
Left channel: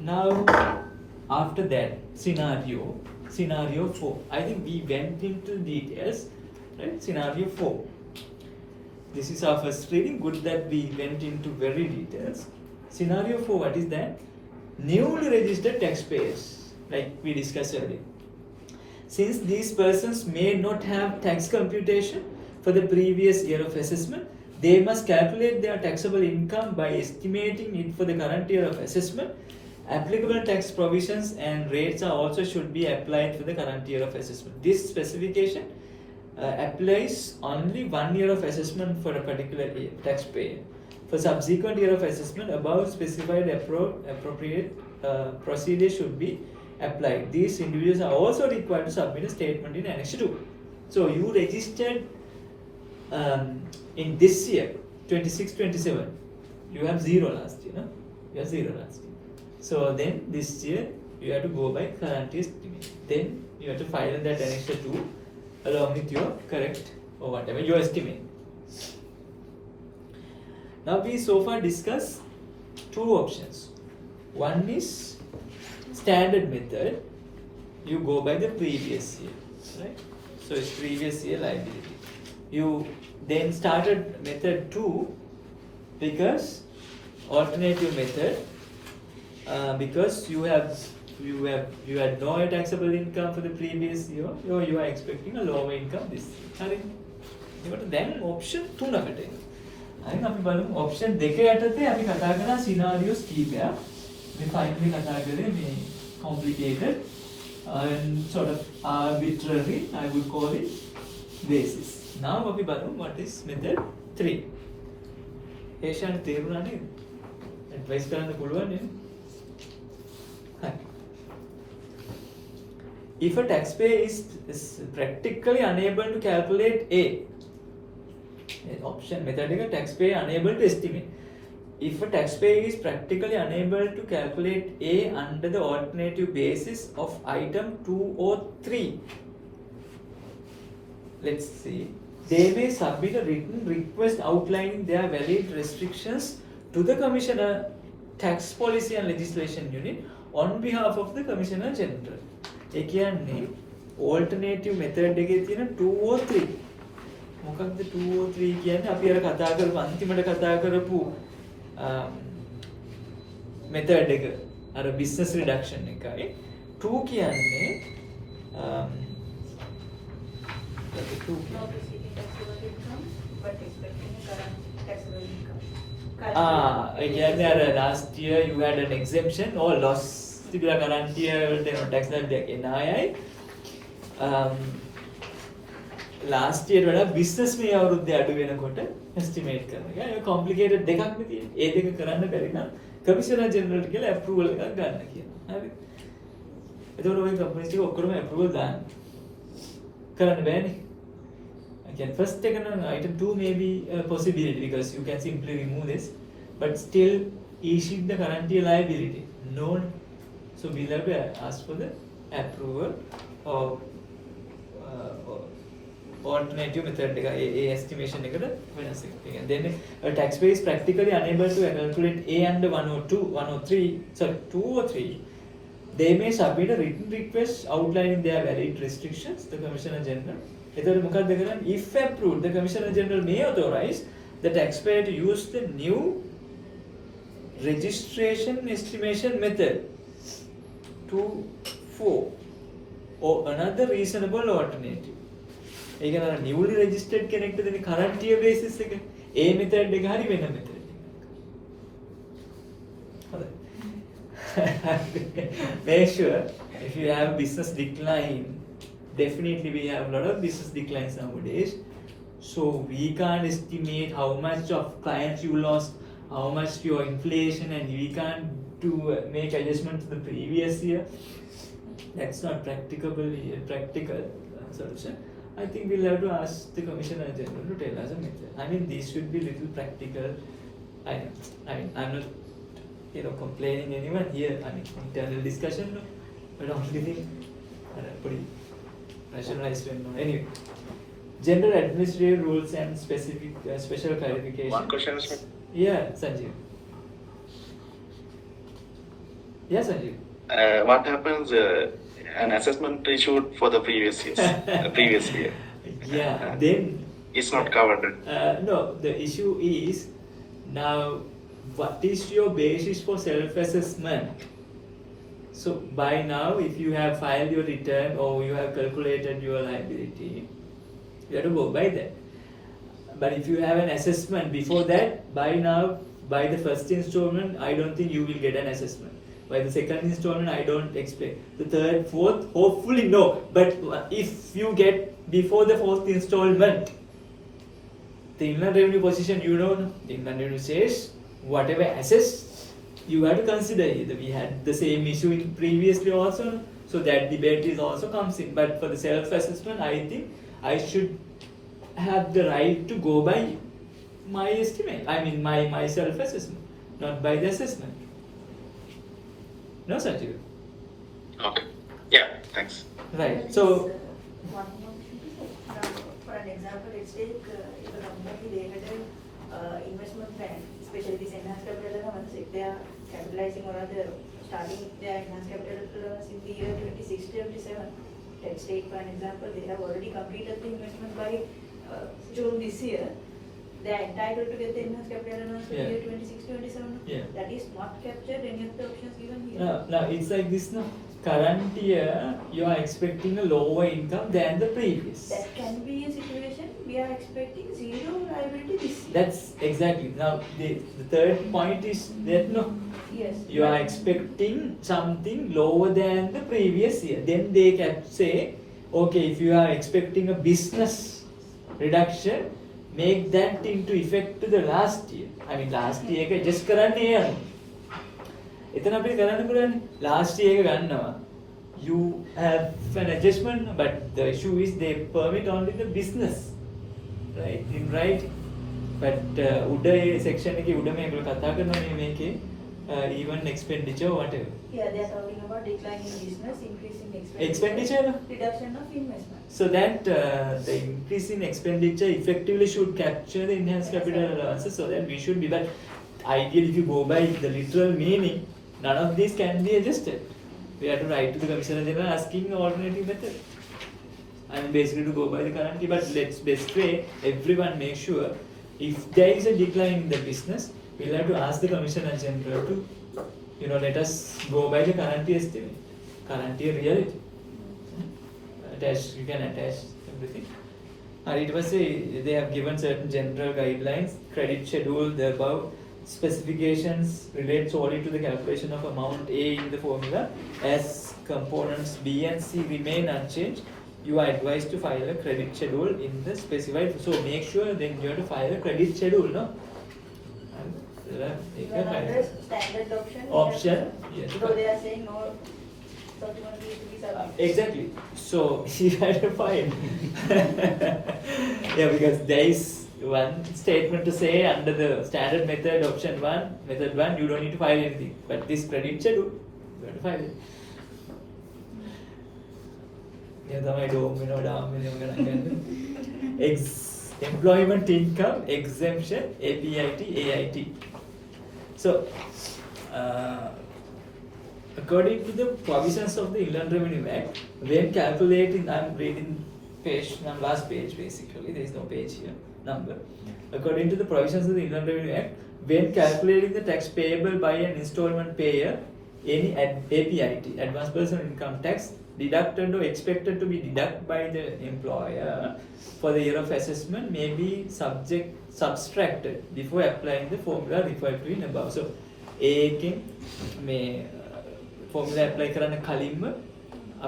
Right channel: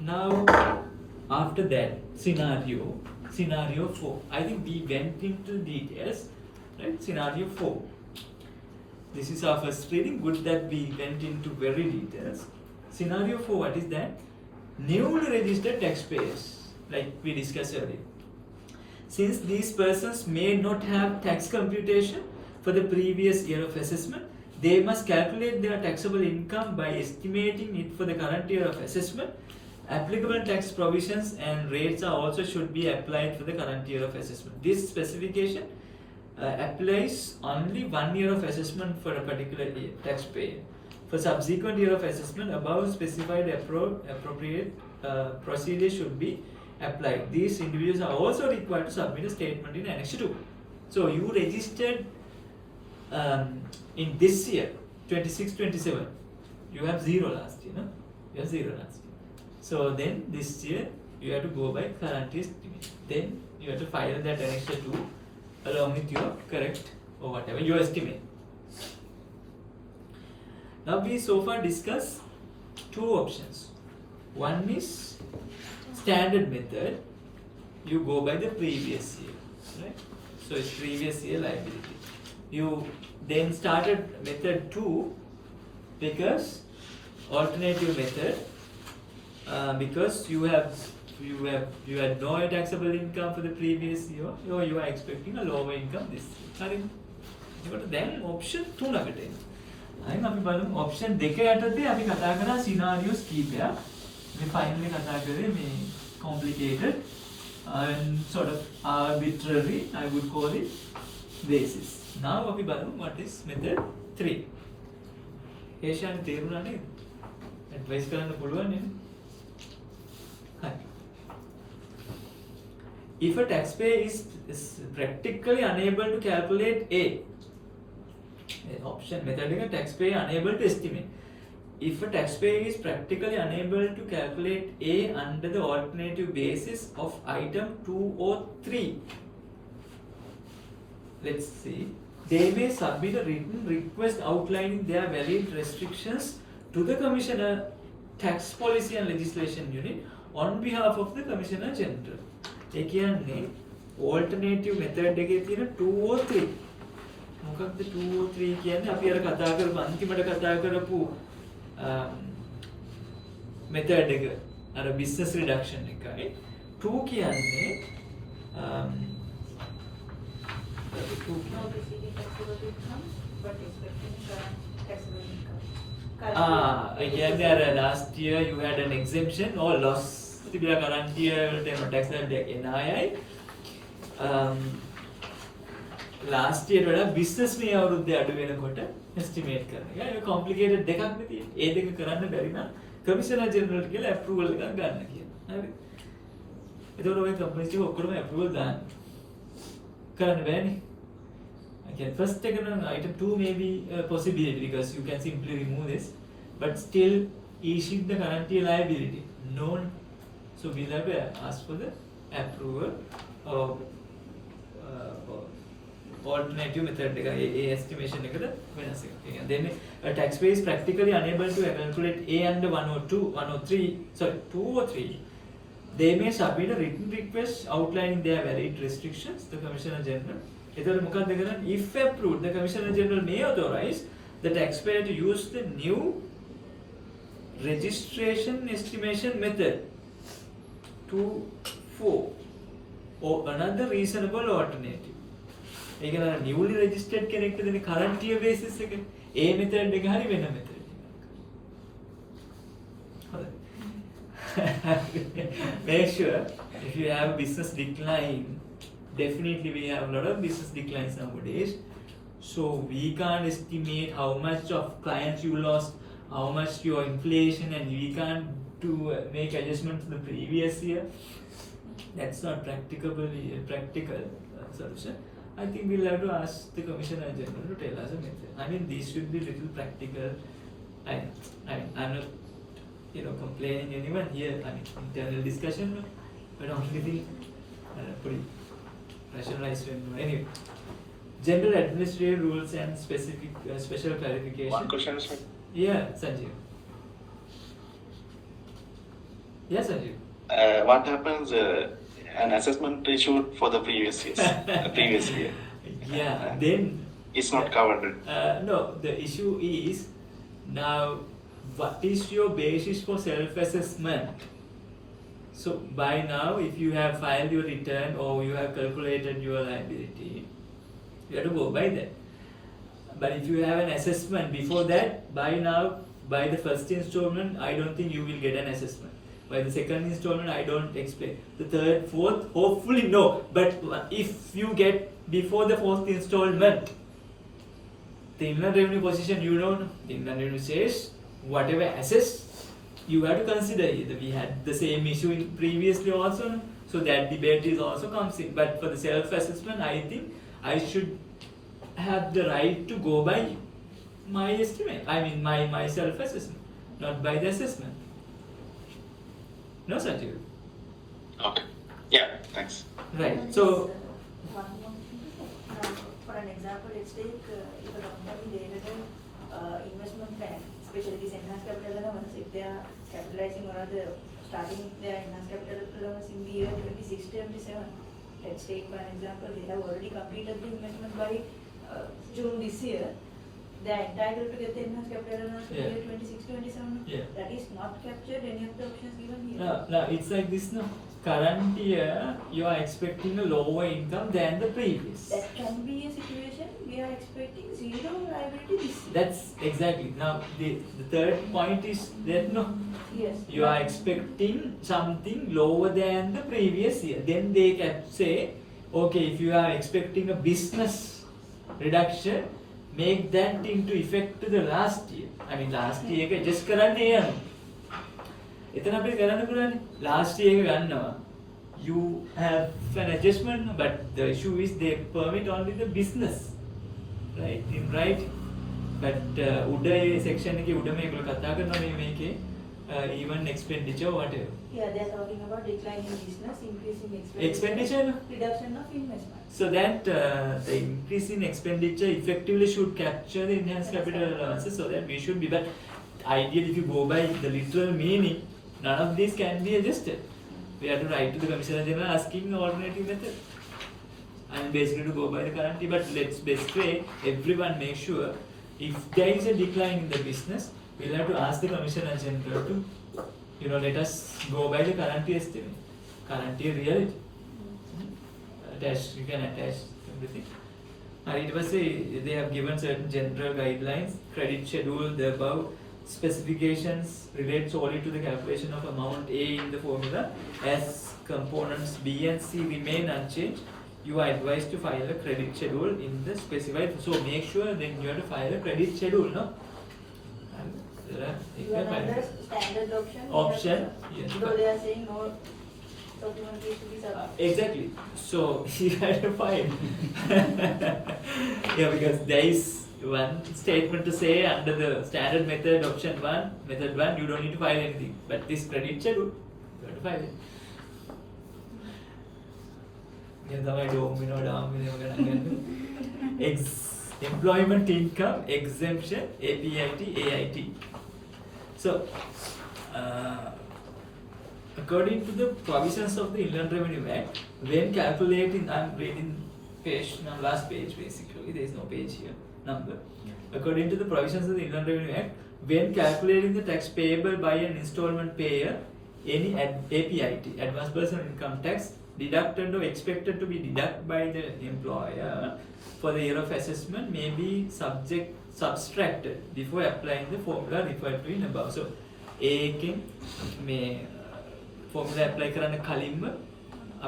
Now, after that scenario 4. I think we went into details, right? Scenario 4. This is our first reading. Good that we went into very details. Scenario 4. What is that? Newly registered taxpayers, like we discussed earlier. Since these persons may not have tax computation for the previous year of assessment, they must calculate their taxable income by estimating it for the current year of assessment. Applicable tax provisions and rates are also should be applied for the current year of assessment. This specification applies only 1 year of assessment for a particular year, taxpayer. For subsequent year of assessment, above specified appropriate procedure should be applied. These individuals are also required to submit a statement in Annex 2. So you registered in this year, 26-27, you have 0 last year, no? You have 0 last year. So then this year you have to go by current year estimate. Then you have to file that Annex 2 along with your correct or whatever your estimate. Now we so far discussed 2 options. One is standard method. You go by the previous year, right? So it's previous year liability. You then started method 2 because alternative method, because you had no taxable income for the previous year, or you are expecting a lower income this year. හරි. ඒකට දැන් option 3කට එනවා. හරි අපි බලමු option 2 යටතේ අපි කතා කරන scenarios කීපයක්. මේ finally කතා කරේ මේ complicated and sort of arbitrary, I would call it, basis. Now අපි බලමු what is method 3. ඒෂාන් තේරුණා නේද? advice කරන්න පුළුවන් නේද? හරි. If a taxpayer is practically unable to calculate A, option method එක taxpayer unable to estimate. If a taxpayer is practically unable to calculate A under the alternative basis of item 2 or 3, let's see, they may submit a written request outlining their valid restrictions to the Commissioner, Tax Policy and Legislation Unit on behalf of the Commissioner General. ඒ කියන්නේ alternative method එකේ තියෙන 2 or 3. මොකක්ද 2 or 3 කියන්නේ? අපි අර කතා කරපු අන්තිමට කතා කරපු method එක අර business reduction එකයි. 2 කියන්නේ Not receiving taxable income, but expecting current taxable income. ඒ කියන්නේ අර last year you had an exemption or loss තිබිලා current year tax liability එක එන අයයි last year වඩා business මේ අවුරුද්දේ අඩු වෙනකොට estimate කරන එක. ඒක complicated දෙකක් නේ තියෙන්නේ. ඒ දෙක කරන්න බැරි නම් commissioner general කියලා approval එකක් ගන්න කියනවා. හරි. එතකොට ඔය companies ටික ඔක්කොම approval දාන්න. කරන්න බෑනේ. Again, first taken on item 2 may be a possibility because you can simply remove this, but still issue the current year liability. No, so we'll have to ask for the approval of alternative method estimation then a taxpayer is practically unable to calculate A under 2 or 3. They may submit a written request outlining their valid restrictions, the Commissioner General. If approved, the Commissioner General may authorize the taxpayer to use the new registration estimation method 2-4 or another reasonable alternative. ඒ කියන්නේ newly registered කෙනෙක්ට දෙන current year basis එක ඒ method එක හරි වෙන method එකක්. Make sure if you have business decline, definitely we have a lot of business declines nowadays. So we can't estimate how much of clients you lost, how much your inflation, and we can't make adjustment to the previous year. That's not practical solution. I think we'll have to ask the Commissioner General to tell us a method. I mean, these should be little practical. I'm not, complaining anyone here. I mean, internal discussion, but only thing, pretty rationalized. Anyway, general administrative rules and special clarification. One question is, Yeah, Sanjeev. Yes, Sanjeev. what happens an assessment issued for the previous year? Yeah, then It's not covered. no, the issue is now what is your basis for self-assessment? So by now, if you have filed your return or you have calculated your liability, you have to go by that. But if you have an assessment before that, by now, by the first installment, I don't think you will get an assessment. By the second installment, I don't expect. The third, fourth, hopefully no. But if you get before the fourth installment, the inland revenue position, you don't know. The inland revenue says, whatever assess, you have to consider it. We had the same issue in previously also, so that debate is also comes in. But for the self-assessment, I think I should have the right to go by my estimate. I mean my self-assessment, not by the assessment. No, Sanjeev? Okay. Yeah, thanks. Right. So, One more thing. For an example, let's take if a company they had an investment plan, especially this enhanced capital allowance, if they are capitalizing or rather starting their enhanced capital allowance in the year 26-27. Let's take for an example, they have already completed the investment by June this year. They are entitled to get the enhanced capital allowance in the year 26-27. Yeah. That is not captured any of the options given here. no, it's like this now. Current year, you are expecting a lower income than the previous. That can be a situation we are expecting zero liability this year. That's exactly. Now, the third point is that no, Yes. you are expecting something lower than the previous year. Then they can say, okay, if you are expecting a business reduction, make that into effect to the last year. I mean, last year එක just කරන්න යනවා. එතන අපි කරන්න පුළුවන් last year එක ගන්නවා. You have an adjustment, but the issue is they permit only the business, right? In right, but උඩ ඒ section එකේ උඩම ඒගොල්ලෝ කතා කරනවා මේකේ even expenditure or whatever. Here they are talking about decline in business, increase in expenditure. Expenditure, no? Reduction of investment. So that the increase in expenditure effectively should capture the enhanced capital allowances, so that we should be. But ideally, if you go by the literal meaning, none of these can be adjusted. We have to write to the Commissioner General asking an alternative method. And basically to go by the current year, but let's basically everyone make sure if there is a decline in the business, we'll have to ask the Commissioner General to, let us go by the current year estimate, current year reality. You can attach everything. And it was they have given certain general guidelines, credit schedule, the above specifications relate solely to the calculation of amount A in the formula, as components B and C remain unchanged. you are advised to file a credit schedule in the specified. So make sure then you have to file a credit schedule, no? Even under standard option. Option. Yes. So they are saying no document needs to be submitted. Exactly. So you have to file. Yeah, because there is one statement to say under the standard method option one, method one, you don't need to file anything. But this credit schedule, you have to file it. Yeah, තමයි domino employment income exemption APIT AIT. So according to the provisions of the Inland Revenue Act, when calculating, I'm reading page, last page basically, there is no page here, number. According to the provisions of the Inland Revenue Act, when calculating the tax payable by an installment payer, any APIT, advance personal income tax, deducted or expected to be deducted by the employer for the year of assessment may be subtracted before applying the formula referred to in above. So, ඒකෙන් මේ formula apply කරන්න කලින්ම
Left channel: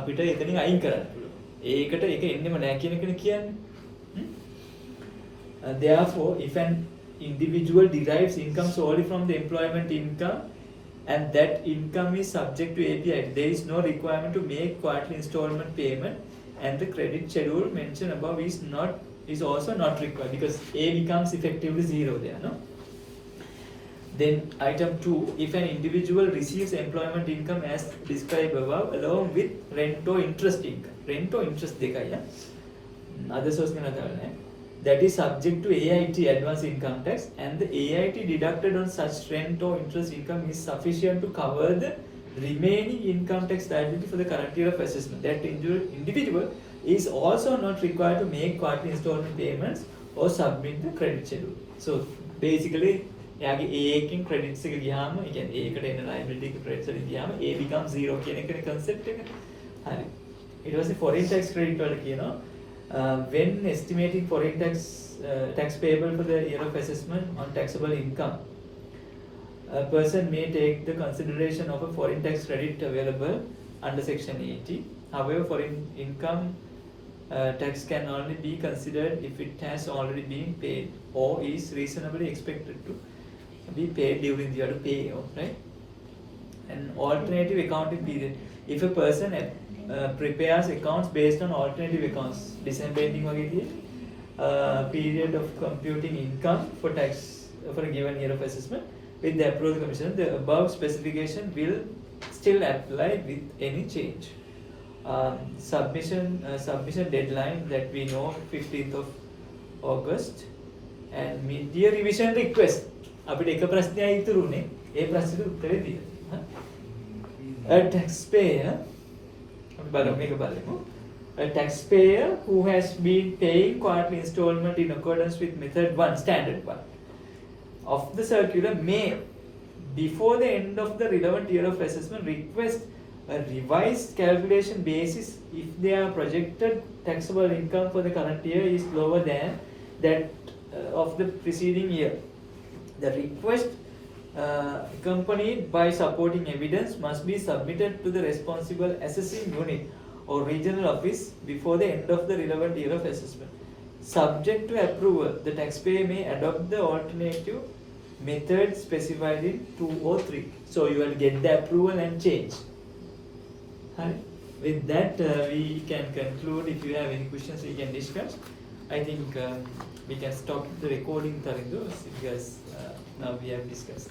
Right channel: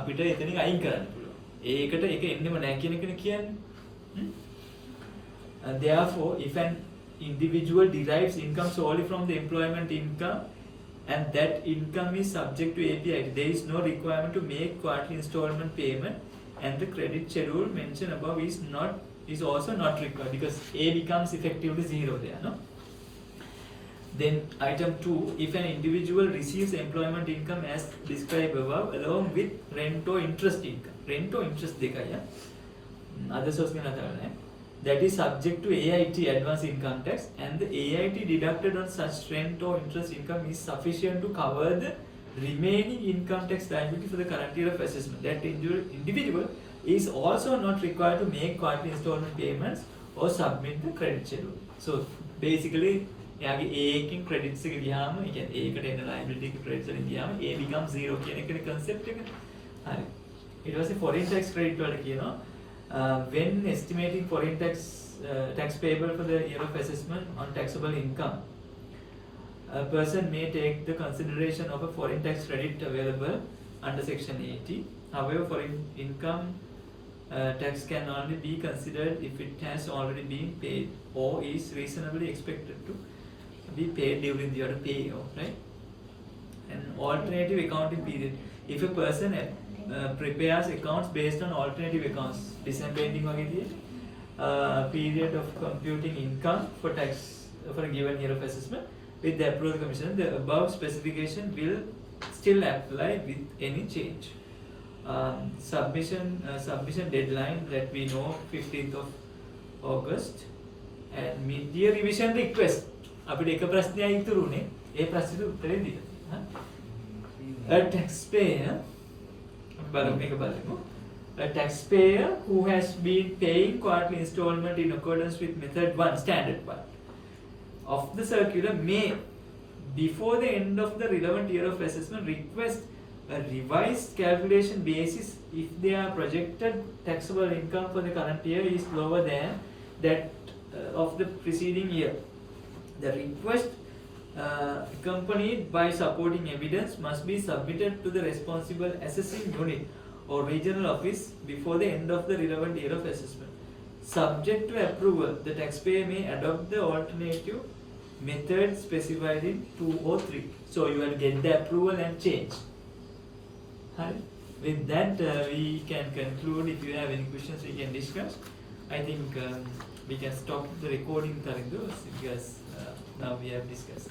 අපිට එතනින් අයින් කරන්න පුළුවන්. ඒකට ඒක එන්නෙම නැහැ කියන එකනේ කියන්නේ. Therefore, if an individual derives income solely from the employment income and that income is subject to API, there is no requirement to make quarterly installment payment, and the credit schedule mentioned above is also not required because A becomes effectively zero there, no? Then item 2, if an individual receives employment income as described above along with rent or interest income, rent or interest dekaya, other source that is subject to AIT, advance income tax, and the AIT deducted on such rent or interest income is sufficient to cover the remaining income tax liability for the current year of assessment. That individual is also not required to make quarterly installment payments or submit the credit schedule. So basically, යාගේ A එකකින් credits එක ගියාම, ඒ කියන්නේ A එකට එන liability එක credits වලින් ගියාම A becomes 0 කියන එකනේ concept එක. හරි. ඊට පස්සේ foreign tax credit වලට කියනවා when estimating foreign tax payable for the year of assessment on taxable income, a person may take the consideration of a foreign tax credit available under section 80. However, foreign income tax can only be considered if it has already been paid or is reasonably expected to be paid during the year to pay off, right? An alternative accounting period. If a person prepares accounts based on alternative accounts, December ending period of computing income for tax for a given year of assessment with the approval of the commission, the above specification will still apply with any change. Submission deadline that we know 15th of August, and mid-year revision request. අපිට එක ප්‍රශ්නයක් ඉතුරුනේ. ඒ ප්‍රශ්නෙට උත්තරේ දෙන්න. A taxpayer A taxpayer who has been paying quarterly installment in accordance with method 1, standard 1 of the circular may, before the end of the relevant year of assessment, request a revised calculation basis if their projected taxable income for the current year is lower than that of the preceding year. The request accompanied by supporting evidence must be submitted to the responsible assessing unit or regional office before the end of the relevant year of assessment. Subject to approval, the taxpayer may adopt the alternative method specified in 2 or 3. So you will get the approval and change. With that, we can conclude. If you have any questions, we can discuss. I think we can stop the recording, because now we have discussed.